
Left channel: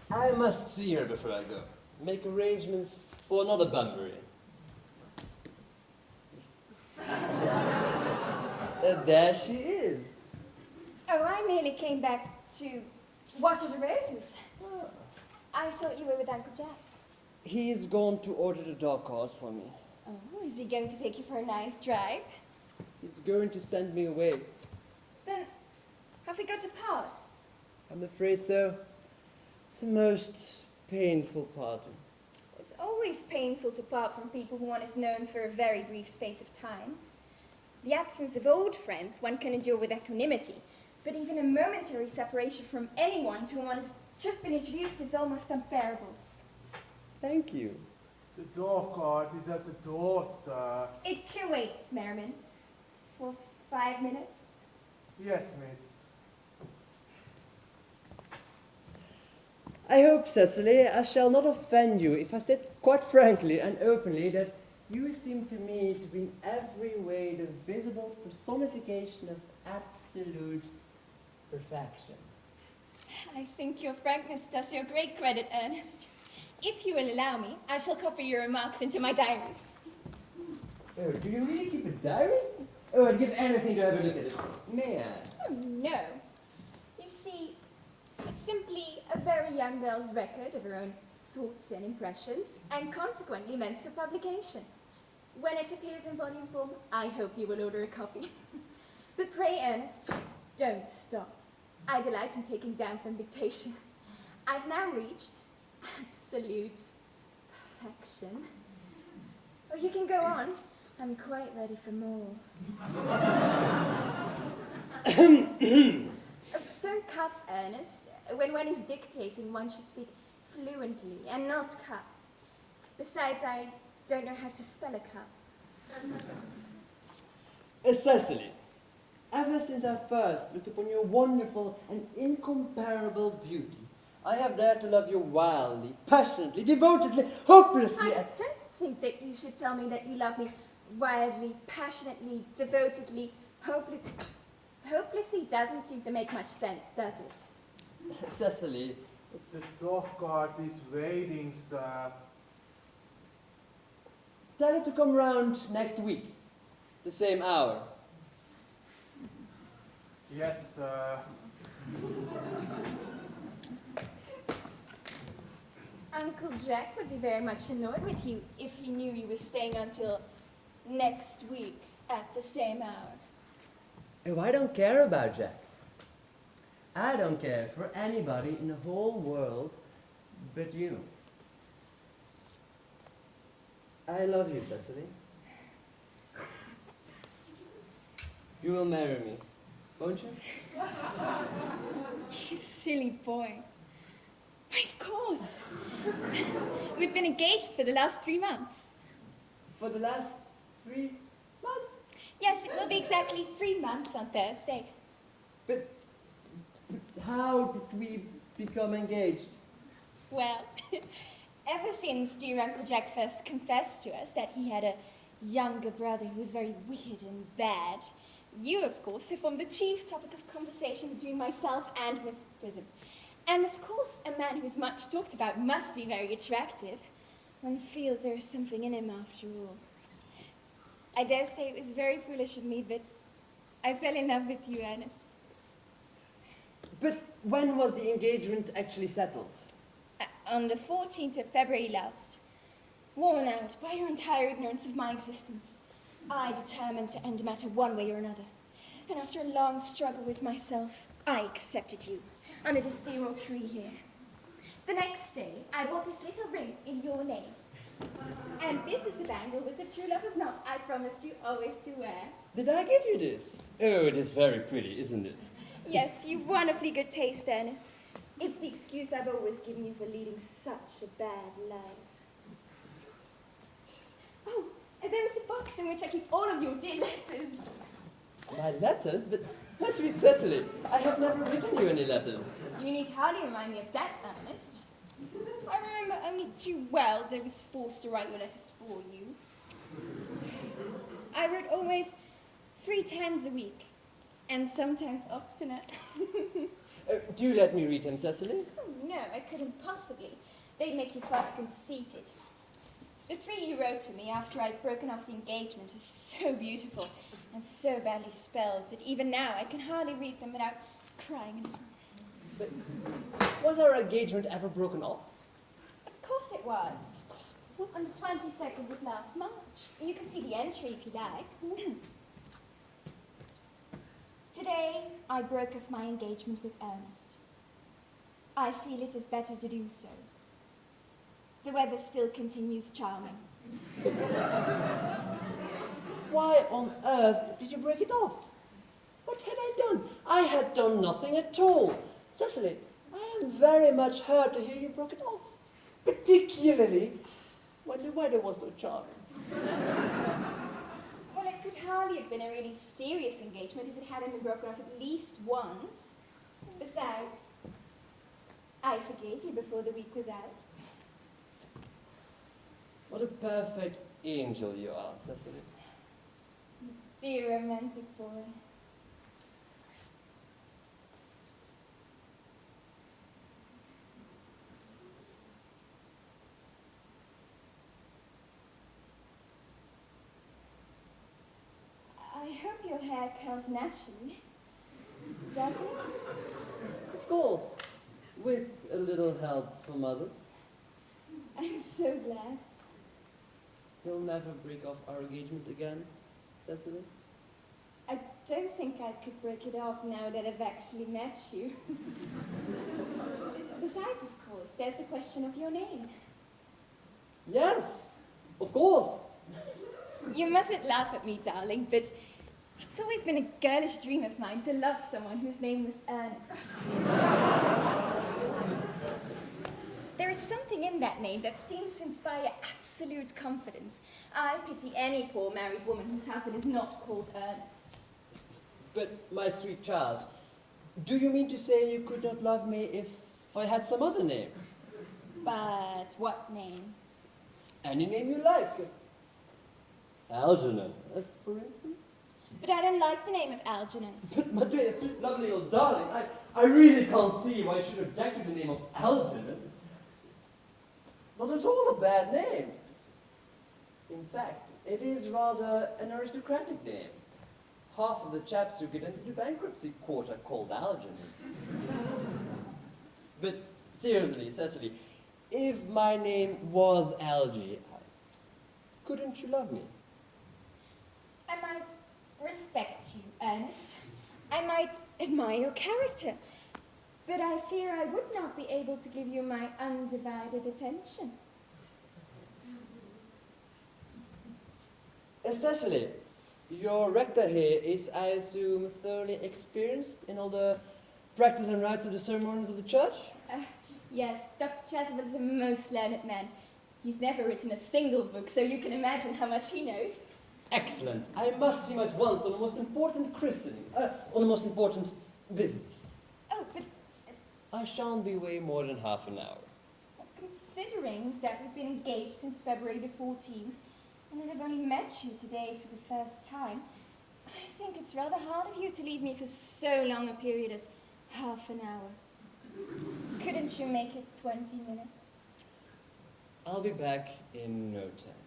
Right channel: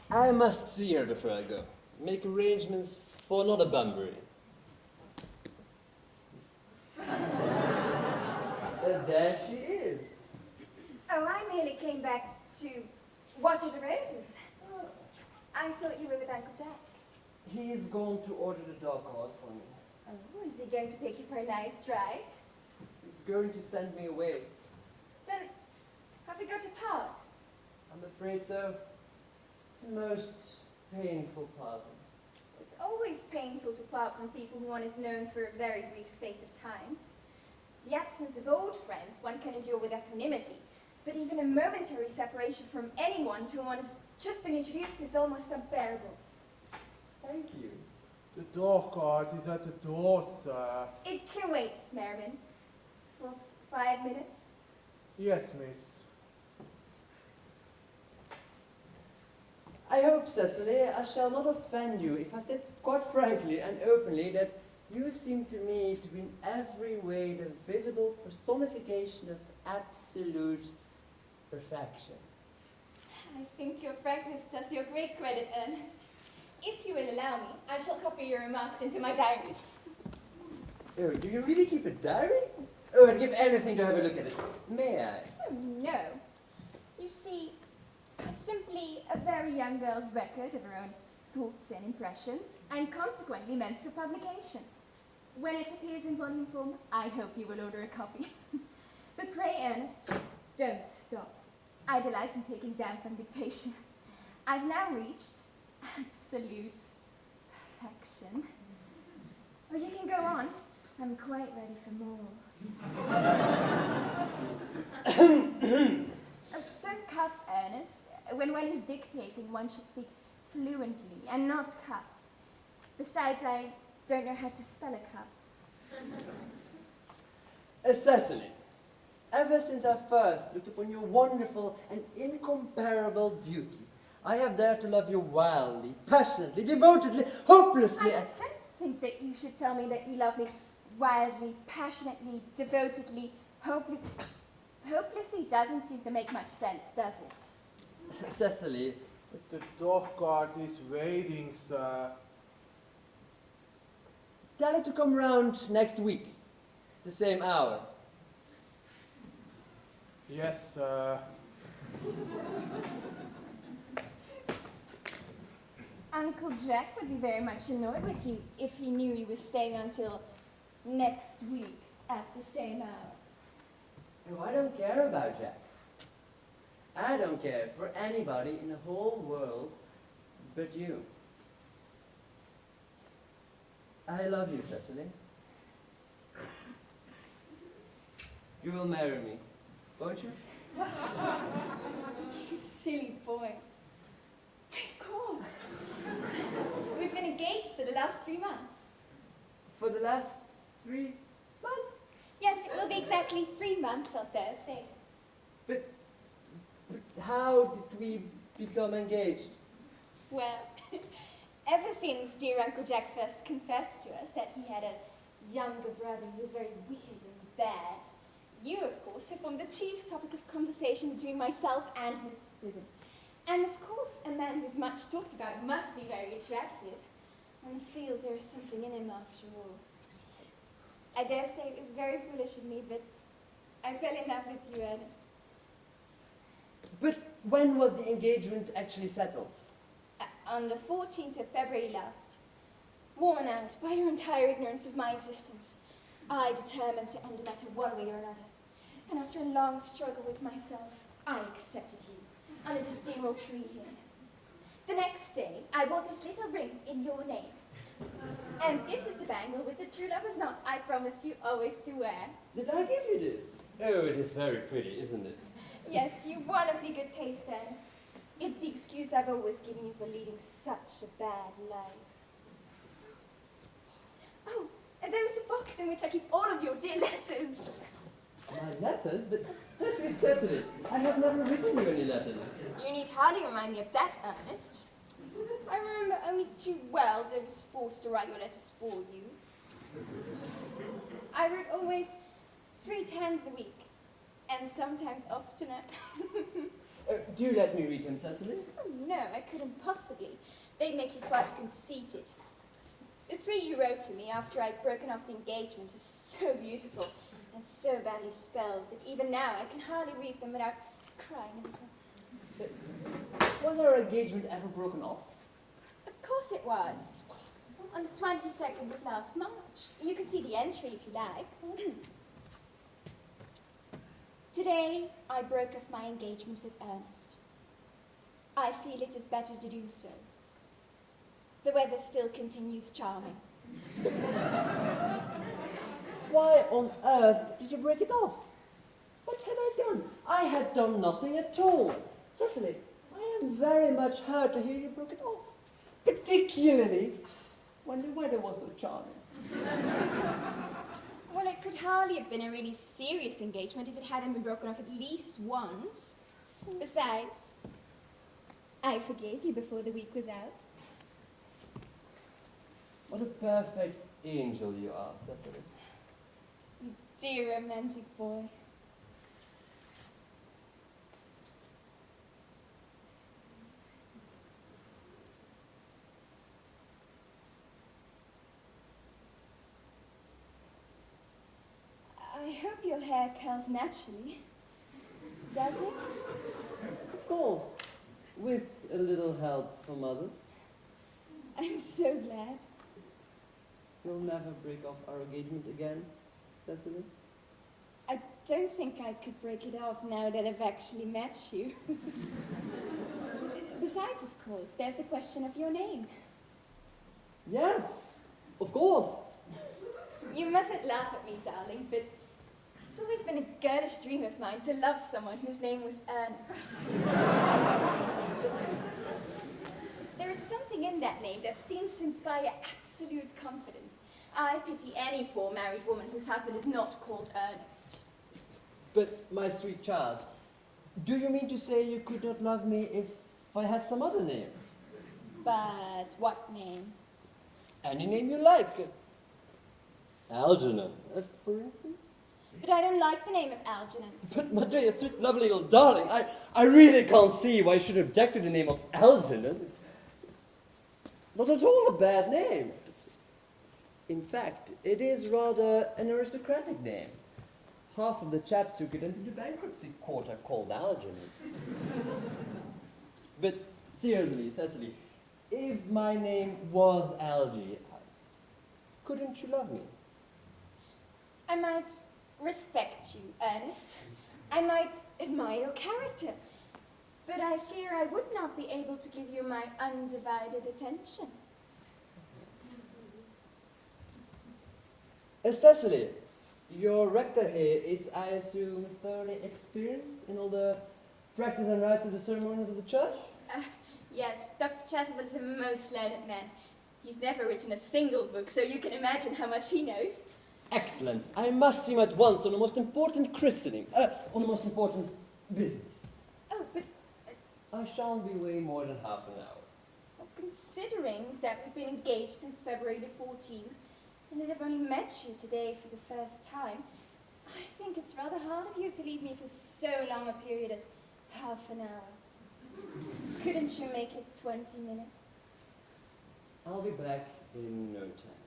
I must see her before I go. Make arrangements for another bumbering. And there she is. Oh, I merely came back to water the roses. I thought you were with Uncle Jack. He's gone to order the dog cart for me. Oh, is he going to take you for a nice drive? He's going to send me away. Then, have we got to part? I'm afraid so. It's the most painful part. It's always painful to part from people who one has known for a very brief space of time. The absence of old friends one can endure with equanimity, but even a momentary separation from anyone to whom one has just been introduced is almost unbearable. Thank you. The dog cart is at the door, sir. It can wait, Merriman. For 5 minutes. Yes, miss. I hope, Cecily, I shall not offend you if I state quite frankly and openly that you seem to me to be in every way the visible personification of absolute perfection. I think your frankness does you great credit, Ernest. If you will allow me, I shall copy your remarks into my diary. Oh, do you really keep a diary? Oh, I'd give anything to have a look at it. May I? Oh, no. You see, it's simply a very young girl's record of her own thoughts and impressions, and consequently meant for publication. When it appears in volume form, I hope you will order a copy. But pray, Ernest, don't stop. I delight in taking down from dictation. I've now reached absolute perfection. Oh, you can go on. I'm quite ready for more. Don't cough, Ernest. When one is dictating, one should speak fluently and not cough. Besides, I don't know how to spell a cough. Cecily, ever since I first looked upon your wonderful and incomparable beauty, I have dared to love you wildly, passionately, devotedly, hopelessly. I don't think that you should tell me that you love me wildly, passionately, devotedly, hopelessly doesn't seem to make much sense, does it? Cecily, it's... The dog cart is waiting, sir. Tell it to come round next week, the same hour. Yes, sir. Uncle Jack would be very much annoyed with you if he knew you were staying until next week at the same hour. Oh, I don't care about Jack. I don't care for anybody in the whole world but you. I love you, Cecily. You will marry me, won't you? You silly boy. Why, of course. We've been engaged for the last 3 months. For the last 3 months? Yes, it will be exactly 3 months on Thursday. But how did we become engaged? Well, ever since dear Uncle Jack first confessed to us that he had a younger brother who was very wicked and bad, you, of course, have formed the chief topic of conversation between myself and Miss Prism. And, of course, a man who's much talked about must be very attractive. One feels there is something in him after all. I dare say it was very foolish of me, but I fell in love with you, Ernest. But when was the engagement actually settled? On the 14th of February last. Worn out by your entire ignorance of my existence, I determined to end the matter one way or another. And after a long struggle with myself, I accepted you under this dear old tree here. The next day, I bought this little ring in your name. And this is the bangle with the true lover's knot I promised you always to wear. Did I give you this? Oh, it is very pretty, isn't it? Yes, you've wonderfully good taste, Ernest. It's the excuse I've always given you for leading such a bad life. Oh, and there is a box in which I keep all of your dear letters. My letters? But, my sweet Cecily, I have never written you any letters. You need hardly remind me of that, Ernest. I remember only too well that I was forced to write your letters for you. I wrote always 3 times a week, and sometimes oftener. Do let me read them, Cecily. Oh, no, I couldn't possibly. They'd make you far too conceited. The 3 you wrote to me after I'd broken off the engagement is so beautiful and so badly spelled that even now I can hardly read them without crying a little. But was our engagement ever broken off? Of course it was. On the 22nd of last March. You can see the entry if you like. Today, I broke off my engagement with Earnest. I feel it is better to do so. The weather still continues charming. Why on earth did you break it off? What had I done? I had done nothing at all. Cecily, I am very much hurt to hear you broke it off. Particularly when the weather was so charming. Well, it could hardly have been a really serious engagement if it hadn't been broken off at least once. Besides, I forgave you before the week was out. What a perfect angel you are, Cecily. Dear romantic boy. I hope your hair curls naturally. Does it? Of course, with a little help from others. I'm so glad. You'll never break off our engagement again, Cecily? I don't think I could break it off now that I've actually met you. Besides, of course, there's the question of your name. Yes, of course. You mustn't laugh at me, darling, but it's always been a girlish dream of mine to love someone whose name was Earnest. There is something in that name that seems to inspire absolute confidence. I pity any poor married woman whose husband is not called Earnest. But, my sweet child, do you mean to say you could not love me if I had some other name? But what name? Any name you like. Algernon, for instance? But I don't like the name of Algernon. But, my dear, sweet, lovely little darling, I really can't see why you should object to the name of Algernon. It's not at all a bad name. In fact, it is rather an aristocratic name. Half of the chaps who get into the bankruptcy court are called Algernon. But seriously, Cecily, if my name was Algie, couldn't you love me? I might respect you, Ernest. I might admire your character. But I fear I would not be able to give you my undivided attention. Cecily, your rector here is, I assume, thoroughly experienced in all the practice and rites of the ceremonies of the church? Yes, Dr. Chasuble is a most learned man. He's never written a single book, so you can imagine how much he knows. Excellent. I must see him at once on the most important christening, on the most important business. Oh, but I shan't be away more than half an hour. considering that we've been engaged since February the 14th, and that I've only met you today for the first time, I think it's rather hard of you to leave me for so long a period as half an hour. Couldn't you make it 20 minutes? I'll be back in no time.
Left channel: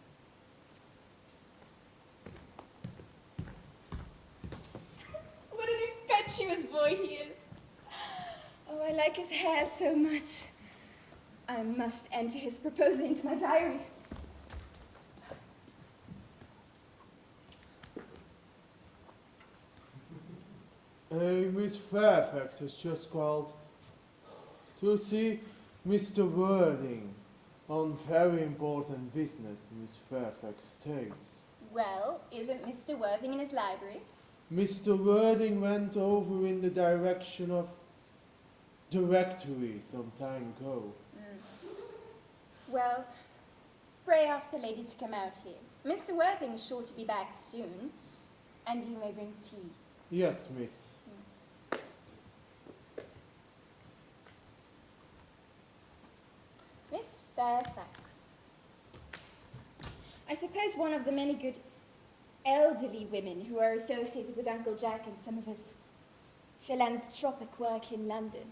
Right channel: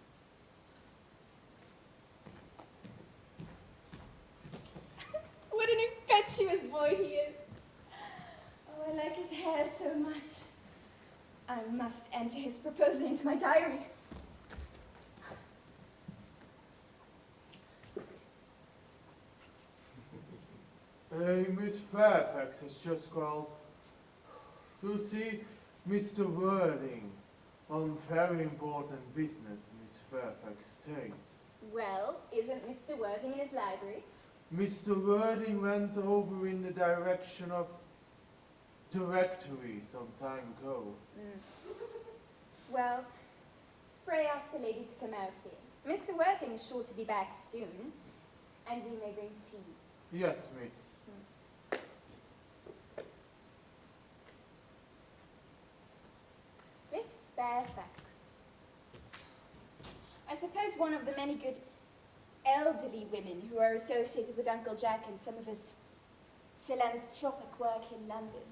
What an impetuous boy he is. Oh, I like his hair so much. I must enter his proposal into my diary. Miss Fairfax has just called to see Mr. Worthing on very important business, Miss Fairfax states. Well, isn't Mr. Worthing in his library? Mr. Worthing went over in the direction of directory some time ago. Well, pray ask the lady to come out here. Mr. Worthing is sure to be back soon, and you may bring tea. Yes, miss. Miss Fairfax. I suppose one of the many good elderly women who are associated with Uncle Jack and some of his philanthropic work in London.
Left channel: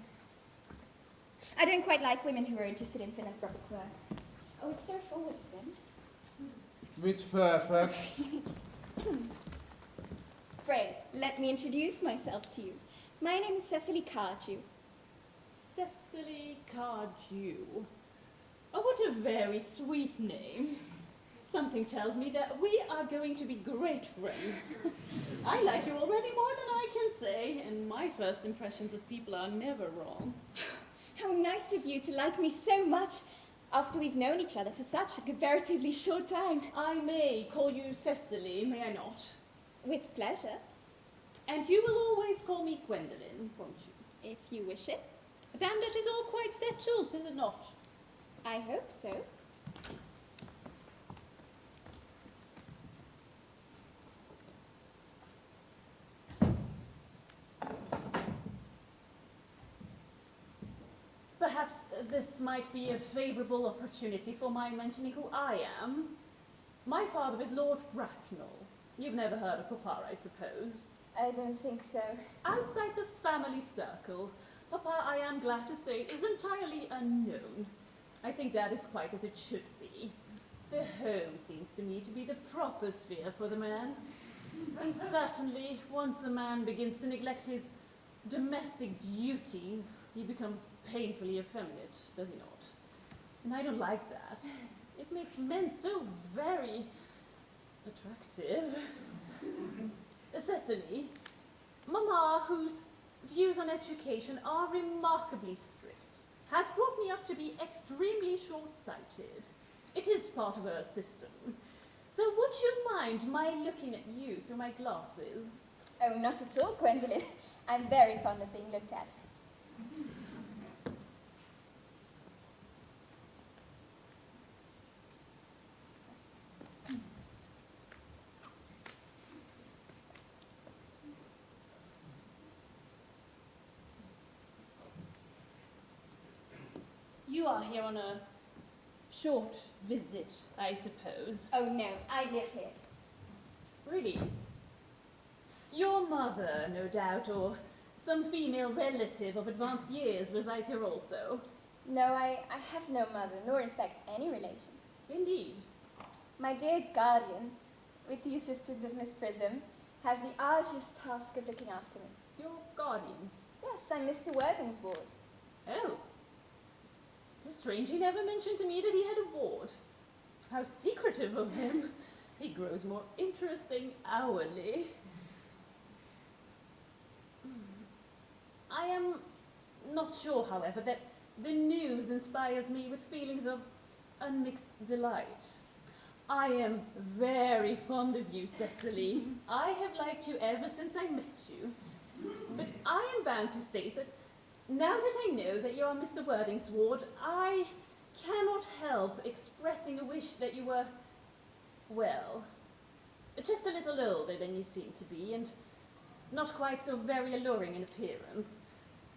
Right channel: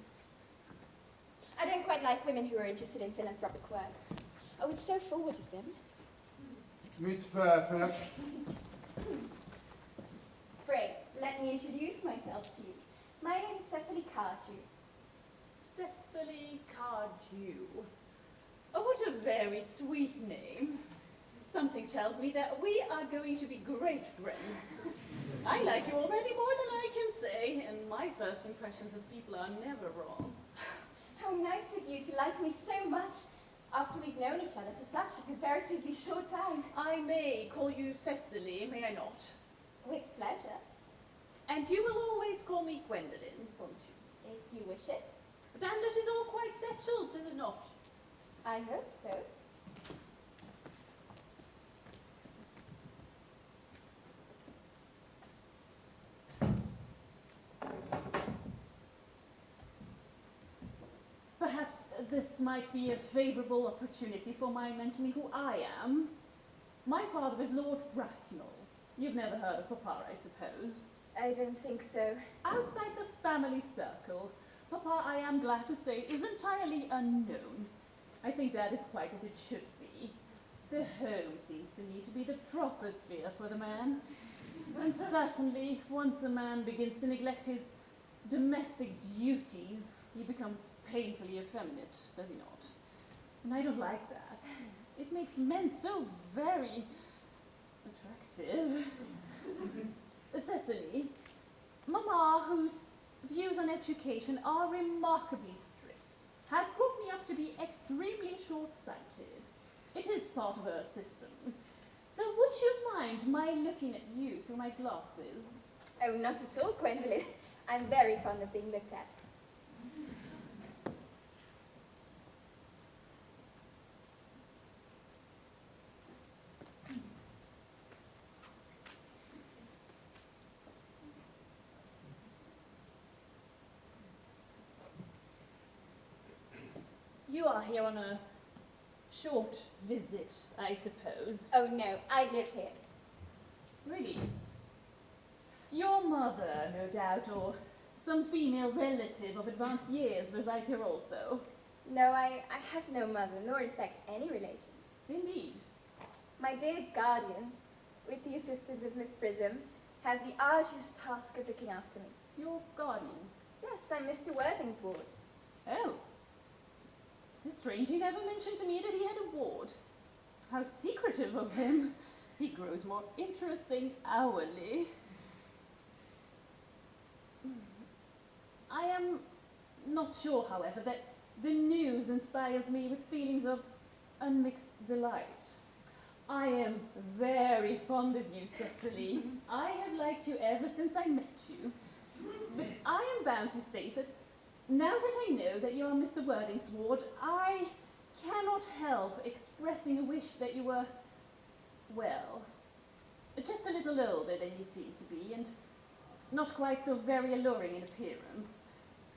I don't quite like women who are interested in philanthropic work. Oh, it's so forward of them. Miss Fairfax. Pray, let me introduce myself to you. My name is Cecily Cardew. Cecily Cardew. Oh, what a very sweet name. Something tells me that we are going to be great friends. I like you already more than I can say, and my first impressions of people are never wrong. How nice of you to like me so much after we've known each other for such a comparatively short time. I may call you Cecily, may I not? With pleasure, And you will always call me Gwendolen, won't you? if you wish it. Then it is all quite settled, is it not? I hope so. Perhaps this might be a favourable opportunity for my mentioning who I am. My father is Lord Bracknell. You've never heard of Papa, I suppose. I don't think so. Outside the family circle, Papa, I am glad to say, is entirely unknown. I think that is quite as it should be. The home seems to me to be the proper sphere for the man. And certainly, once a man begins to neglect his domestic duties, he becomes painfully effeminate, does he not? And I don't like that. It makes men so very attractive. Cecily, Mama, whose views on education are remarkably strict, has brought me up to be extremely short-sighted. It is part of her system. So would you mind my looking at you through my glasses? Oh, not at all, Gwendolen. I'm very fond of being looked at. You are here on a short visit, I suppose. Oh no, I live here. Really? Your mother, no doubt, or some female relative of advanced years resides here also. No, I have no mother, nor in fact any relations. Indeed. My dear guardian, with the assistance of Miss Prism, has the arduous task of looking after me. Your guardian. Yes, I'm Mr. Worthing's ward. Oh. It is strange he never mentioned to me that he had a ward. How secretive of him. He grows more interesting hourly. I am not sure, however, that the news inspires me with feelings of unmixed delight. I am very fond of you, Cecily. I have liked you ever since I met you. But I am bound to state that now that I know that you are Mr. Worthing's ward, I cannot help expressing a wish that you were, well, just little older than you seem to be, and not quite so very alluring in appearance.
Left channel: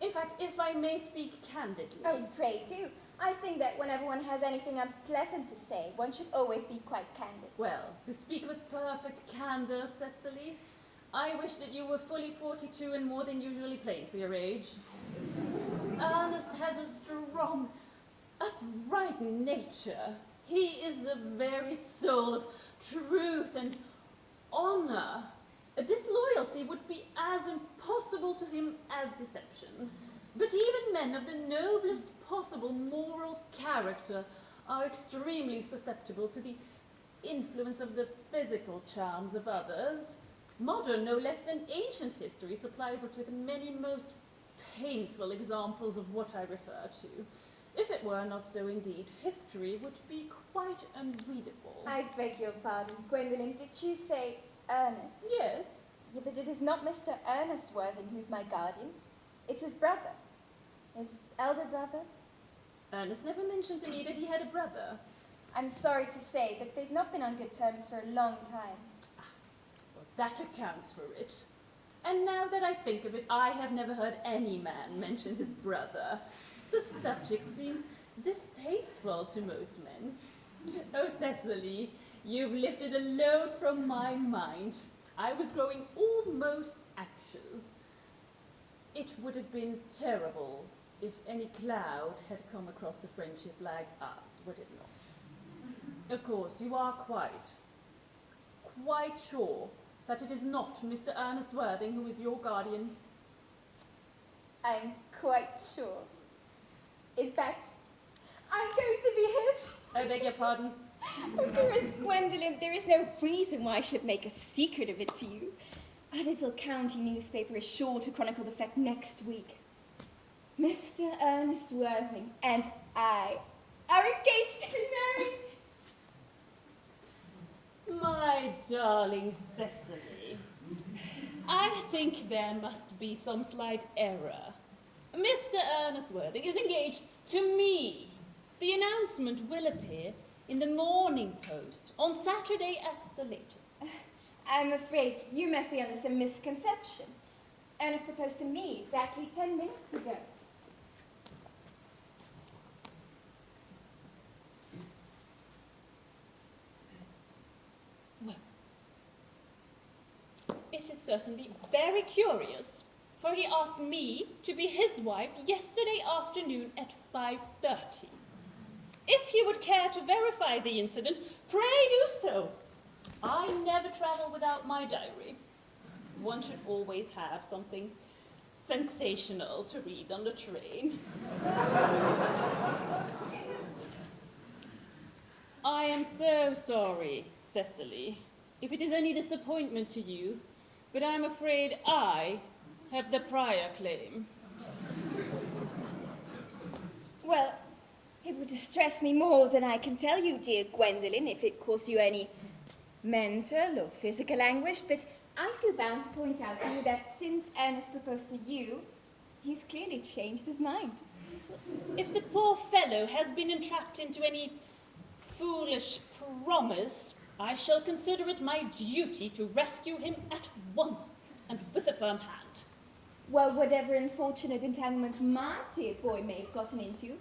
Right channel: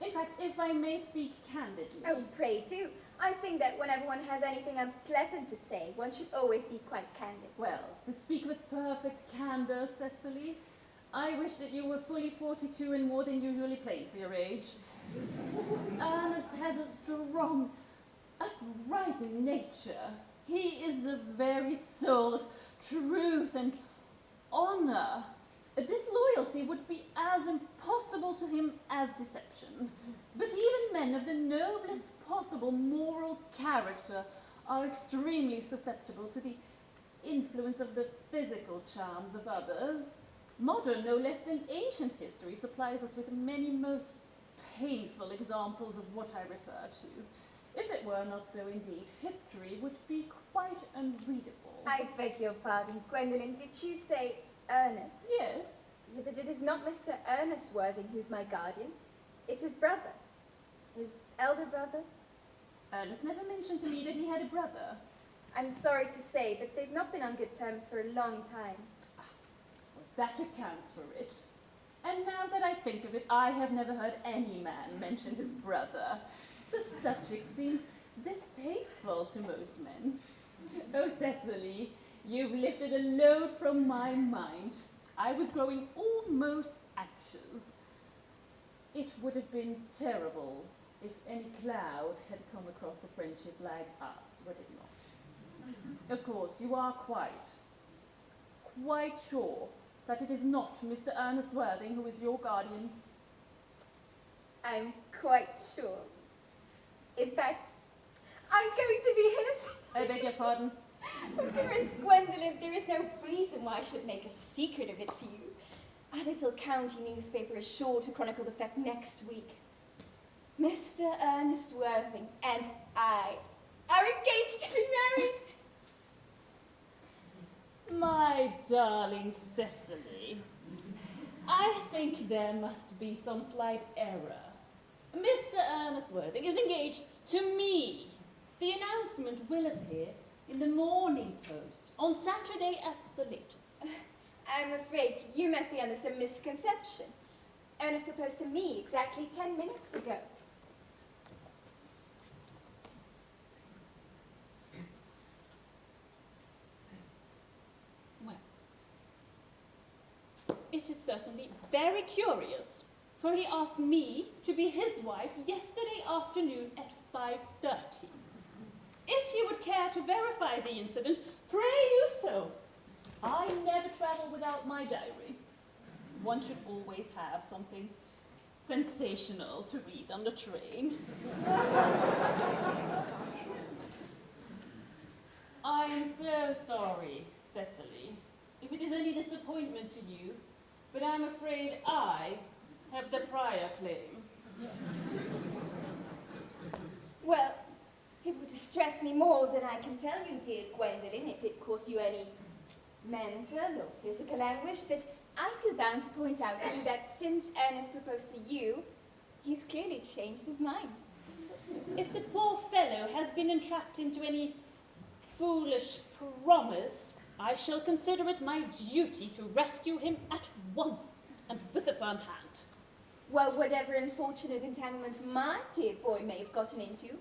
In fact, if I may speak candidly... Oh, pray do. I think that whenever one has anything unpleasant to say, one should always be quite candid. Well, to speak with perfect candor, Cecily, I wish that you were fully 42 and more than usually plain for your age. Ernest has a strong, upright nature. He is the very soul of truth and honor. Disloyalty would be as impossible to him as deception. But even men of the noblest possible moral character are extremely susceptible to the influence of the physical charms of others. Modern, no less than ancient history, supplies us with many most painful examples of what I refer to. If it were not so indeed, history would be quite unreadable. I beg your pardon, Gwendolen, did you say Earnest? Yes. Yeah, but it is not Mr. Earnest Worthing who's my guardian. It's his brother. His elder brother. Ernest never mentioned to me that he had a brother. I'm sorry to say that they've not been on good terms for a long time. That accounts for it. And now that I think of it, I have never heard any man mention his brother. The subject seems distasteful to most men. Oh, Cecily, you've lifted a load from my mind. I was growing almost anxious. It would have been terrible if any cloud had come across a friendship like ours, would it not? Of course, you are quite sure that it is not Mr. Ernest Worthing who is your guardian? I'm quite sure. In fact, I'm going to be his. I beg your pardon? Oh, dearest Gwendolen, there is no reason why I should make a secret of it to you. Our little county newspaper is sure to chronicle the fact next week. Mr. Ernest Worthing and I are engaged to be married. My darling Cecily, I think there must be some slight error. Mr. Ernest Worthing is engaged to me. The announcement will appear in the Morning Post on Saturday at the latest. I'm afraid you must be under some misconception. Ernest proposed to me exactly 10 minutes ago. Well, it is certainly very curious, for he asked me to be his wife yesterday afternoon at 5:30. If you would care to verify the incident, pray do so. I never travel without my diary. One should always have something sensational to read on the train. I am so sorry, Cecily, if it is any disappointment to you, but I'm afraid I have the prior claim. Well, it would distress me more than I can tell you, dear Gwendolen, if it caused you any mental or physical anguish, but I feel bound to point out to you that since Ernest proposed to you, he's clearly changed his mind. If the poor fellow has been entrapped into any foolish promise, I shall consider it my duty to rescue him at once and with a firm hand. Well, whatever unfortunate entanglement my dear boy may have gotten into,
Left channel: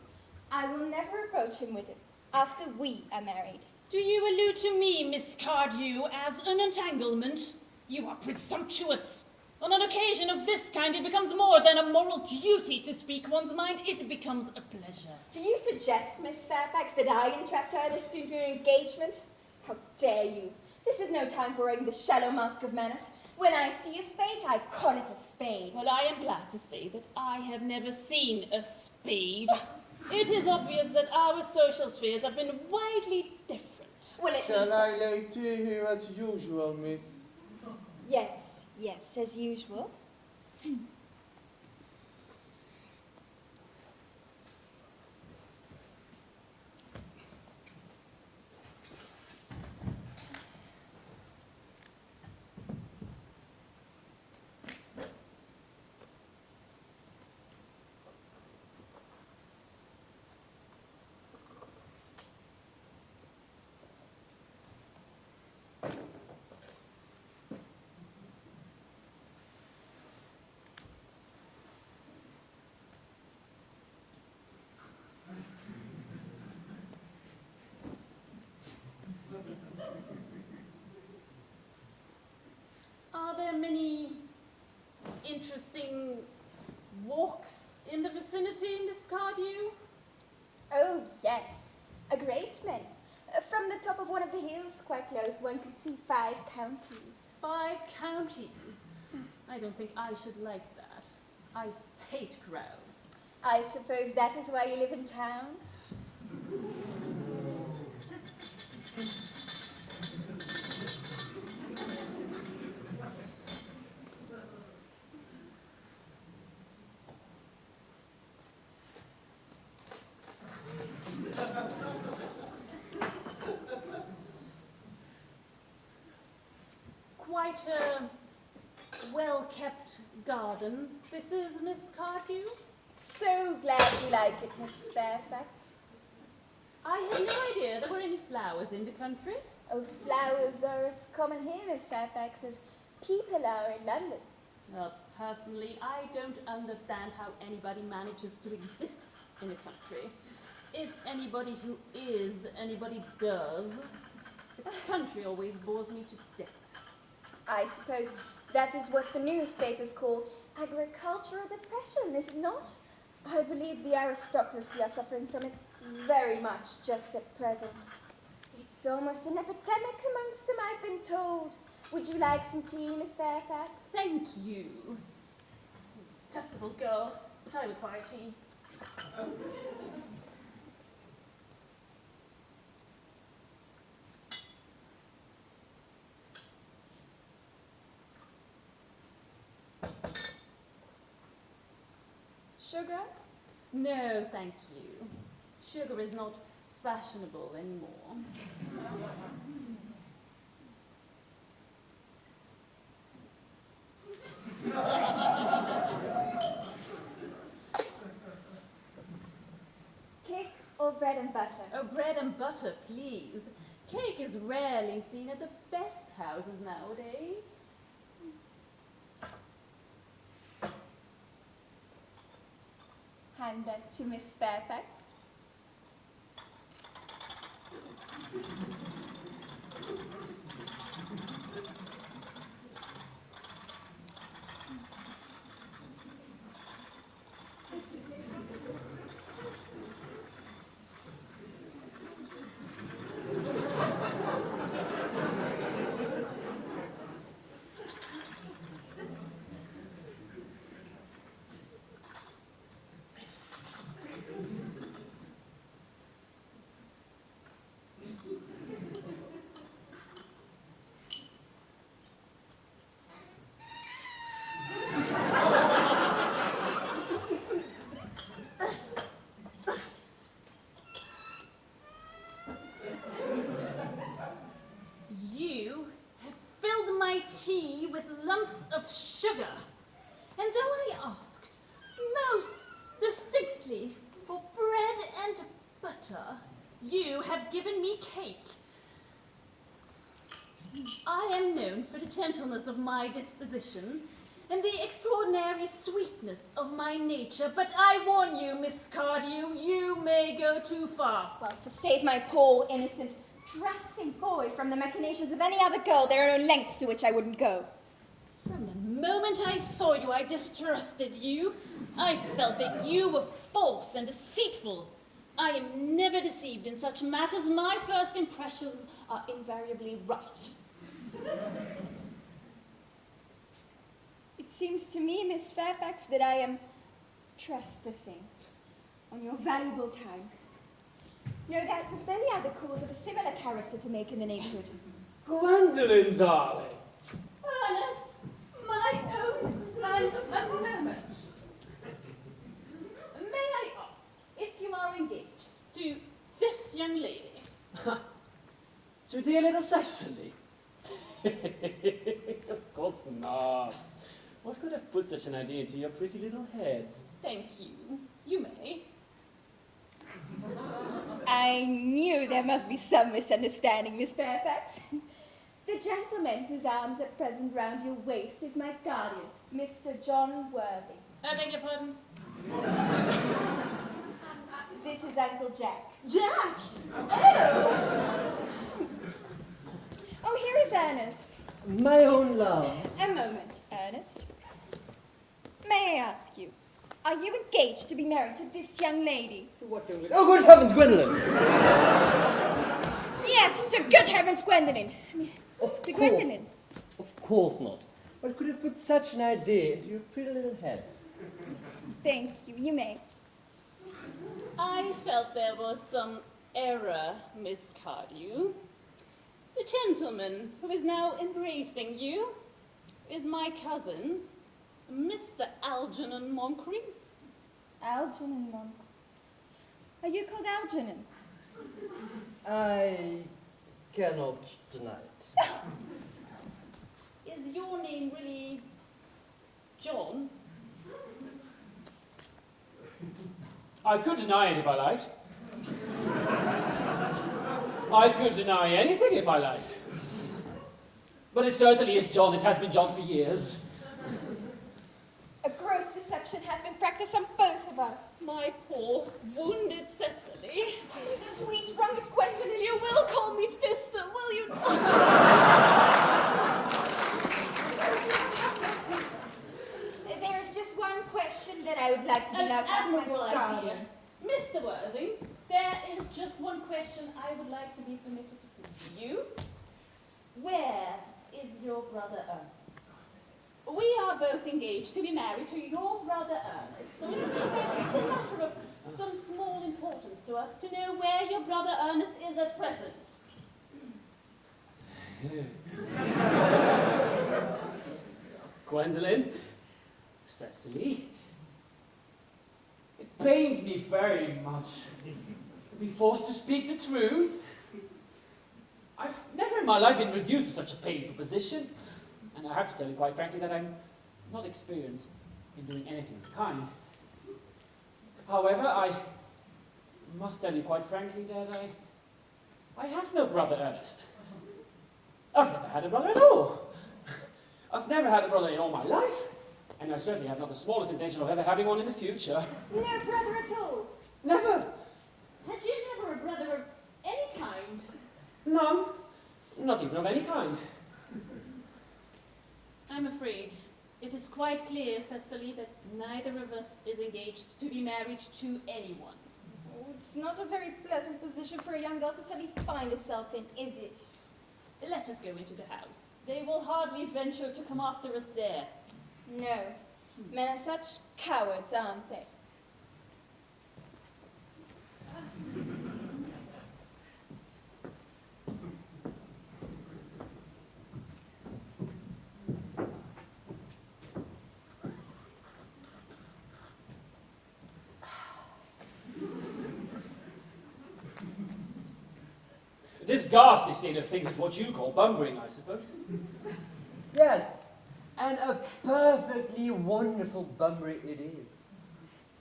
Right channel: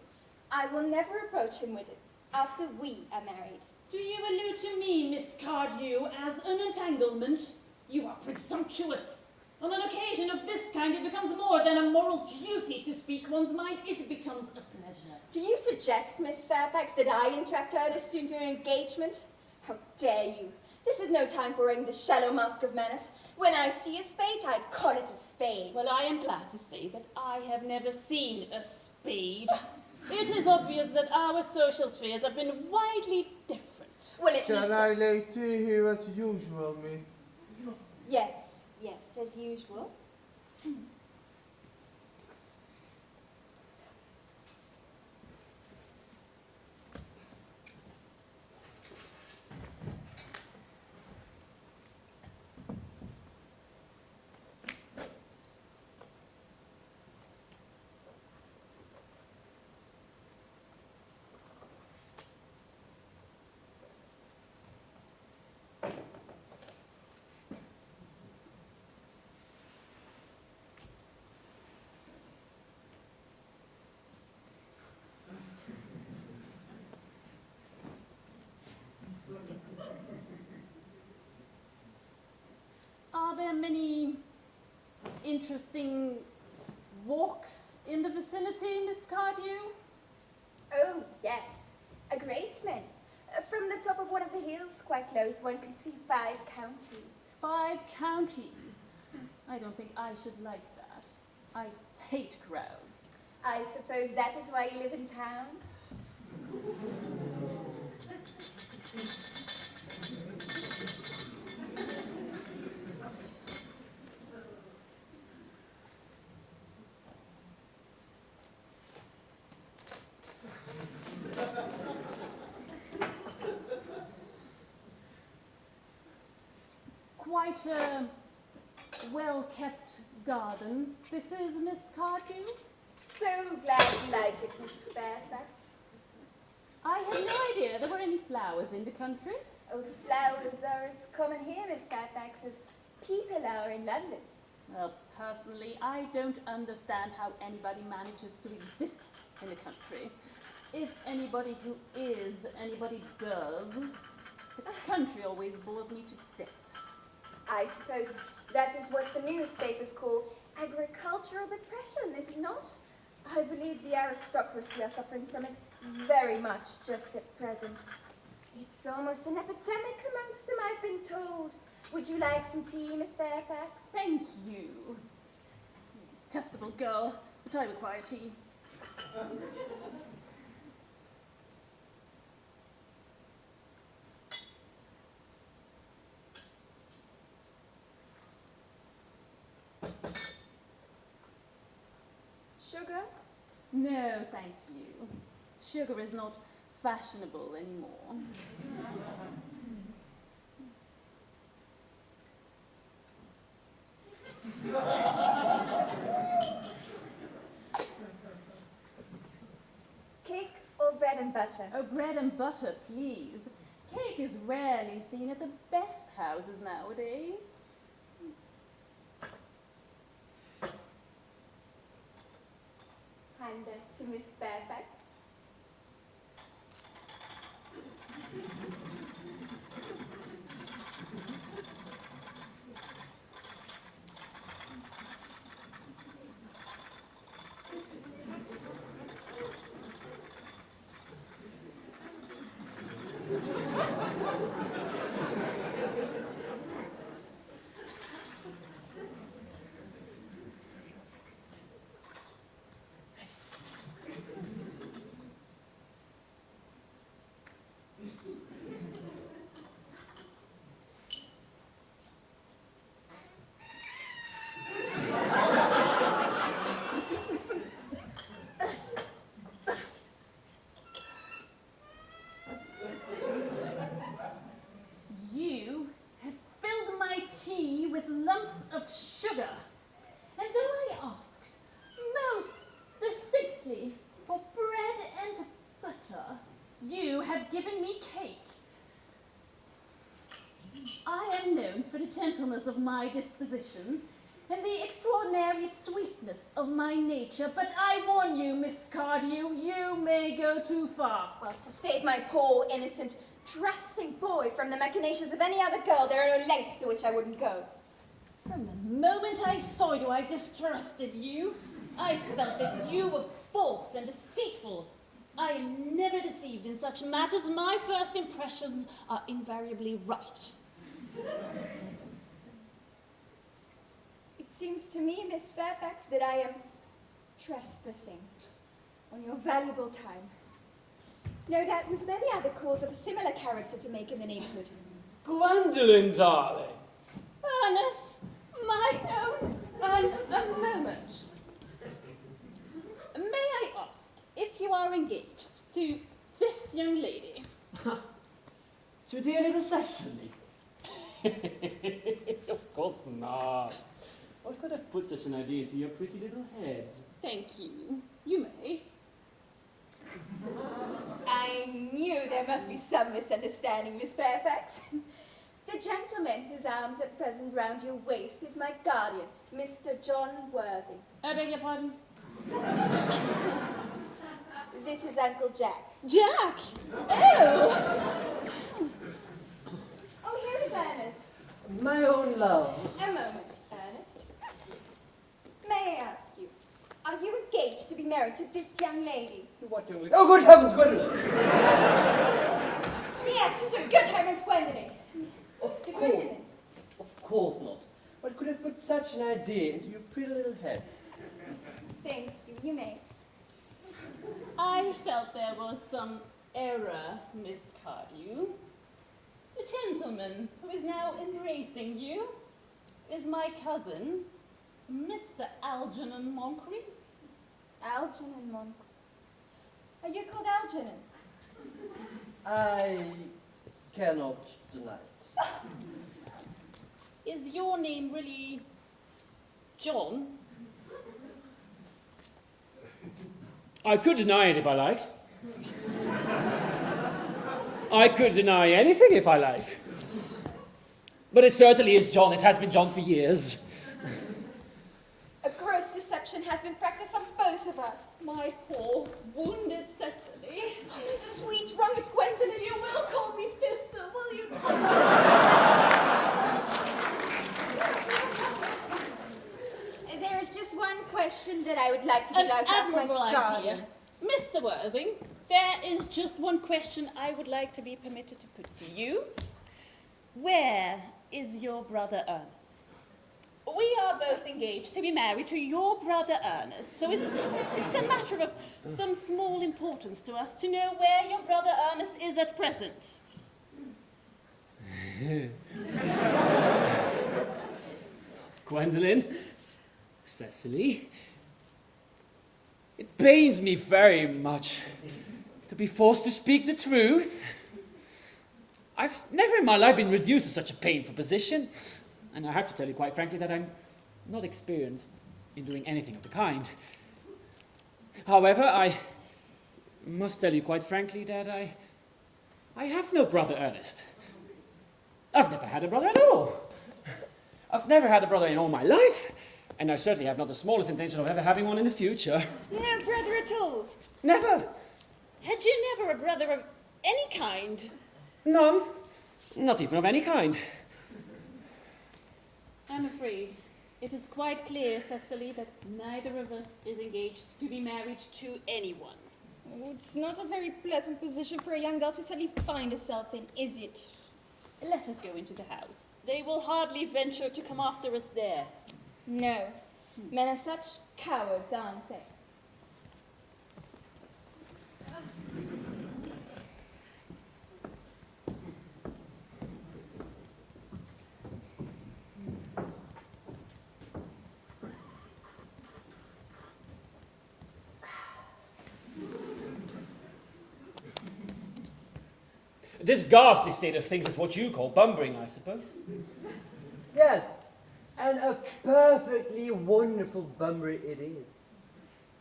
I will never approach him with it after we are married. Do you allude to me, Miss Cardew, as an entanglement? You are presumptuous. On an occasion of this kind, it becomes more than a moral duty to speak one's mind. It becomes a pleasure. Do you suggest, Miss Fairfax, that I entrapped Ernest into an engagement? How dare you? This is no time for wearing the shallow mask of manners. When I see a spade, I call it a spade. Well, I am glad to say that I have never seen a spade. It is obvious that our social spheres have been widely different. Well, at Shall least... I lay to you as usual, miss? Yes, yes, as usual. interesting walks in the vicinity, Miss Cardew? Oh, yes. A great many. From the top of one of the hills quite close, one can see 5 counties. 5 counties? I don't think I should like that. I hate crowds. I suppose that is why you live in town? Quite a well-kept garden. This is Miss Cardew? So glad you like it, Miss Fairfax. I had no idea there were any flowers in the country. Oh, flowers are as common here, Miss Fairfax, as people are in London. Well, personally, I don't understand how anybody manages to exist in the country. If anybody who is anybody does, the country always bores me to death. I suppose that is what the newspapers call agricultural depression, is it not? I believe the aristocracy are suffering from it very much just at present. It's almost an epidemic amongst them, I've been told. Would you like some tea, Miss Fairfax? Thank you. Detestable girl, but I require tea. Sugar? No, thank you. Sugar is not fashionable anymore. Cake or bread and butter? Oh, bread and butter, please. Cake is rarely seen at the best houses nowadays. Hand that to Miss Fairfax. Tea with lumps of sugar. And though I asked most distinctly for bread and butter, you have given me cake. I am known for the gentleness of my disposition and the extraordinary sweetness of my nature, but I warn you, Miss Cardew, you may go too far. Well, to save my poor, innocent, trusting boy from the machinations of any other girl, there are no lengths to which I wouldn't go. From the moment I saw you, I distrusted you. I felt that you were false and deceitful. I am never deceived in such matters. My first impressions are invariably right. It seems to me, Miss Fairfax, that I am trespassing on your valuable time. No doubt you've many other calls of a similar character to make in the neighborhood. Gwendolen, darling. Ernest, my own, a moment. May I ask if you are engaged to this young lady? To dear little Cecily? Of course not. What could have put such an idea into your pretty little head? Thank you. You may. I knew there must be some misunderstanding, Miss Fairfax. The gentleman whose arms at present round your waist is my guardian, Mr. John Worthing. I beg your pardon? This is Uncle Jack. Jack! Oh! Oh, here is Ernest. My own love. A moment, Ernest. May I ask you, are you engaged to be married to this young lady? What do we... Oh, good heavens, Gwendolyn! Yes, to good heavens, Gwendolyn. Of To course. Gwendolyn. Of course not. What could have put such an idea into your pretty little head? Thank you, you may. I felt there was some error, Miss Cardew. The gentleman who is now embracing you is my cousin, Mr. Algernon Moncrief. Algernon Monk. Are you called Algernon? I cannot deny it. Is your name really John? I could deny it if I liked. I could deny anything if I liked. But it certainly is John. It has been John for years. A gross deception has been practiced on both of us. My poor, wounded Cecily. Oh, my sweet, wronged Gwendolyn, You will call me sister, will you not? There is just one question that I would like to be An allowed to ask my admirable darling. idea. Mr. Worthing, there is just one question I would like to be permitted to put to you. Where is your brother Ernest? We are both engaged to be married to your brother Ernest, so it's a matter of some small importance to us to know where your brother Ernest is at present. Gwendolyn, Cecily, it pains me very much to be forced to speak the truth. I've never in my life been reduced to such a painful position, and I have to tell you quite frankly that I'm not experienced in doing anything of the kind. However, I must tell you quite frankly that I have no brother Ernest. I've never had a brother at all. I've never had a brother in all my life, and I certainly have not the smallest intention of ever having one in the future. No brother at all. Never. Had you never a brother of any kind? None. Not even of any kind. I'm afraid it is quite clear, Cecily, that neither of us is engaged to be married to anyone. Oh, it's not a very pleasant position for a young girl to suddenly find herself in, is it? Let us go into the house. They will hardly venture to come after us there. No. Men are such cowards, aren't they? This ghastly state of things is what you call bumbering, I suppose. Yes, and a perfectly wonderful Bunbury it is.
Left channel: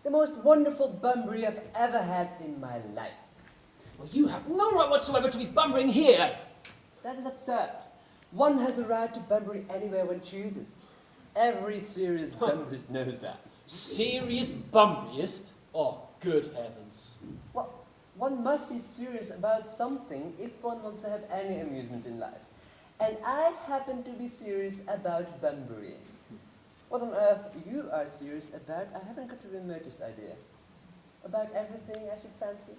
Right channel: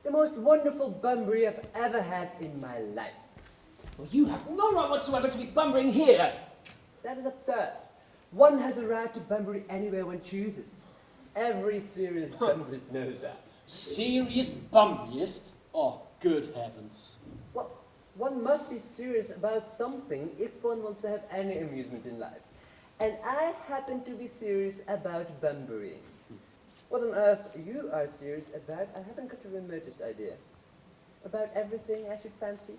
The most wonderful Bunbury I've ever had in my life. Well, you have no right whatsoever to be bumbering here. That is absurd. One has a right to Bunbury anywhere one chooses. Every serious Bunburyist knows that. Serious bumburyist? Oh, good heavens. Well, one must be serious about something if one wants to have any amusement in life. And I happen to be serious about Bunbury. What on earth you are serious about, I haven't got the remotest idea. About everything, I should fancy.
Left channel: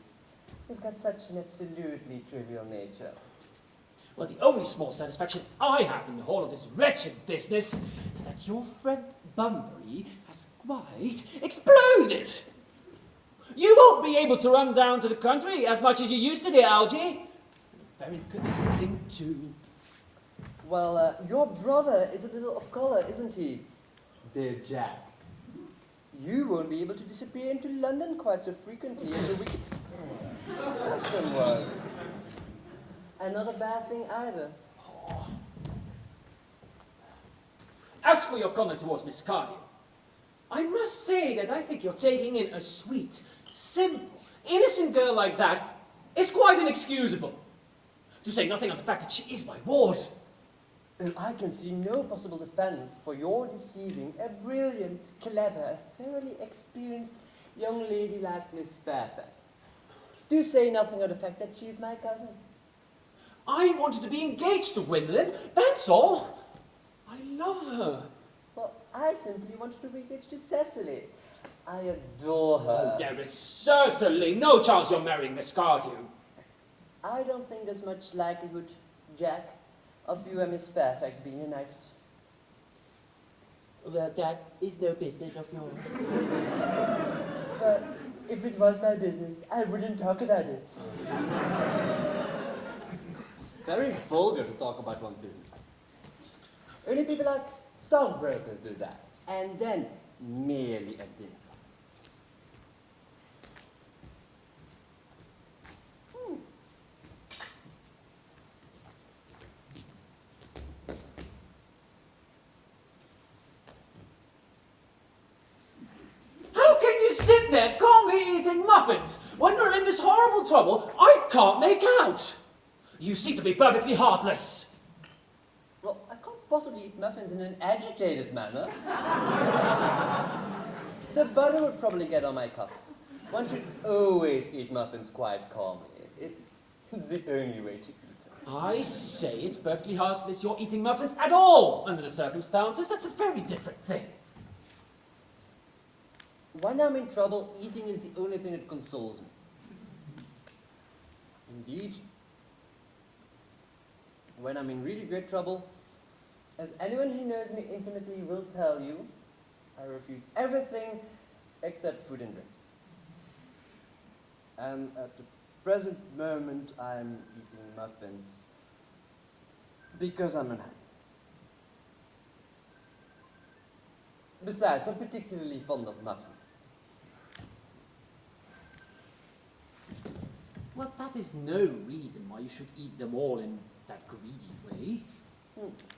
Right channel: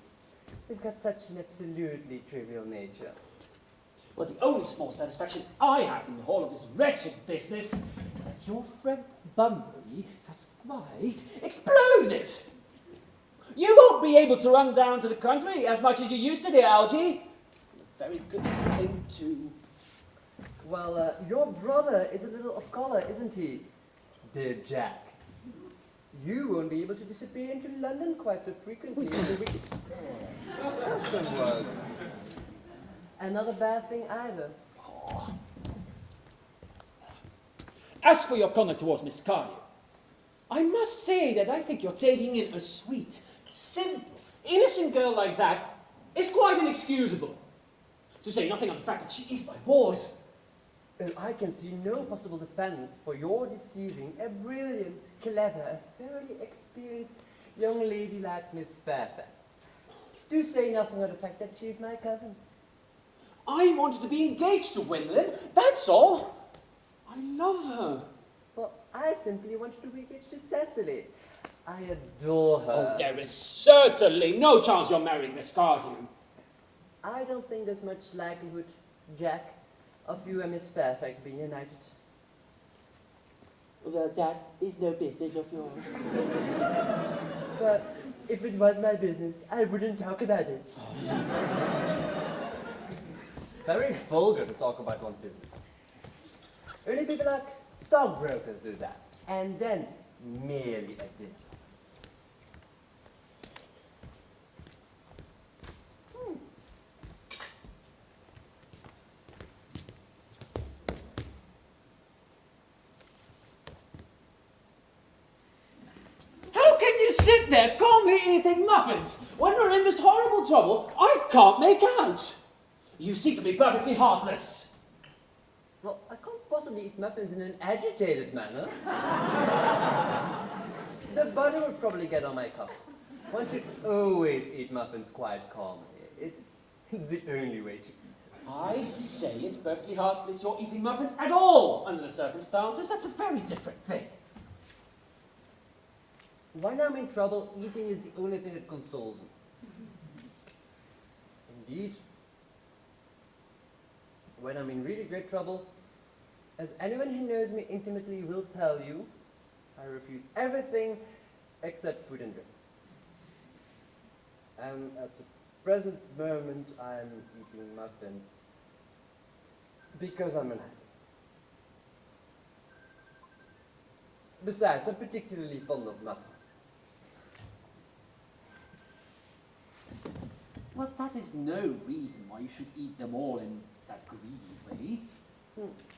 You've got such an absolutely trivial nature. Well, the only small satisfaction I have in the whole of this wretched business is that your friend Bunbury has quite exploded. You won't be able to run down to the country as much as you used to, dear Algie. A very good thing, too. Well, your brother is a little off color, isn't he, dear Jack? You won't be able to disappear into London quite so frequently as a wicked husband was. And not a bad thing either. As for your conduct towards Miss Cardew, I must say that I think you're taking in a sweet, simple, innocent girl like that is quite inexcusable. To say nothing of the fact that she is my ward. I can see no possible defense for your deceiving a brilliant, clever, thoroughly experienced young lady like Miss Fairfax. Do say nothing of the fact that she's my cousin. I wanted to be engaged to Gwendolyn, that's all. I love her. Well, I simply wanted to be engaged to Cecily. I adore her. Oh, there is certainly no chance you're marrying Miss Cardew. I don't think there's much likelihood, Jack, of you and Miss Fairfax being united. Well, that is no business of yours. But if it was my business, I wouldn't talk about it. It's very vulgar to talk about one's business. Only people like stockbrokers do that. And then merely at dinner. How can you sit there calmly eating muffins when we're in this horrible trouble I can't make out? You seem to be perfectly heartless. Well, I can't possibly eat muffins in an agitated manner. The butter would probably get on my cuffs. One should always eat muffins quite calmly. It's the only way to eat. I say it's perfectly heartless you're eating muffins at all under the circumstances. That's a very different thing. When I'm in trouble, eating is the only thing that consoles me. Indeed, when I'm in really great trouble, as anyone who knows me intimately will tell you, I refuse everything except food and drink. And at the present moment, I'm eating muffins because I'm unhappy. Besides, I'm particularly fond of muffins. Well, that is no reason why you should eat them all in that greedy way.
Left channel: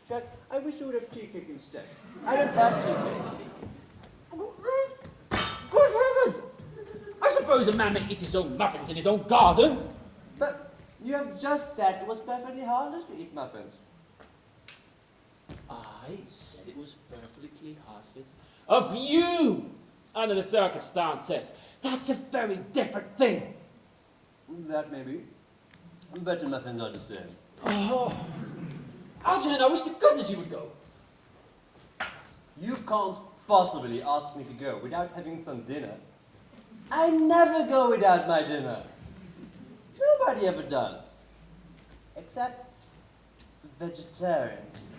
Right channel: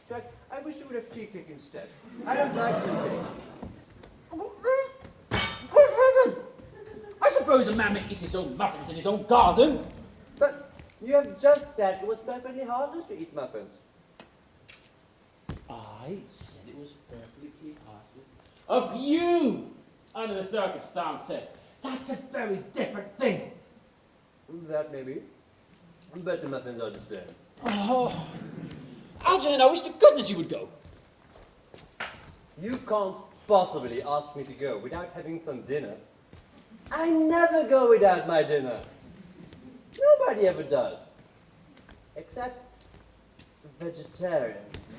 Jack, I wish you would have tea cake instead. I don't like tea cake. Good heavens! I suppose a man may eat his own muffins in his own garden. But you have just said it was perfectly harmless to eat muffins. I said it was perfectly heartless of you, under the circumstances. That's a very different thing. That may be. But the muffins are the same. Oh, Algernon, I wish to goodness you would go. You can't possibly ask me to go without having some dinner. I never go without my dinner. Nobody ever does. Except vegetarians.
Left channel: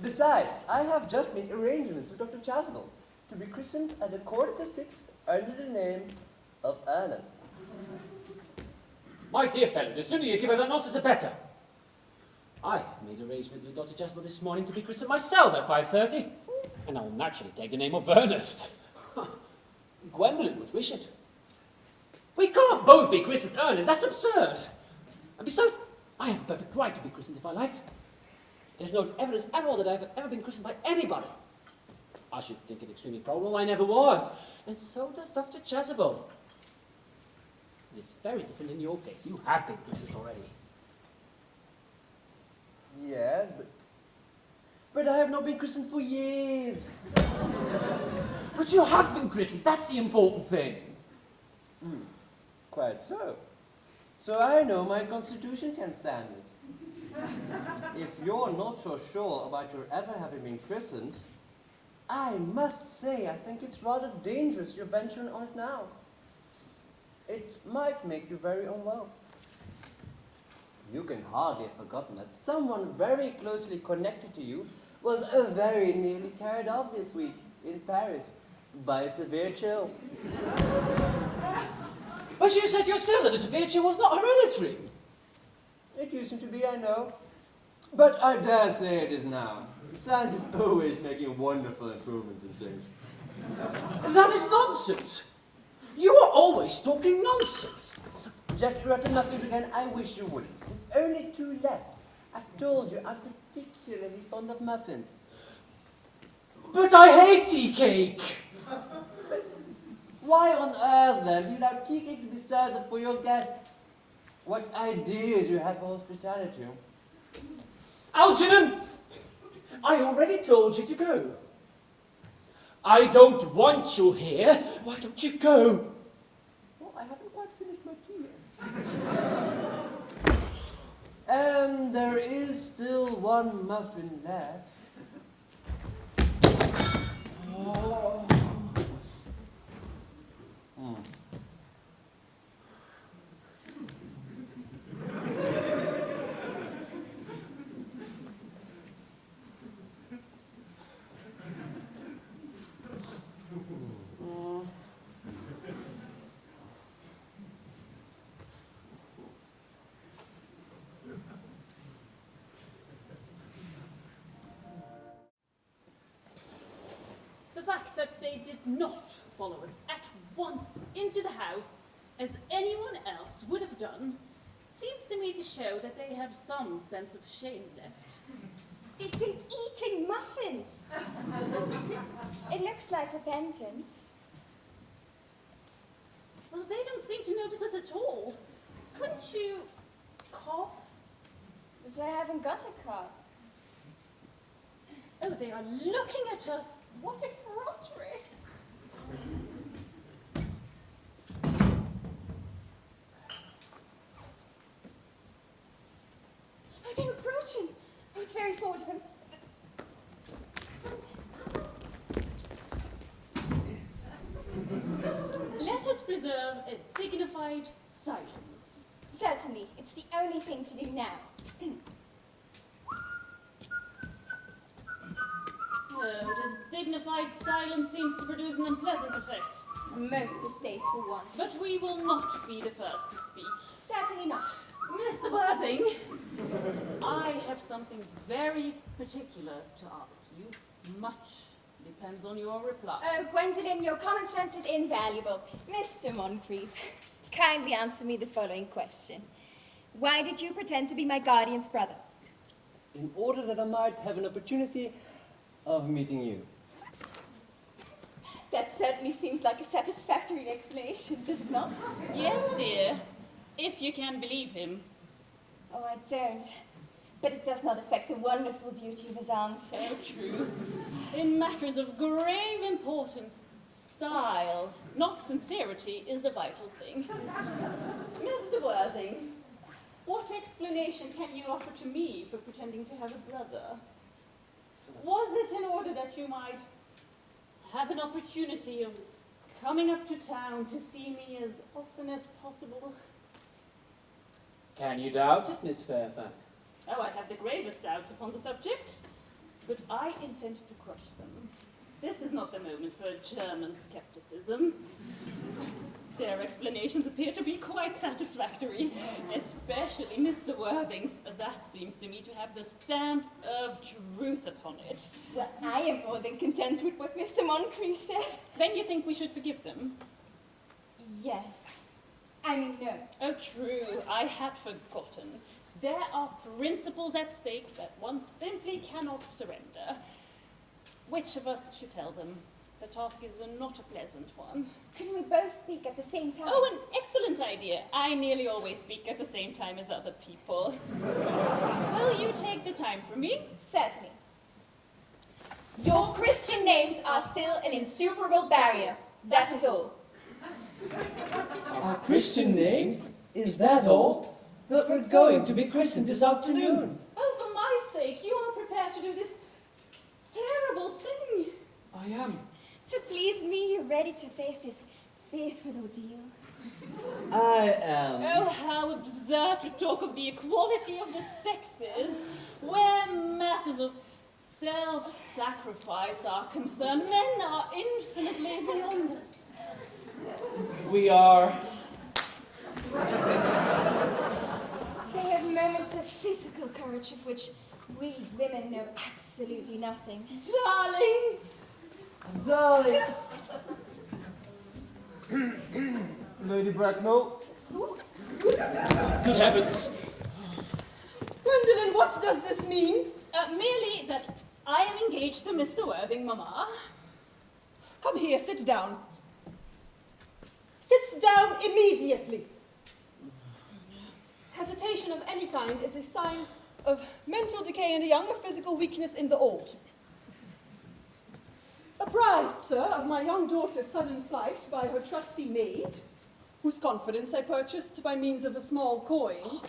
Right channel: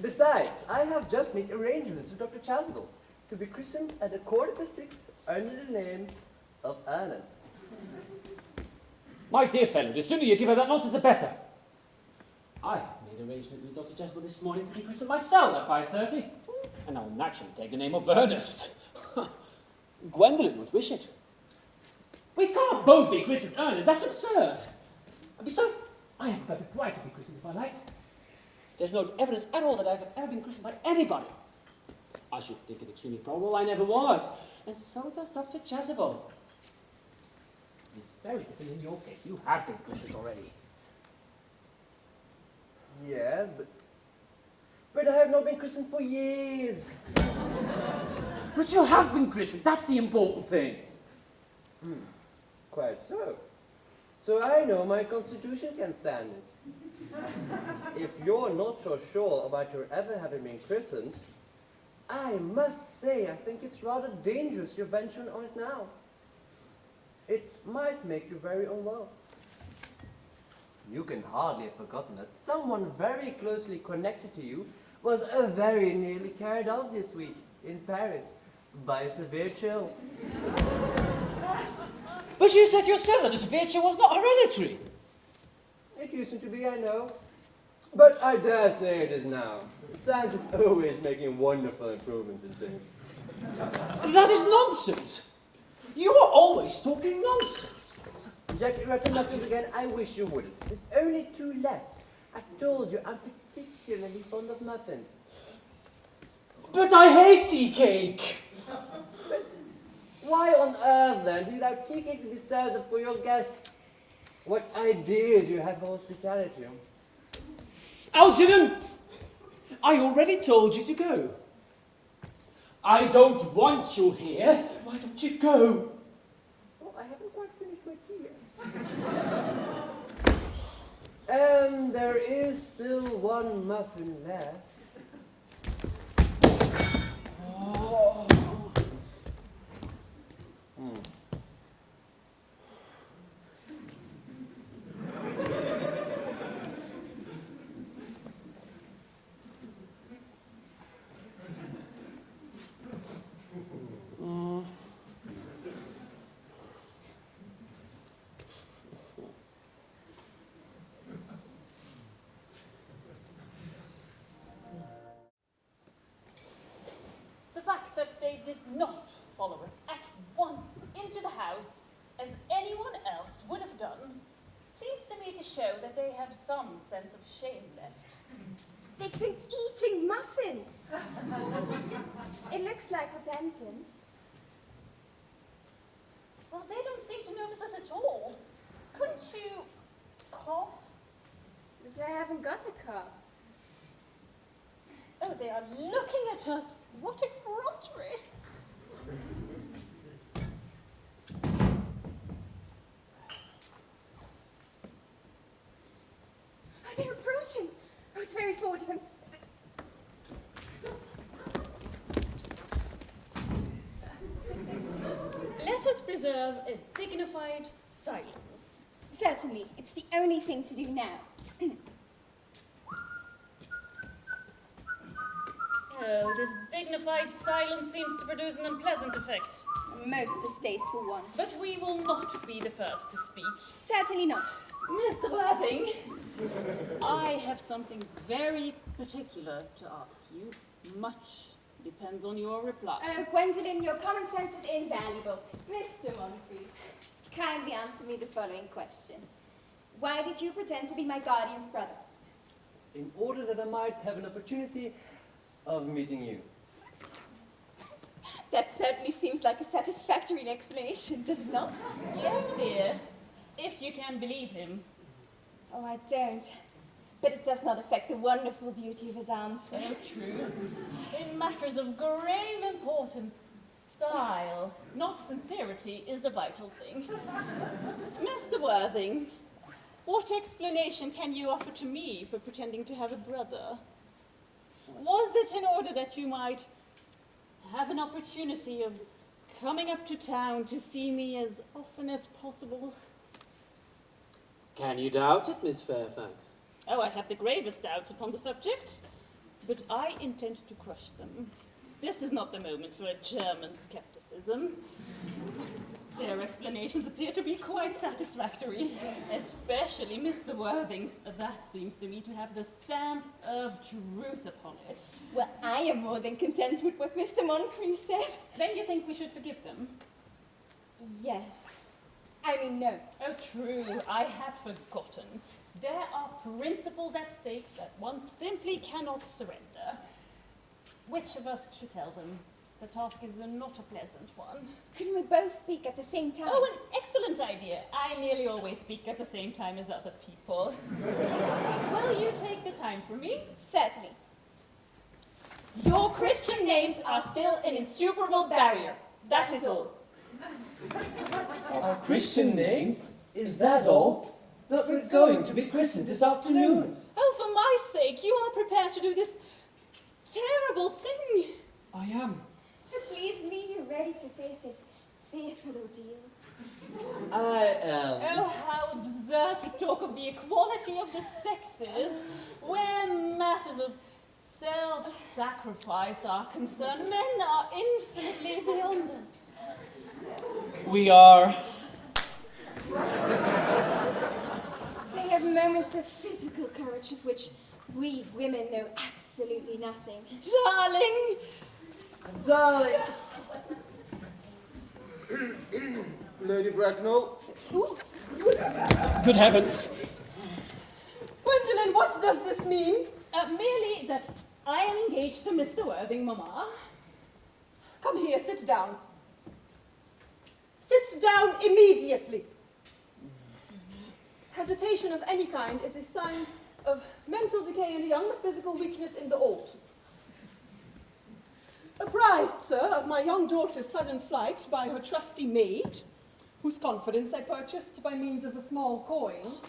Besides, I have just made arrangements with Dr. Chasuble to be christened at 6:15 under the name of Earnest. My dear fellow, the sooner you give her that nonsense, the better. I have made arrangements with Dr. Jasper this morning to be christened myself at 5:30, and I will naturally take the name of Earnest. Gwendolyn would wish it. We can't both be christened Earnest, that's absurd. And besides, I have a perfect right to be christened if I like. There's no evidence at all that I've ever been christened by anybody. I should think it extremely probable I never was, and so does Dr. Chasuble. It's very different in your case. You have been christened already. Yes, but I have not been christened for years. But you have been christened. That's the important thing. Quite so. So I know my constitution can stand it. If you're not so sure about your ever having been christened, I must say I think it's rather dangerous you're venturing on it now. It might make you very unwell. You can hardly have forgotten that someone very closely connected to you was very nearly carried off this week in Paris by a severe chill. But you said yourself that the severe chill was not hereditary. It used to be, I know. But I dare say it is now. Science is always making wonderful improvements in things. That is nonsense. You are always talking nonsense. Jack, you're at the muffins again. I wish you wouldn't. There's only 2 left. I told you I'm particularly fond of muffins. But I hate tea cake. Why on earth, then, do you allow tea cake to be served up for your guests? What ideas you have for hospitality. Algernon, I already told you to go. I don't want you here. Why don't you go? Well, I haven't quite finished my tea yet. And there is still one muffin left. Oh. The fact that they did not follow us at once into the house, as anyone else would have done, seems to me to show that they have some sense of shame left. They've been eating muffins. It looks like repentance. Well, they don't seem to notice us at all. Couldn't you cough? But I haven't got a cough. Oh, they are looking at us. What effrontery. Oh, they're approaching. Oh, it's very forward of him. Let us preserve a dignified silence. Certainly, it's the only thing to do now. Oh, this dignified silence seems to produce an unpleasant effect. A most distasteful one. But we will not be the first to speak. Certainly not. Mr. Worthing, I have something very particular to ask you. Much depends on your reply. Oh, Gwendolen, your common sense is invaluable. Mr. Moncrief, kindly answer me the following question. Why did you pretend to be my guardian's brother? In order that I might have an opportunity of meeting you. That certainly seems like a satisfactory explanation, does it not? Yes, dear, if you can believe him. Oh, I don't. But it does not affect the wonderful beauty of his answer. So true. In matters of grave importance, style, not sincerity, is the vital thing. Mr. Worthing, what explanation can you offer to me for pretending to have a brother? Was it in order that you might have an opportunity of coming up to town to see me as often as possible? Can you doubt it, Miss Fairfax? Oh, I have the gravest doubts upon the subject, but I intend to crush them. This is not the moment for a German skepticism. Their explanations appear to be quite satisfactory, especially Mr. Worthing's. That seems to me to have the stamp of truth upon it. Well, I am more than content with what Mr. Moncrief says. Then you think we should forgive them? Yes. I mean, no. Oh, true. I had forgotten. There are principles at stake that one simply cannot surrender. Which of us should tell them? The task is not a pleasant one. Couldn't we both speak at the same time? Oh, an excellent idea. I nearly always speak at the same time as other people. Will you take the time for me? Certainly. Your Christian names are still an insuperable barrier. That is all. Our Christian names? Is that all? But we're going to be christened this afternoon. Oh, for my sake, you are prepared to do this terrible thing. I am. To please me, you're ready to face this fearful ordeal. I am. Oh, how absurd to talk of the equality of the sexes when matters of self-sacrifice are concerned. Men are infinitely beyond us. We are. They have moments of physical courage of which we women know absolutely nothing. Darling! Darling! Lady Bracknell, Good heavens. Gwendolen, what does this mean? Merely that I am engaged to Mr. Worthing, Mamma. Come here, sit down. Sit down immediately. Hesitation of any kind is a sign of mental decay in the young, physical weakness in the old. Apprised, sir, of my young daughter's sudden flight by her trusty maid, whose confidence I purchased by means of a small coin,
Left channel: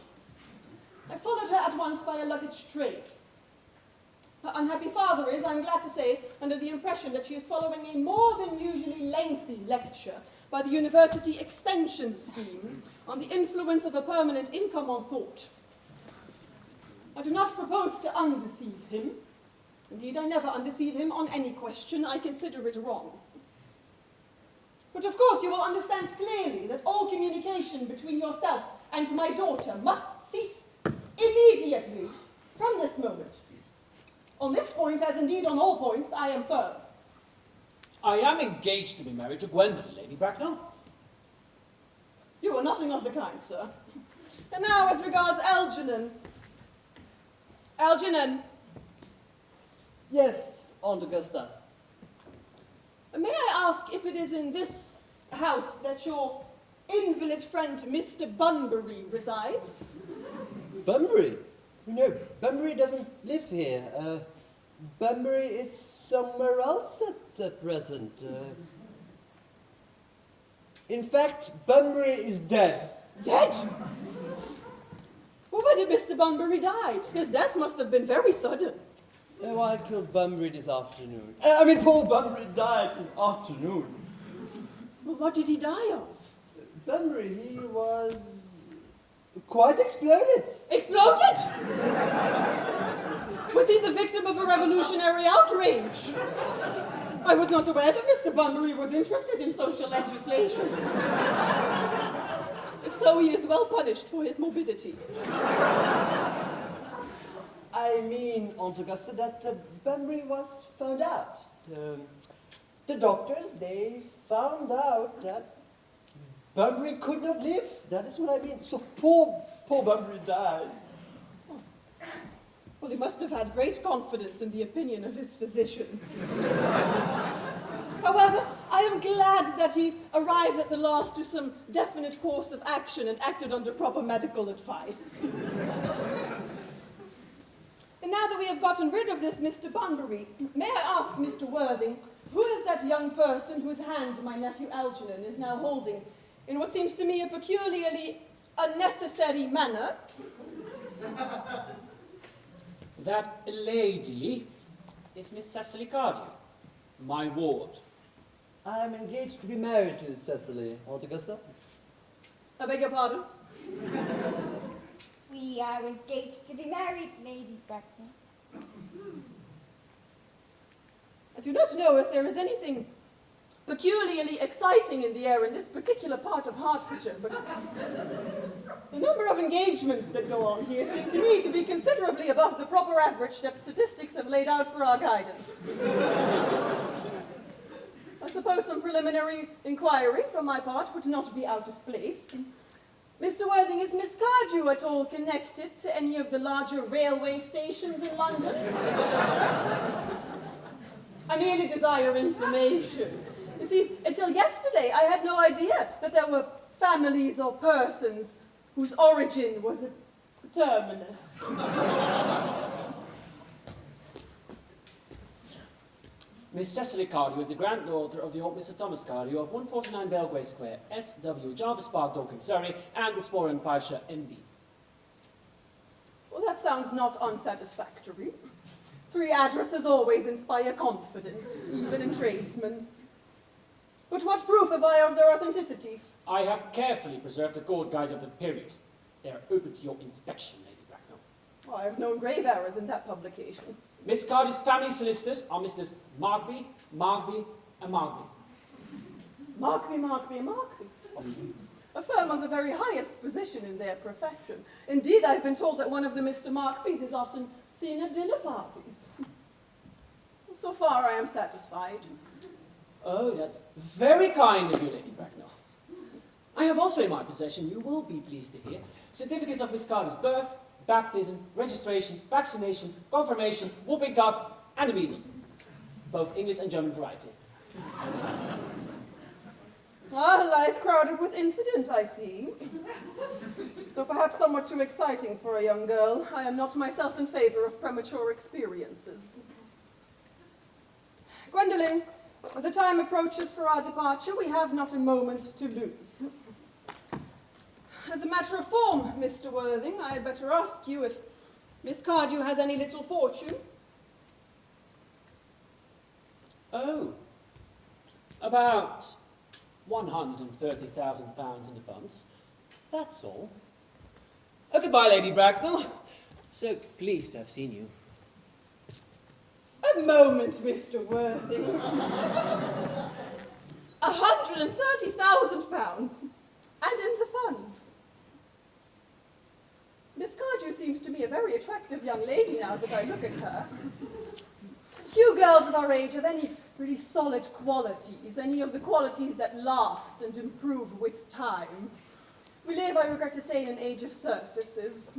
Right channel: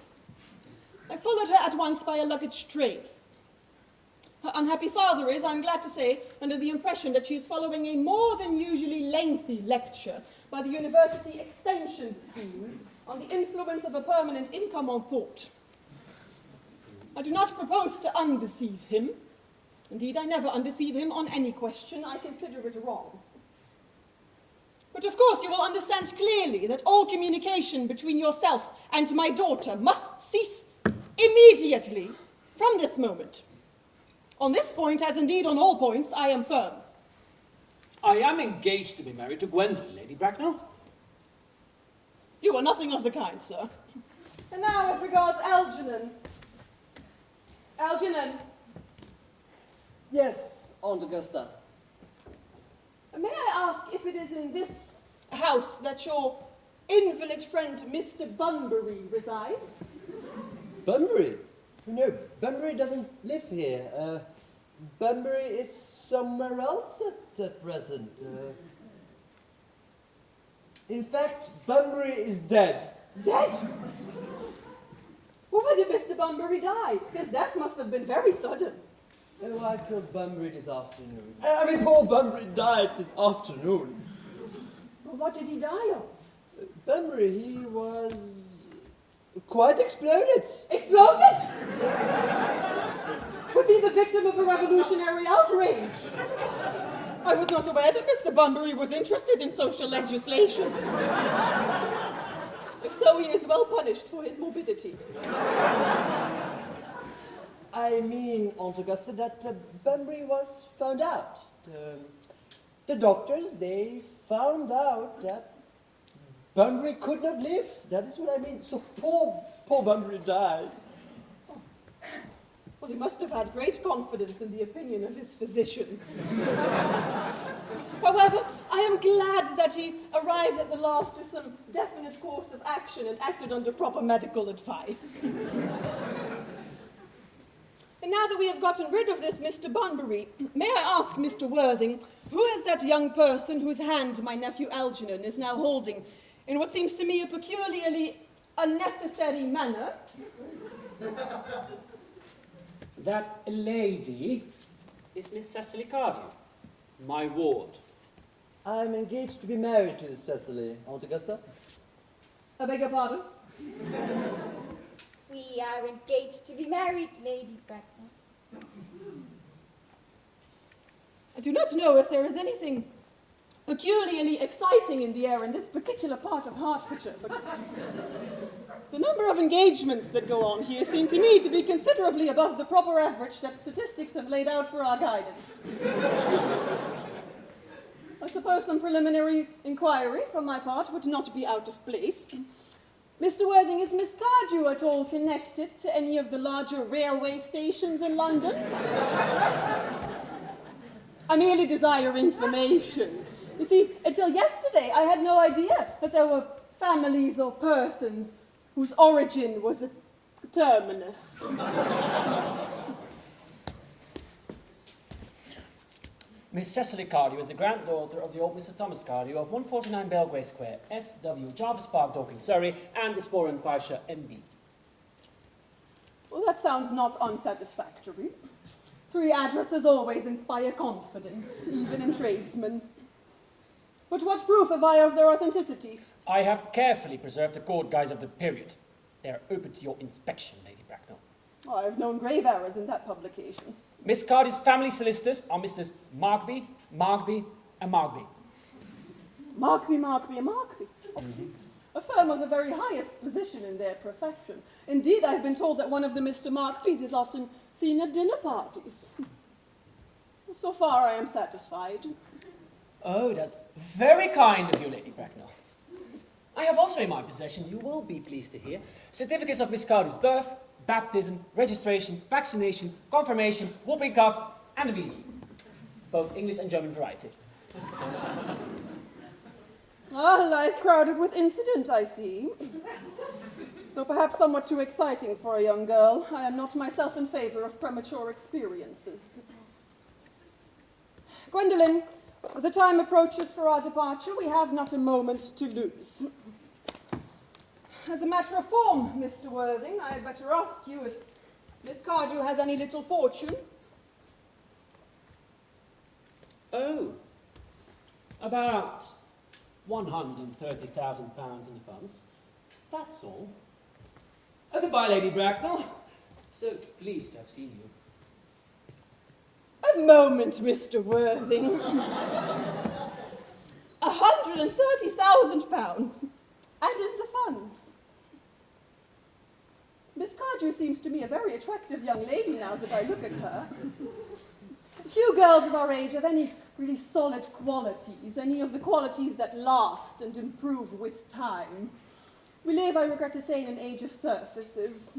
I followed her at once by a luggage train. Her unhappy father is, I'm glad to say, under the impression that she is following a more than usually lengthy lecture by the University Extension Scheme on the influence of a permanent income on thought. I do not propose to undeceive him. Indeed, I never undeceive him on any question. I consider it wrong. But of course you will understand clearly that all communication between yourself and my daughter must cease immediately from this moment. On this point, as indeed on all points, I am firm. I am engaged to be married to Gwendolen, Lady Bracknell. You are nothing of the kind, sir. And now, as regards Algernon. Algernon, Yes, Aunt Augusta. may I ask if it is in this house that your invalid friend Mr. Bunbury resides? Bunbury? No, Bunbury doesn't live here. Bunbury is somewhere else at present. In fact, Bunbury is dead. Dead? Well, why did Mr. Bunbury die? His death must have been very sudden. Oh, I killed Bunbury this afternoon. Poor Bunbury died this afternoon. Well, what did he die of? Bunbury, he was quite exploded. Exploded? Was he the victim of a revolutionary outrage? I was not aware that Mr. Bunbury was interested in social legislation. If so, he is well punished for his morbidity. I mean, Aunt Augusta, that Bunbury was found out. The doctors, they found out that Bunbury could not live. That is what I mean. So poor Bunbury died. Well, he must have had great confidence in the opinion of his physicians. However, I am glad that he arrived at the last to some definite course of action and acted under proper medical advice. And now that we have gotten rid of this Mr. Bunbury, may I ask Mr. Worthing, who is that young person whose hand my nephew Algernon is now holding in what seems to me a peculiarly unnecessary manner? That lady is Miss Cecily Cardew, my ward. I'm engaged to be married to Cecily, Aunt Augusta. I beg your pardon? We are engaged to be married, Lady Bracknell. I do not know if there is anything peculiarly exciting in the air in this particular part of Hertfordshire, but the number of engagements that go on here seem to me to be considerably above the proper average that statistics have laid out for our guidance. I suppose some preliminary inquiry from my part would not be out of place. Mr. Worthing, is Miss Cardew at all connected to any of the larger railway stations in London? I merely desire information. You see, until yesterday, I had no idea that there were families or persons whose origin was a terminus. Miss Cecily Cardew is the granddaughter of the old Mr. Thomas Cardew of 149 Belgrave Square, SW, Jarvis Park, Dorking, Surrey, and the Spore in Fifeshire, NB. Well, that sounds not unsatisfactory. 3 addresses always inspire confidence, even in tradesmen. But what proof have I of their authenticity? I have carefully preserved the court guides of the period. They are open to your inspection, Lady Bracknell. Oh, I have known grave errors in that publication. Miss Cardew's family solicitors are Messrs. Markby, and Markby. Markby, and Markby. A firm of the very highest position in their profession. Indeed, I've been told that one of the Mr. Markbys is often seen at dinner parties. So far, I am satisfied. Oh, that's very kind of you, Lady Bracknell. I have also in my possession, you will be pleased to hear, certificates of Miss Cardew's birth, baptism, registration, vaccination, confirmation, whooping cough, and the measles. Both English and German variety. Ah, life crowded with incident, I see. Though perhaps somewhat too exciting for a young girl, I am not myself in favor of premature experiences. Gwendolen, the time approaches for our departure. We have not a moment to lose. As a matter of form, Mr. Worthing, I had better ask you if Miss Cardew has any little fortune. Oh, about £130,000 in the funds. That's all. Oh, goodbye, Lady Bracknell. So pleased to have seen you. A moment, Mr. Worthing. £130,000 and in the funds. Miss Cardew seems to me a very attractive young lady now that I look at her. Few girls of our age have any really solid qualities, any of the qualities that last and improve with time. We live, I regret to say, in an age of surfaces.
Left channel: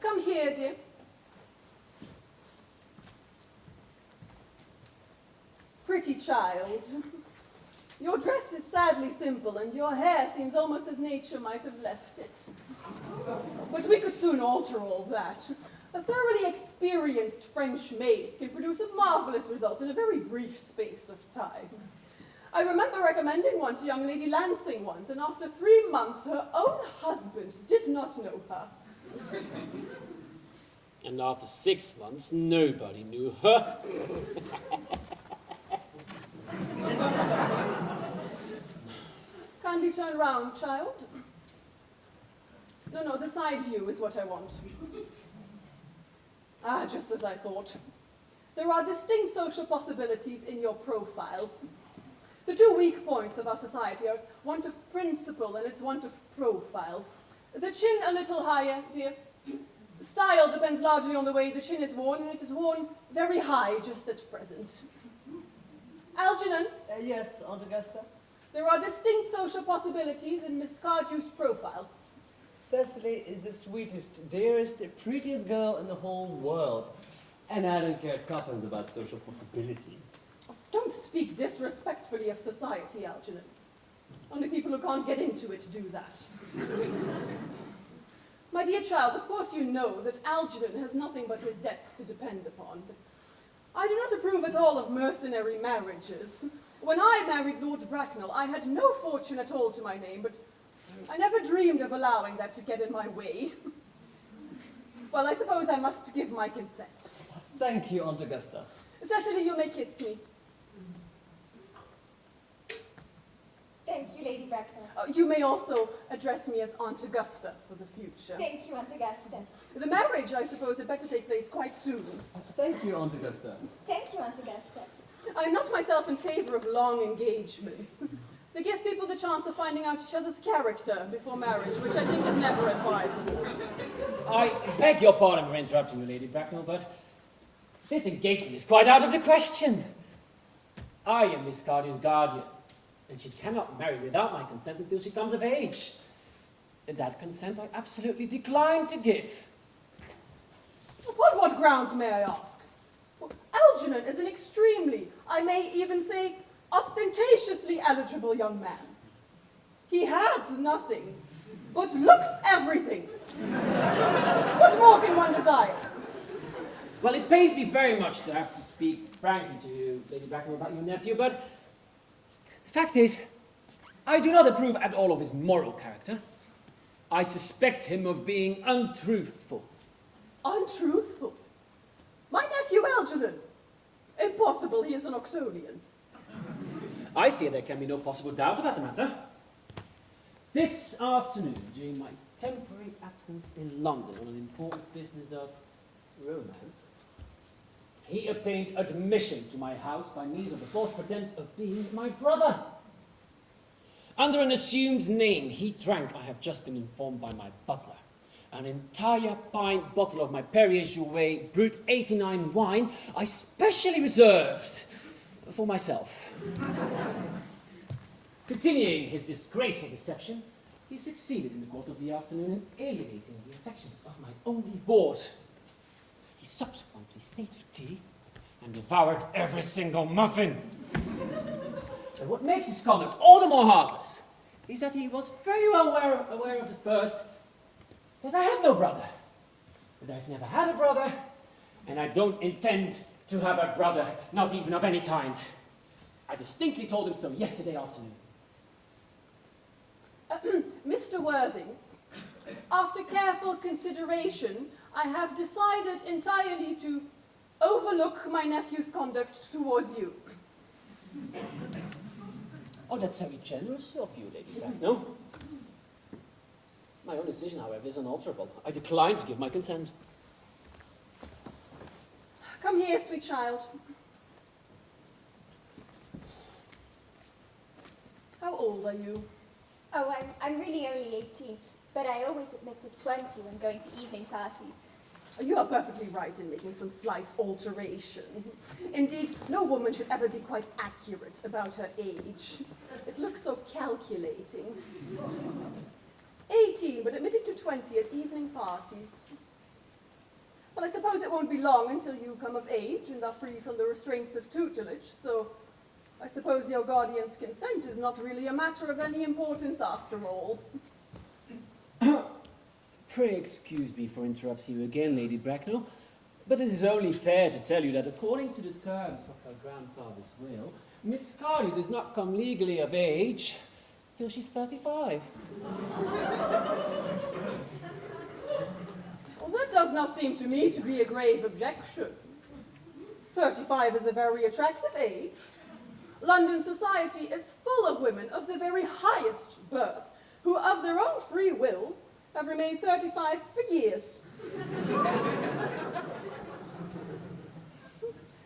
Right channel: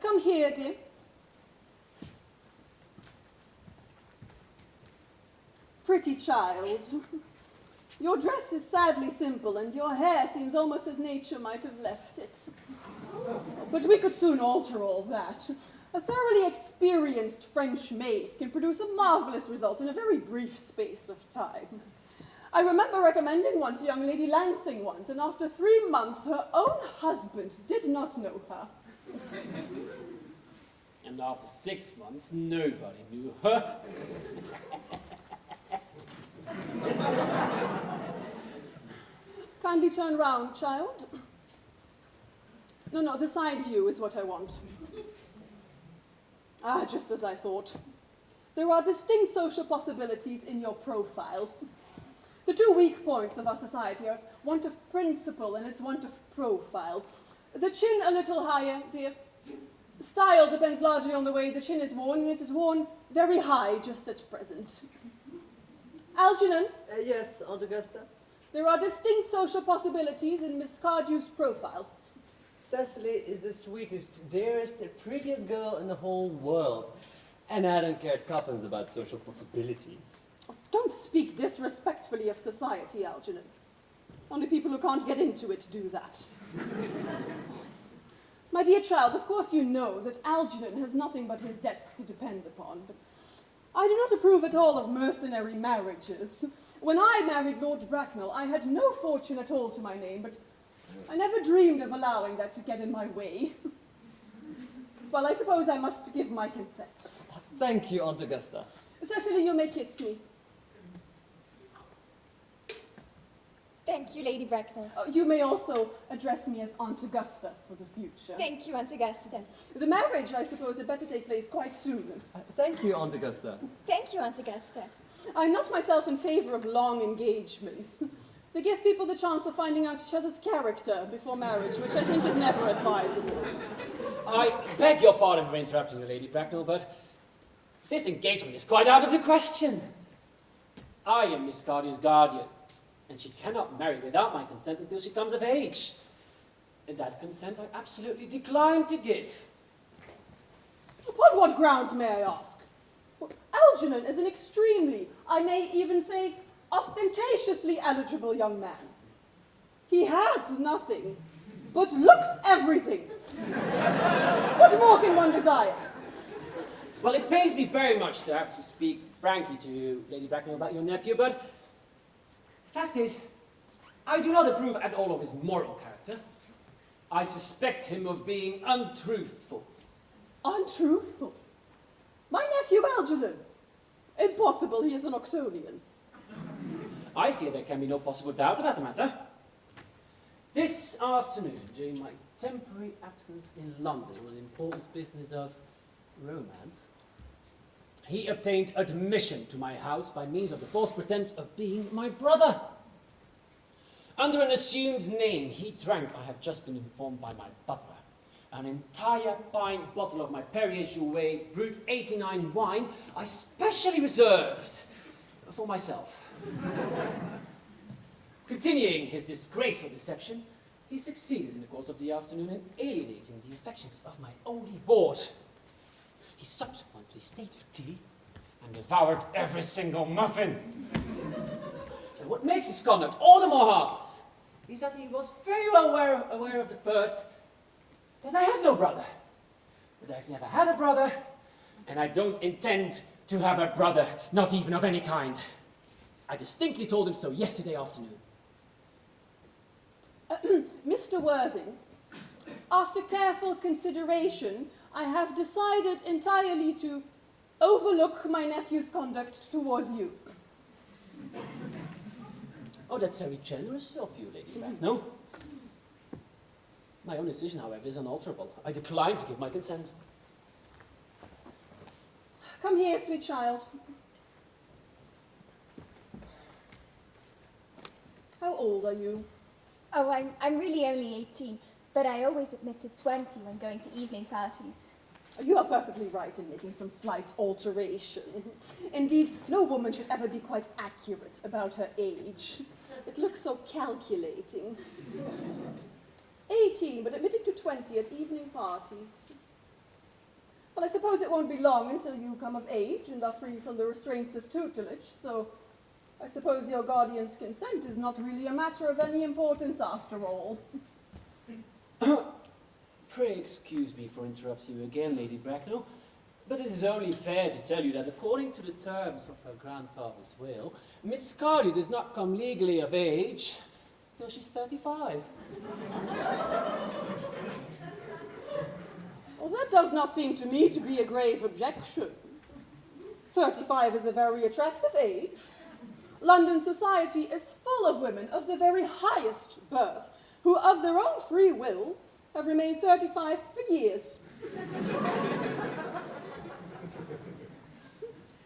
Come here, dear. Pretty child. Your dress is sadly simple, and your hair seems almost as nature might have left it. But we could soon alter all that. A thoroughly experienced French maid can produce a marvelous result in a very brief space of time. I remember recommending one to young Lady Lansing once, and after 3 months, her own husband did not know her. And after 6 months, nobody knew her. Kindly turn round, child. No, the side view is what I want. Ah, just as I thought. There are distinct social possibilities in your profile. The two weak points of our society are its want of principle and its want of profile. The chin a little higher, dear. Style depends largely on the way the chin is worn, and it is worn very high just at present. Algernon? Yes, Aunt Augusta? There are distinct social possibilities in Miss Cardew's profile. Cecily is the sweetest, dearest, prettiest girl in the whole world. And I don't care tuppence about social possibilities. Don't speak disrespectfully of society, Algernon. Only people who can't get into it do that. My dear child, of course you know that Algernon has nothing but his debts to depend upon. But I do not approve at all of mercenary marriages. When I married Lord Bracknell, I had no fortune at all to my name, but I never dreamed of allowing that to get in my way. Well, I suppose I must give my consent. Thank you, Aunt Augusta. Cecily, you may kiss me. Thank you, Lady Bracknell. You may also address me as Aunt Augusta for the future. Thank you, Aunt Augusta. The marriage, I suppose, had better take place quite soon. Thank you, Aunt Augusta. Thank you, Aunt Augusta. I'm not myself in favour of long engagements. They give people the chance of finding out each other's character before marriage, which I think is never advisable. I beg your pardon for interrupting you, Lady Bracknell, but this engagement is quite out of the question. I am Miss Cardew's guardian, and she cannot marry without my consent until she comes of age. And that consent I absolutely decline to give. Upon what grounds, may I ask? Well, Algernon is an extremely, I may even say, ostentatiously eligible young man. He has nothing, but looks everything. What more can one desire? Well, it pains me very much to have to speak frankly to you, Lady Bracknell, about your nephew, but the fact is, I do not approve at all of his moral character. I suspect him of being untruthful. Untruthful? My nephew Algernon? Impossible, he is an Oxonian. I fear there can be no possible doubt about the matter. This afternoon, during my temporary absence in London on an important business of romance, he obtained admission to my house by means of the false pretense of being my brother. Under an assumed name, he drank, I have just been informed by my butler, an entire pint bottle of my Perrier-Jouet Brut 89 wine I specially reserved for myself. Continuing his disgraceful deception, he succeeded in the course of the afternoon in alienating the affections of my only ward. He subsequently stayed for tea and devoured every single muffin. And what makes his conduct all the more heartless is that he was very well aware of the first, that I have no brother. But I've never had a brother, and I don't intend to have a brother, not even of any kind. I distinctly told him so yesterday afternoon. Mr. Worthing, after careful consideration, I have decided entirely to overlook my nephew's conduct towards you. Oh, that's very generous of you, Lady Bracknell. My own decision, however, is unalterable. I decline to give my consent. Come here, sweet child. How old are you? Oh, I'm really only 18, but I always admit to 20 when going to evening parties. You are perfectly right in making some slight alteration. Indeed, no woman should ever be quite accurate about her age. It looks so calculating. 18, but admitting to 20 at evening parties. Well, I suppose it won't be long until you come of age and are free from the restraints of tutelage, so I suppose your guardian's consent is not really a matter of any importance after all. Pray excuse me for interrupting you again, Lady Bracknell, but it is only fair to tell you that according to the terms of her grandfather's will, Miss Cardew does not come legally of age till she's 35. Well, that does not seem to me to be a grave objection. 35 is a very attractive age. London society is full of women of the very highest birth, who of their own free will have remained 35 for years.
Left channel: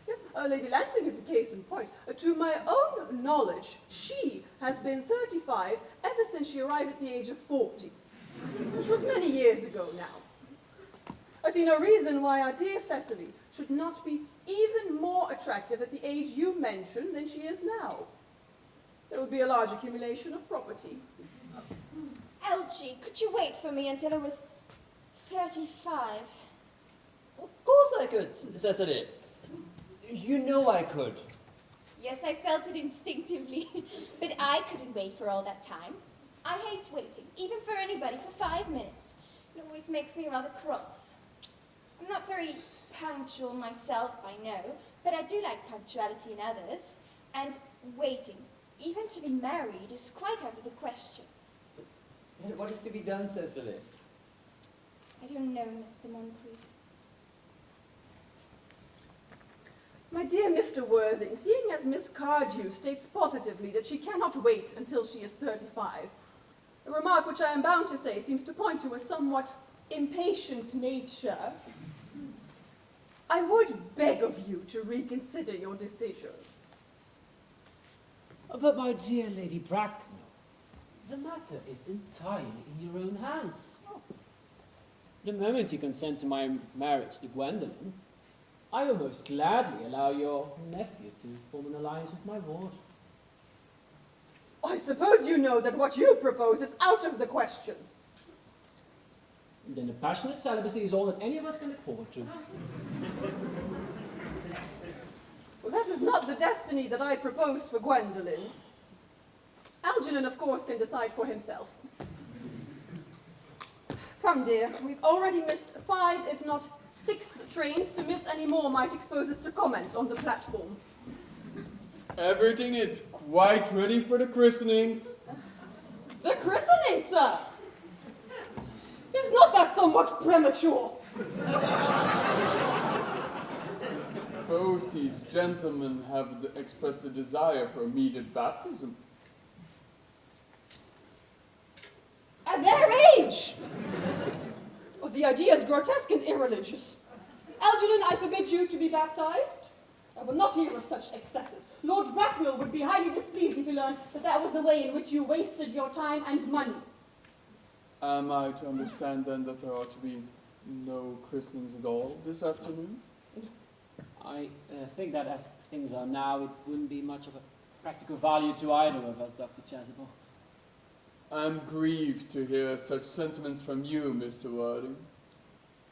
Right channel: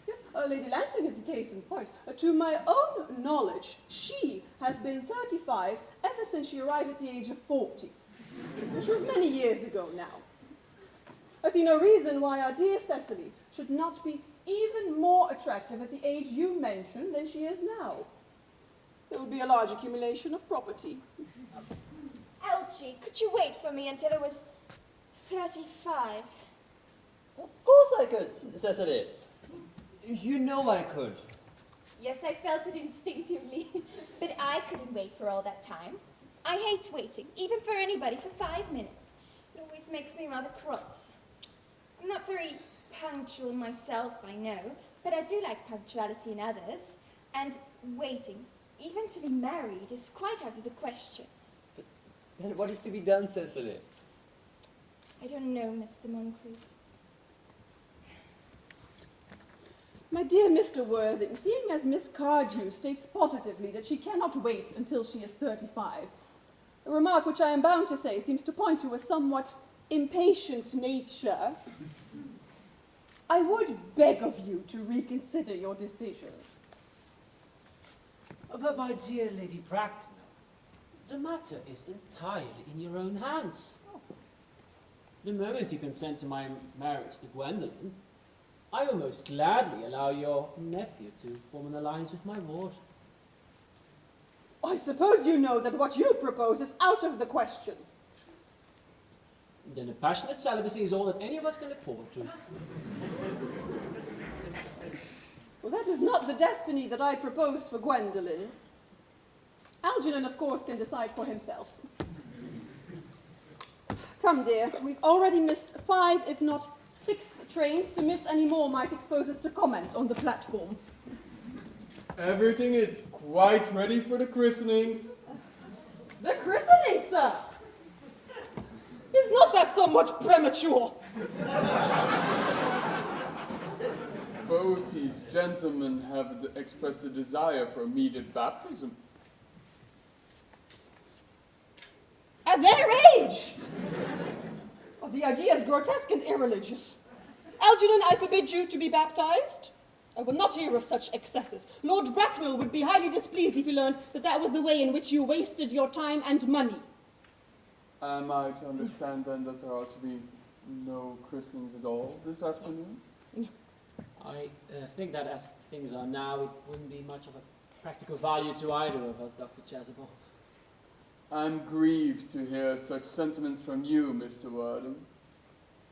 Yes, Lady Lansing is a case in point. To my own knowledge, she has been 35 ever since she arrived at the age of 40, which was many years ago now. I see no reason why our dear Cecily should not be even more attractive at the age you mentioned than she is now. There would be a large accumulation of property. Elchie, could you wait for me until I was 35? Of course I could, Cecily. You know I could. Yes, I felt it instinctively, but I couldn't wait for all that time. I hate waiting, even for anybody, for 5 minutes. It always makes me rather cross. I'm not very punctual myself, I know, but I do like punctuality in others, and waiting, even to be married, is quite out of the question. And what is to be done, Cecily? I don't know, Mr. Moncrief. My dear Mr. Worthing, seeing as Miss Cardew states positively that she cannot wait until she is 35, a remark which I am bound to say seems to point to a somewhat impatient nature, I would beg of you to reconsider your decision. But my dear Lady Bracknell, the matter is entirely in your own hands. The moment you consent to my marriage to Gwendolen, I will most gladly allow your nephew to form an alliance with my ward. I suppose you know that what you propose is out of the question. Then a passionate celibacy is all that any of us can look forward to. Well, that is not the destiny that I propose for Gwendolen. Algernon, of course, can decide for himself. Come, dear, we've already missed 5, if not 6 trains. To miss any more might expose us to comment on the platform. Everything is quite ready for the christenings. The christening, sir! Is not that somewhat premature? Both these gentlemen have expressed a desire for immediate baptism. At their age! Oh, the idea is grotesque and irreligious. Algernon, I forbid you to be baptized. I will not hear of such excesses. Lord Bracknell would be highly displeased if he learned that that was the way in which you wasted your time and money. Am I to understand then that there are to be no christenings at all this afternoon? I think that as things are now, it wouldn't be much of a practical value to either of us, Dr. Chasuble. I'm grieved to hear such sentiments from you, Mr. Wilde.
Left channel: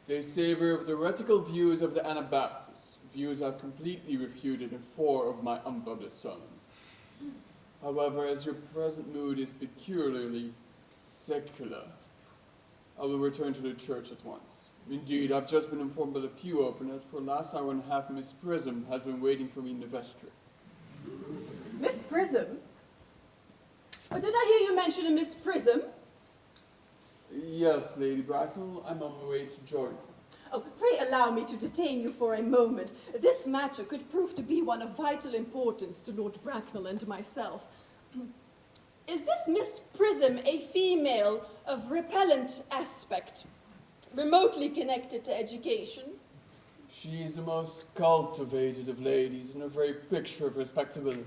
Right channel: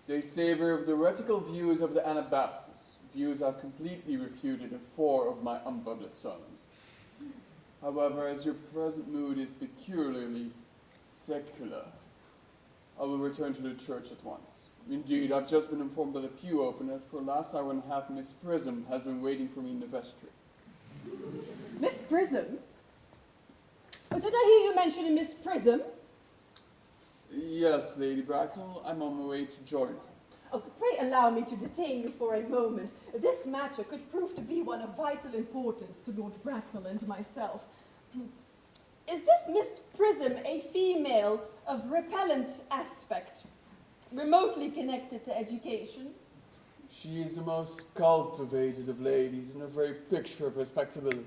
They savor of the heretical views of the Anabaptists, views I've completely refuted in 4 of my unpublished sermons. However, as your present mood is peculiarly secular, I will return to the church at once. Indeed, I've just been informed by the pew opener that for the last hour and a half Miss Prism has been waiting for me in the vestry. Miss Prism? Oh, did I hear you mention a Miss Prism? Yes, Lady Bracknell, I'm on my way to join. Oh, pray allow me to detain you for a moment. This matter could prove to be one of vital importance to Lord Bracknell and myself. Is this Miss Prism a female of repellent aspect, remotely connected to education? She is the most cultivated of ladies and a very picture of respectability.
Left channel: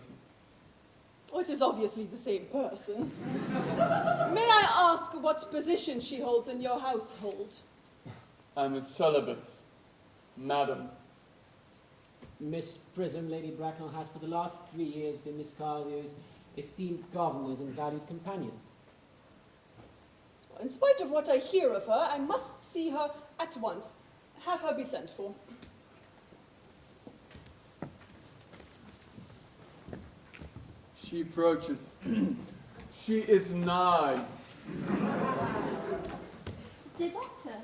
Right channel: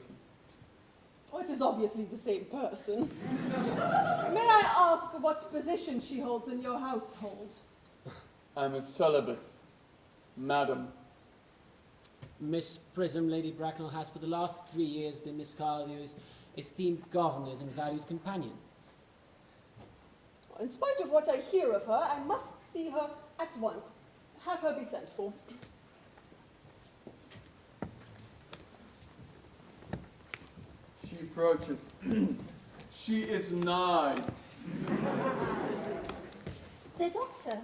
Oh, it is obviously the same person. May I ask what position she holds in your household? I'm a celibate, madam. Miss Prism, Lady Bracknell, has for the last 3 years been Miss Cardio's esteemed governess and valued companion. In spite of what I hear of her, I must see her at once. Have her be sent for. She approaches. She is 9. Dear Doctor,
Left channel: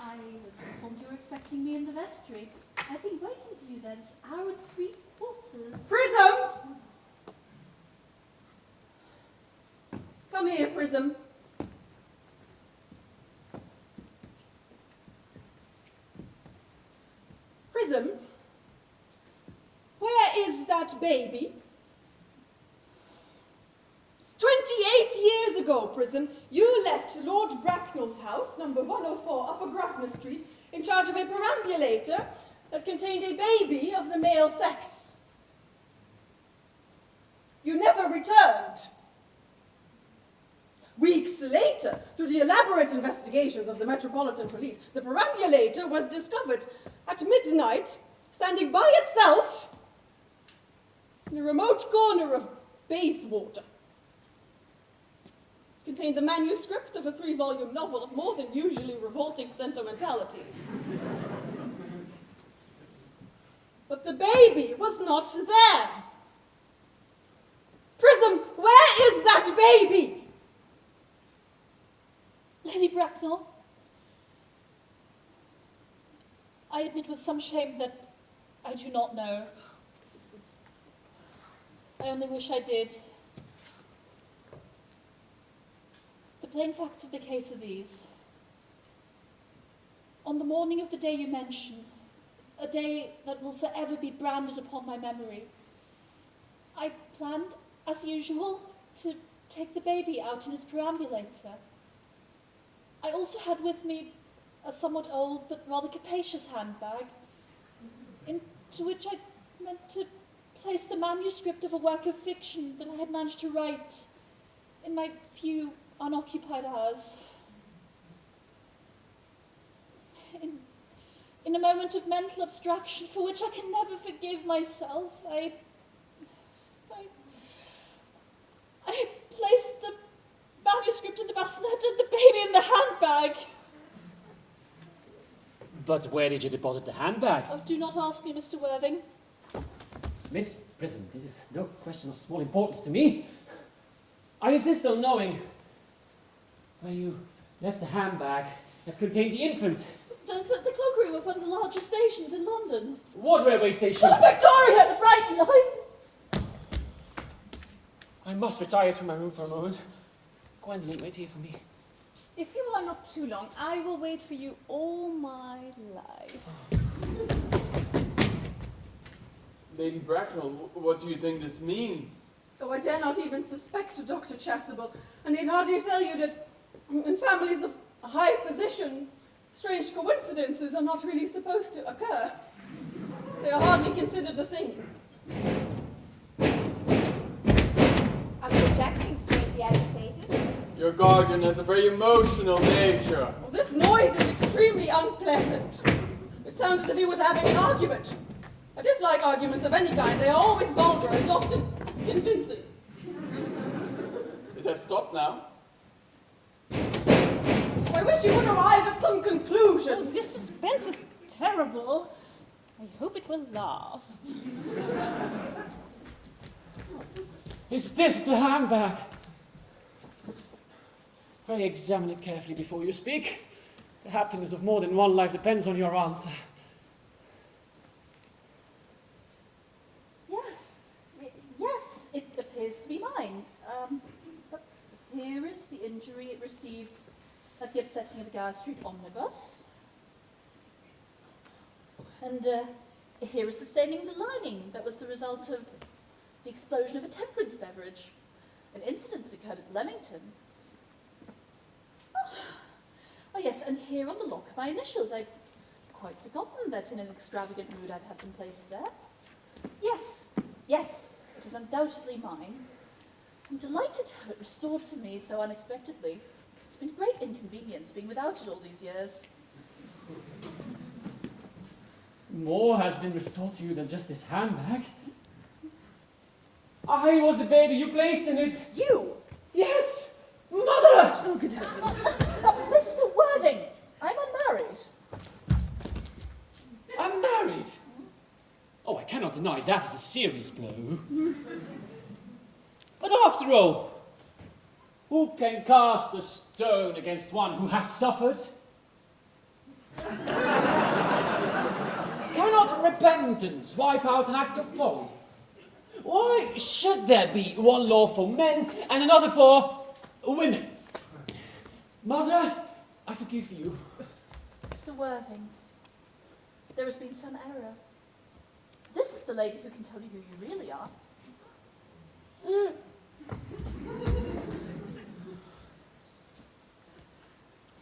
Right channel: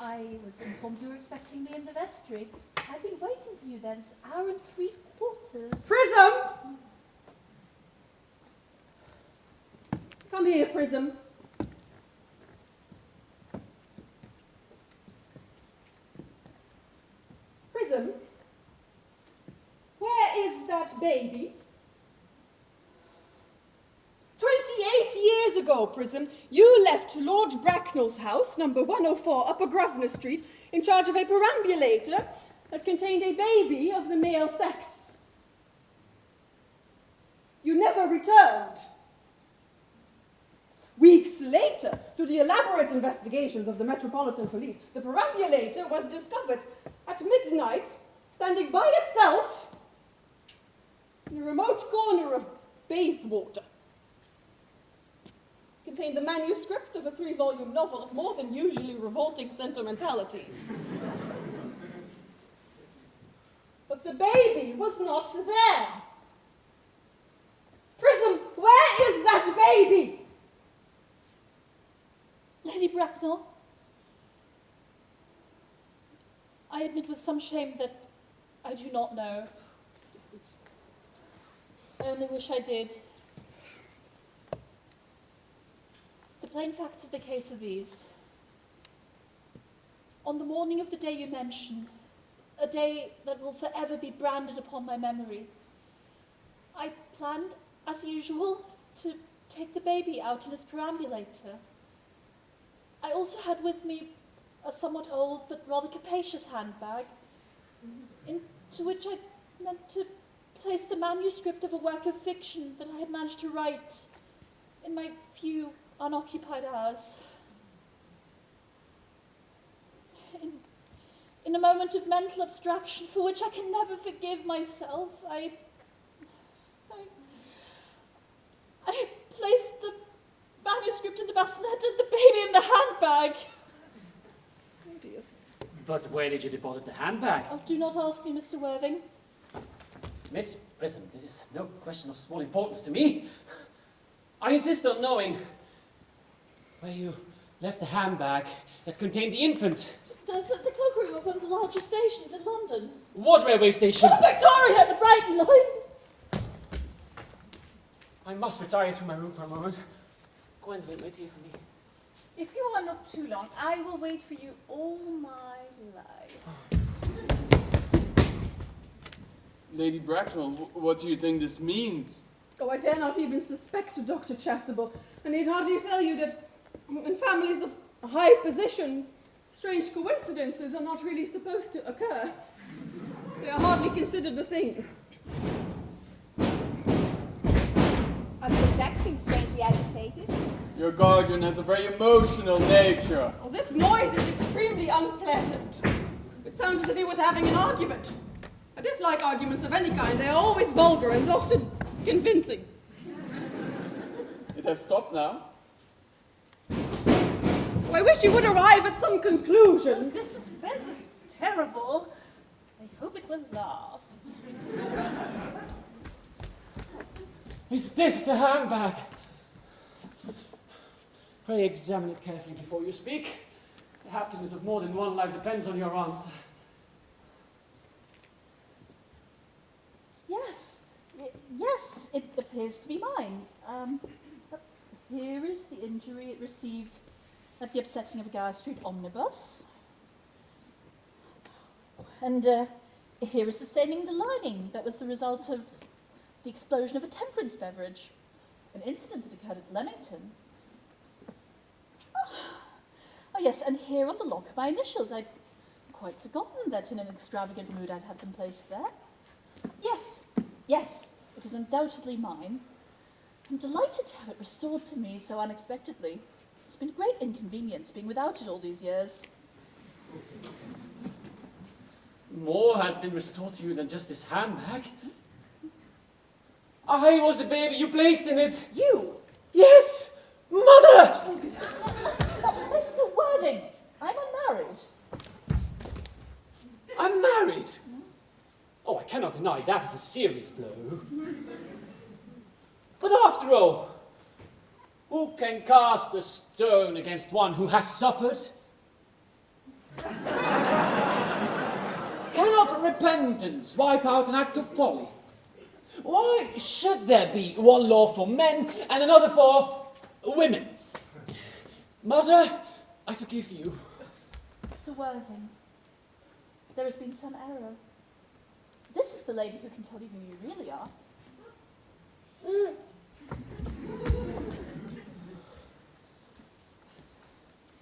I was informed you were expecting me in the vestry. I've been waiting for you there this hour and 3/4. Prism! Come here, Prism. Prism, where is that baby? 28 years ago, Prism, you left Lord Bracknell's house, number 104, Upper Grosvenor Street, in charge of a perambulator that contained a baby of the male sex. You never returned. Weeks later, through the elaborate investigations of the Metropolitan Police, the perambulator was discovered at midnight, standing by itself in a remote corner of Bayswater. Contained the manuscript of a 3-volume novel of more than usually revolting sentimentality. But the baby was not there. Prism, where is that baby? Lady Bracknell, I admit with some shame that I do not know. I only wish I did. The plain facts of the case are these. On the morning of the day you mention, a day that will forever be branded upon my memory, I planned, as usual, to take the baby out in his perambulator. I also had with me a somewhat old but rather capacious handbag, into which I meant to place the manuscript of a work of fiction that I had managed to write in my few unoccupied hours. In a moment of mental abstraction for which I can never forgive myself, I placed the manuscript in the bassinet and the baby in the handbag. But where did you deposit the handbag? Oh, do not ask me, Mr. Worthing. Miss Prism, this is no question of small importance to me. I insist on knowing where you left the handbag that contained the infant. The cloakroom of one of the largest stations in London. What railway station? Oh, Victoria, the Brighton line. I must retire to my room for a moment. Gwendolyn, wait here for me. If you are not too long, I will wait for you all my life. Lady Bracknell, what do you think this means? Oh, I dare not even suspect Dr. Chasuble. I need hardly tell you that in families of high position, strange coincidences are not really supposed to occur. They are hardly considered a thing. Uncle Jack seems strangely agitated. Your guardian has a very emotional nature. Oh, this noise is extremely unpleasant. It sounds as if he was having an argument. I dislike arguments of any kind. They are always vulgar and often convincing. It has stopped now. I wish you would arrive at some conclusion. Oh, this suspense is terrible. I hope it will last. Is this the handbag? Pray examine it carefully before you speak. The happiness of more than one life depends on your answer. Yes, it appears to be mine. But here is the injury it received at the upsetting of a Gower Street omnibus. And here is the staining of the lining that was the result of the explosion of a temperance beverage, an incident that occurred at Leamington. Oh yes, and here on the lock my initials. I'd quite forgotten that in an extravagant mood I'd had them placed there. Yes, it is undoubtedly mine. I'm delighted to have it restored to me so unexpectedly. It's been a great inconvenience being without it all these years. More has been restored to you than just this handbag. I was a baby you placed in it. You? Yes! Mother! Oh, good heavens. Mr. Worthing, I'm unmarried. Unmarried? Oh, I cannot deny that is a serious blow. But after all, who can cast a stone against one who has suffered? Cannot repentance wipe out an act of folly? Why should there be one law for men and another for women? Mother, I forgive you. Mr. Worthing, there has been some error. This is the lady who can tell you who you really are.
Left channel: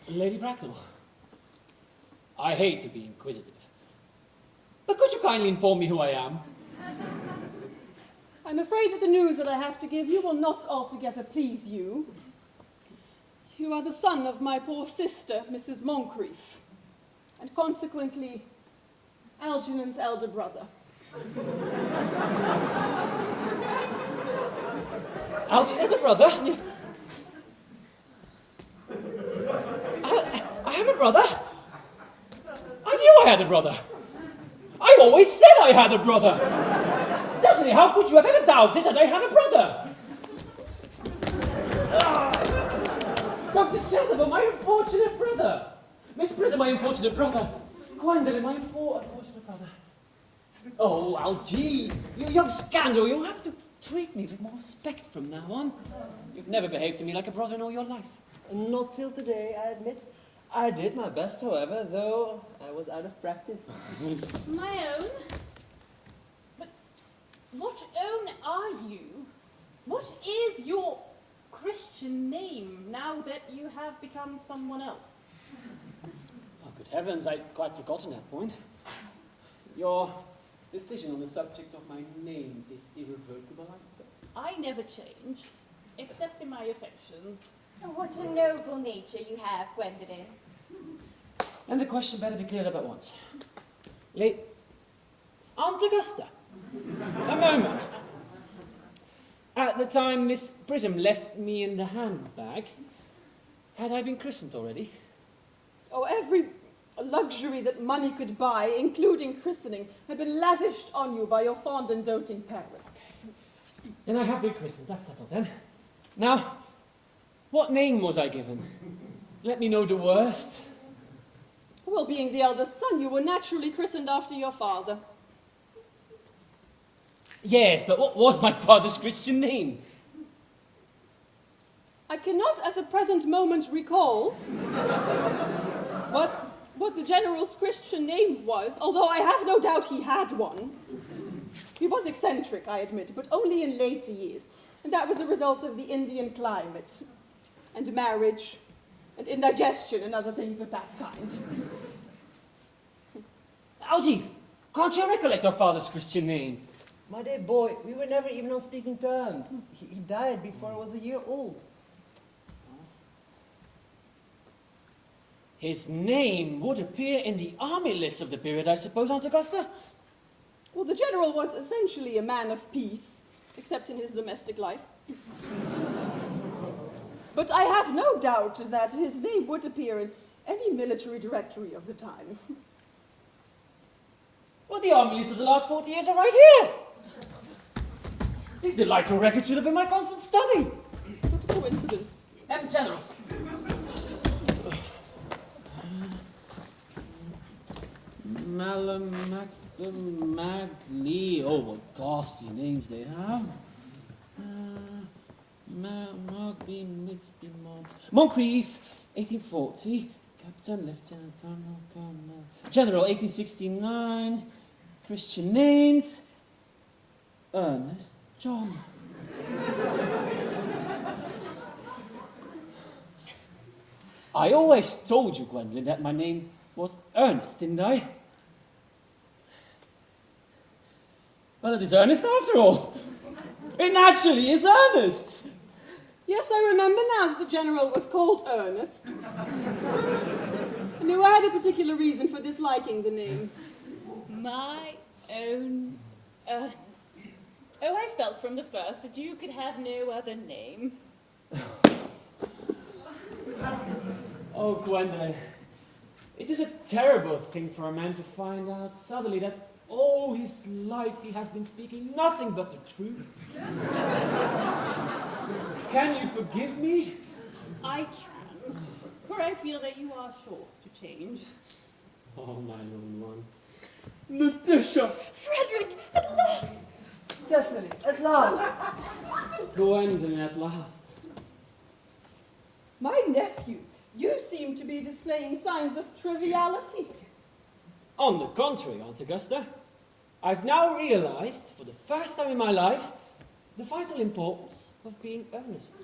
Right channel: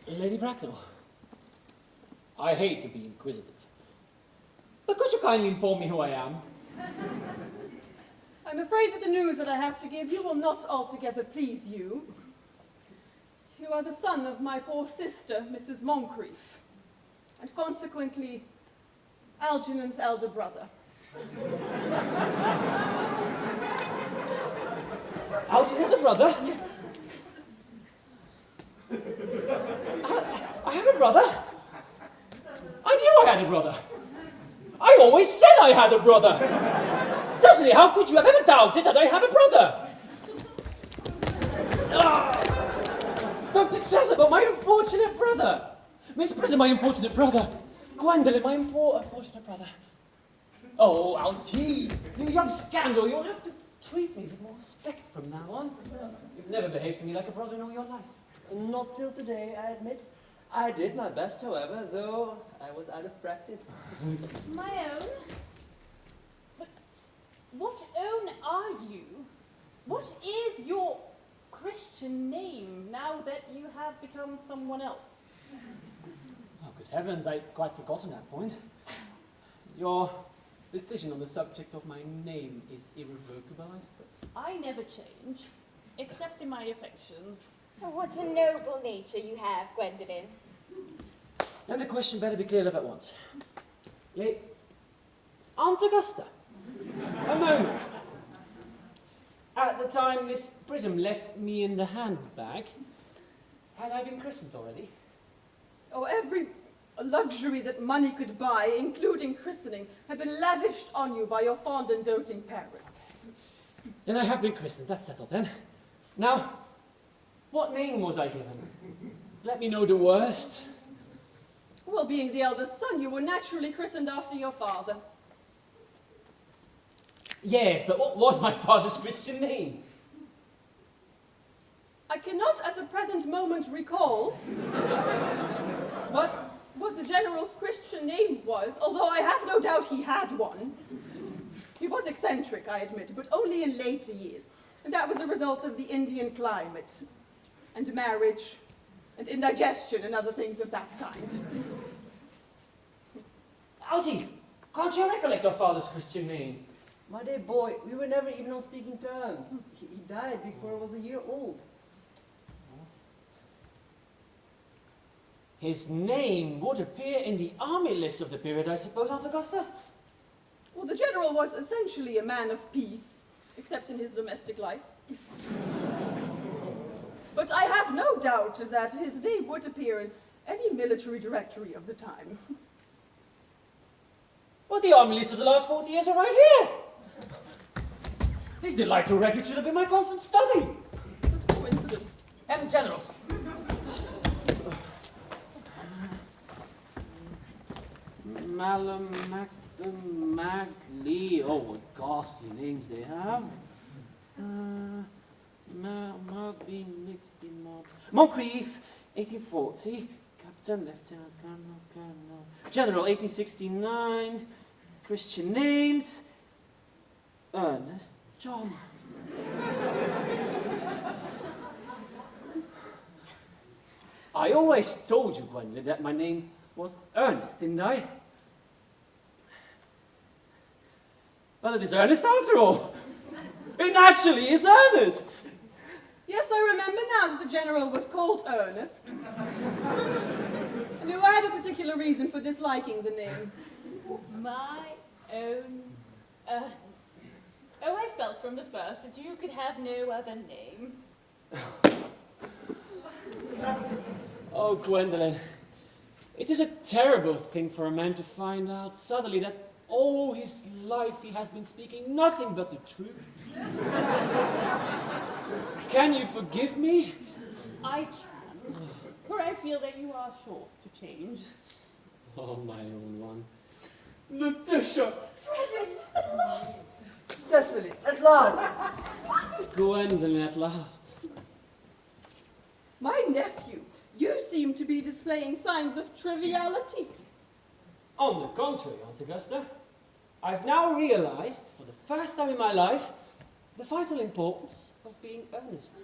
Lady Bracknell, I hate to be inquisitive, but could you kindly inform me who I am? I'm afraid that the news that I have to give you will not altogether please you. You are the son of my poor sister, Mrs. Moncrief, and consequently, Algernon's elder brother. Algy's elder brother? Yeah. I have a brother? I knew I had a brother. I always said I had a brother. Cecily, how could you have ever doubted that I have a brother? Dr. Chasuble, my unfortunate brother. Miss Prism, my unfortunate brother. Gwendolen, my unfortunate brother. Oh, Algy, you young scandal, you'll have to treat me with more respect from now on. You've never behaved to me like a brother in all your life. Not till today, I admit. I did my best, however, though I was out of practice. My own? But what own are you? What is your Christian name now that you have become someone else? Oh, good heavens, I'd quite forgotten that point. Your decision on the subject of my name is irrevocable, I suppose. I never change, except in my affections. Oh, what a noble nature you have, Gwendolen. And the question better be cleared up at once. Aunt Augusta, a moment. At the time Miss Prism left me in the handbag, had I been christened already? Oh, every luxury that money could buy, including christening, had been lavished on you by your fond and doting parents. Then I have been christened, that's settled then. Now, what name was I given? Let me know the worst. Well, being the eldest son, you were naturally christened after your father. Yes, but what was my father's Christian name? I cannot at the present moment recall what the general's Christian name was, although I have no doubt he had one. He was eccentric, I admit, but only in later years. And that was a result of the Indian climate, and marriage, and indigestion, and other things of that kind. Algy, can't you recollect your father's Christian name? My dear boy, we were never even on speaking terms. He died before I was a year old. His name would appear in the army list of the period, I suppose, Aunt Augusta? Well, the general was essentially a man of peace, except in his domestic life. But I have no doubt that his name would appear in any military directory of the time. Well, the army list of the last 40 years are right here. These delightful records should have been my constant study. What a coincidence. Generals. Malum, Maxton, Magley. Oh, what ghastly names they have. Moncrief, 1840. Captain, Lieutenant, Colonel. General, 1869. Christian names. Ernest, John. I always told you, Gwendolyn, that my name was Ernest, didn't I? Well, it is Ernest after all. It naturally is Ernest. Yes, I remember now that the general was called Earnest. I knew I had a particular reason for disliking the name. My own Ernest. Oh, I felt from the first that you could have no other name. Oh, Gwendolyn, it is a terrible thing for a man to find out suddenly that all his life he has been speaking nothing but the truth. Can you forgive me? I can, for I feel that you are sure to change. Oh, my own one. Letitia! Frederick, at last! Cecily, at last! Gwendolyn, at last. My nephew, you seem to be displaying signs of triviality. On the contrary, Aunt Augusta, I've now realized, for the first time in my life, the vital importance of being earnest.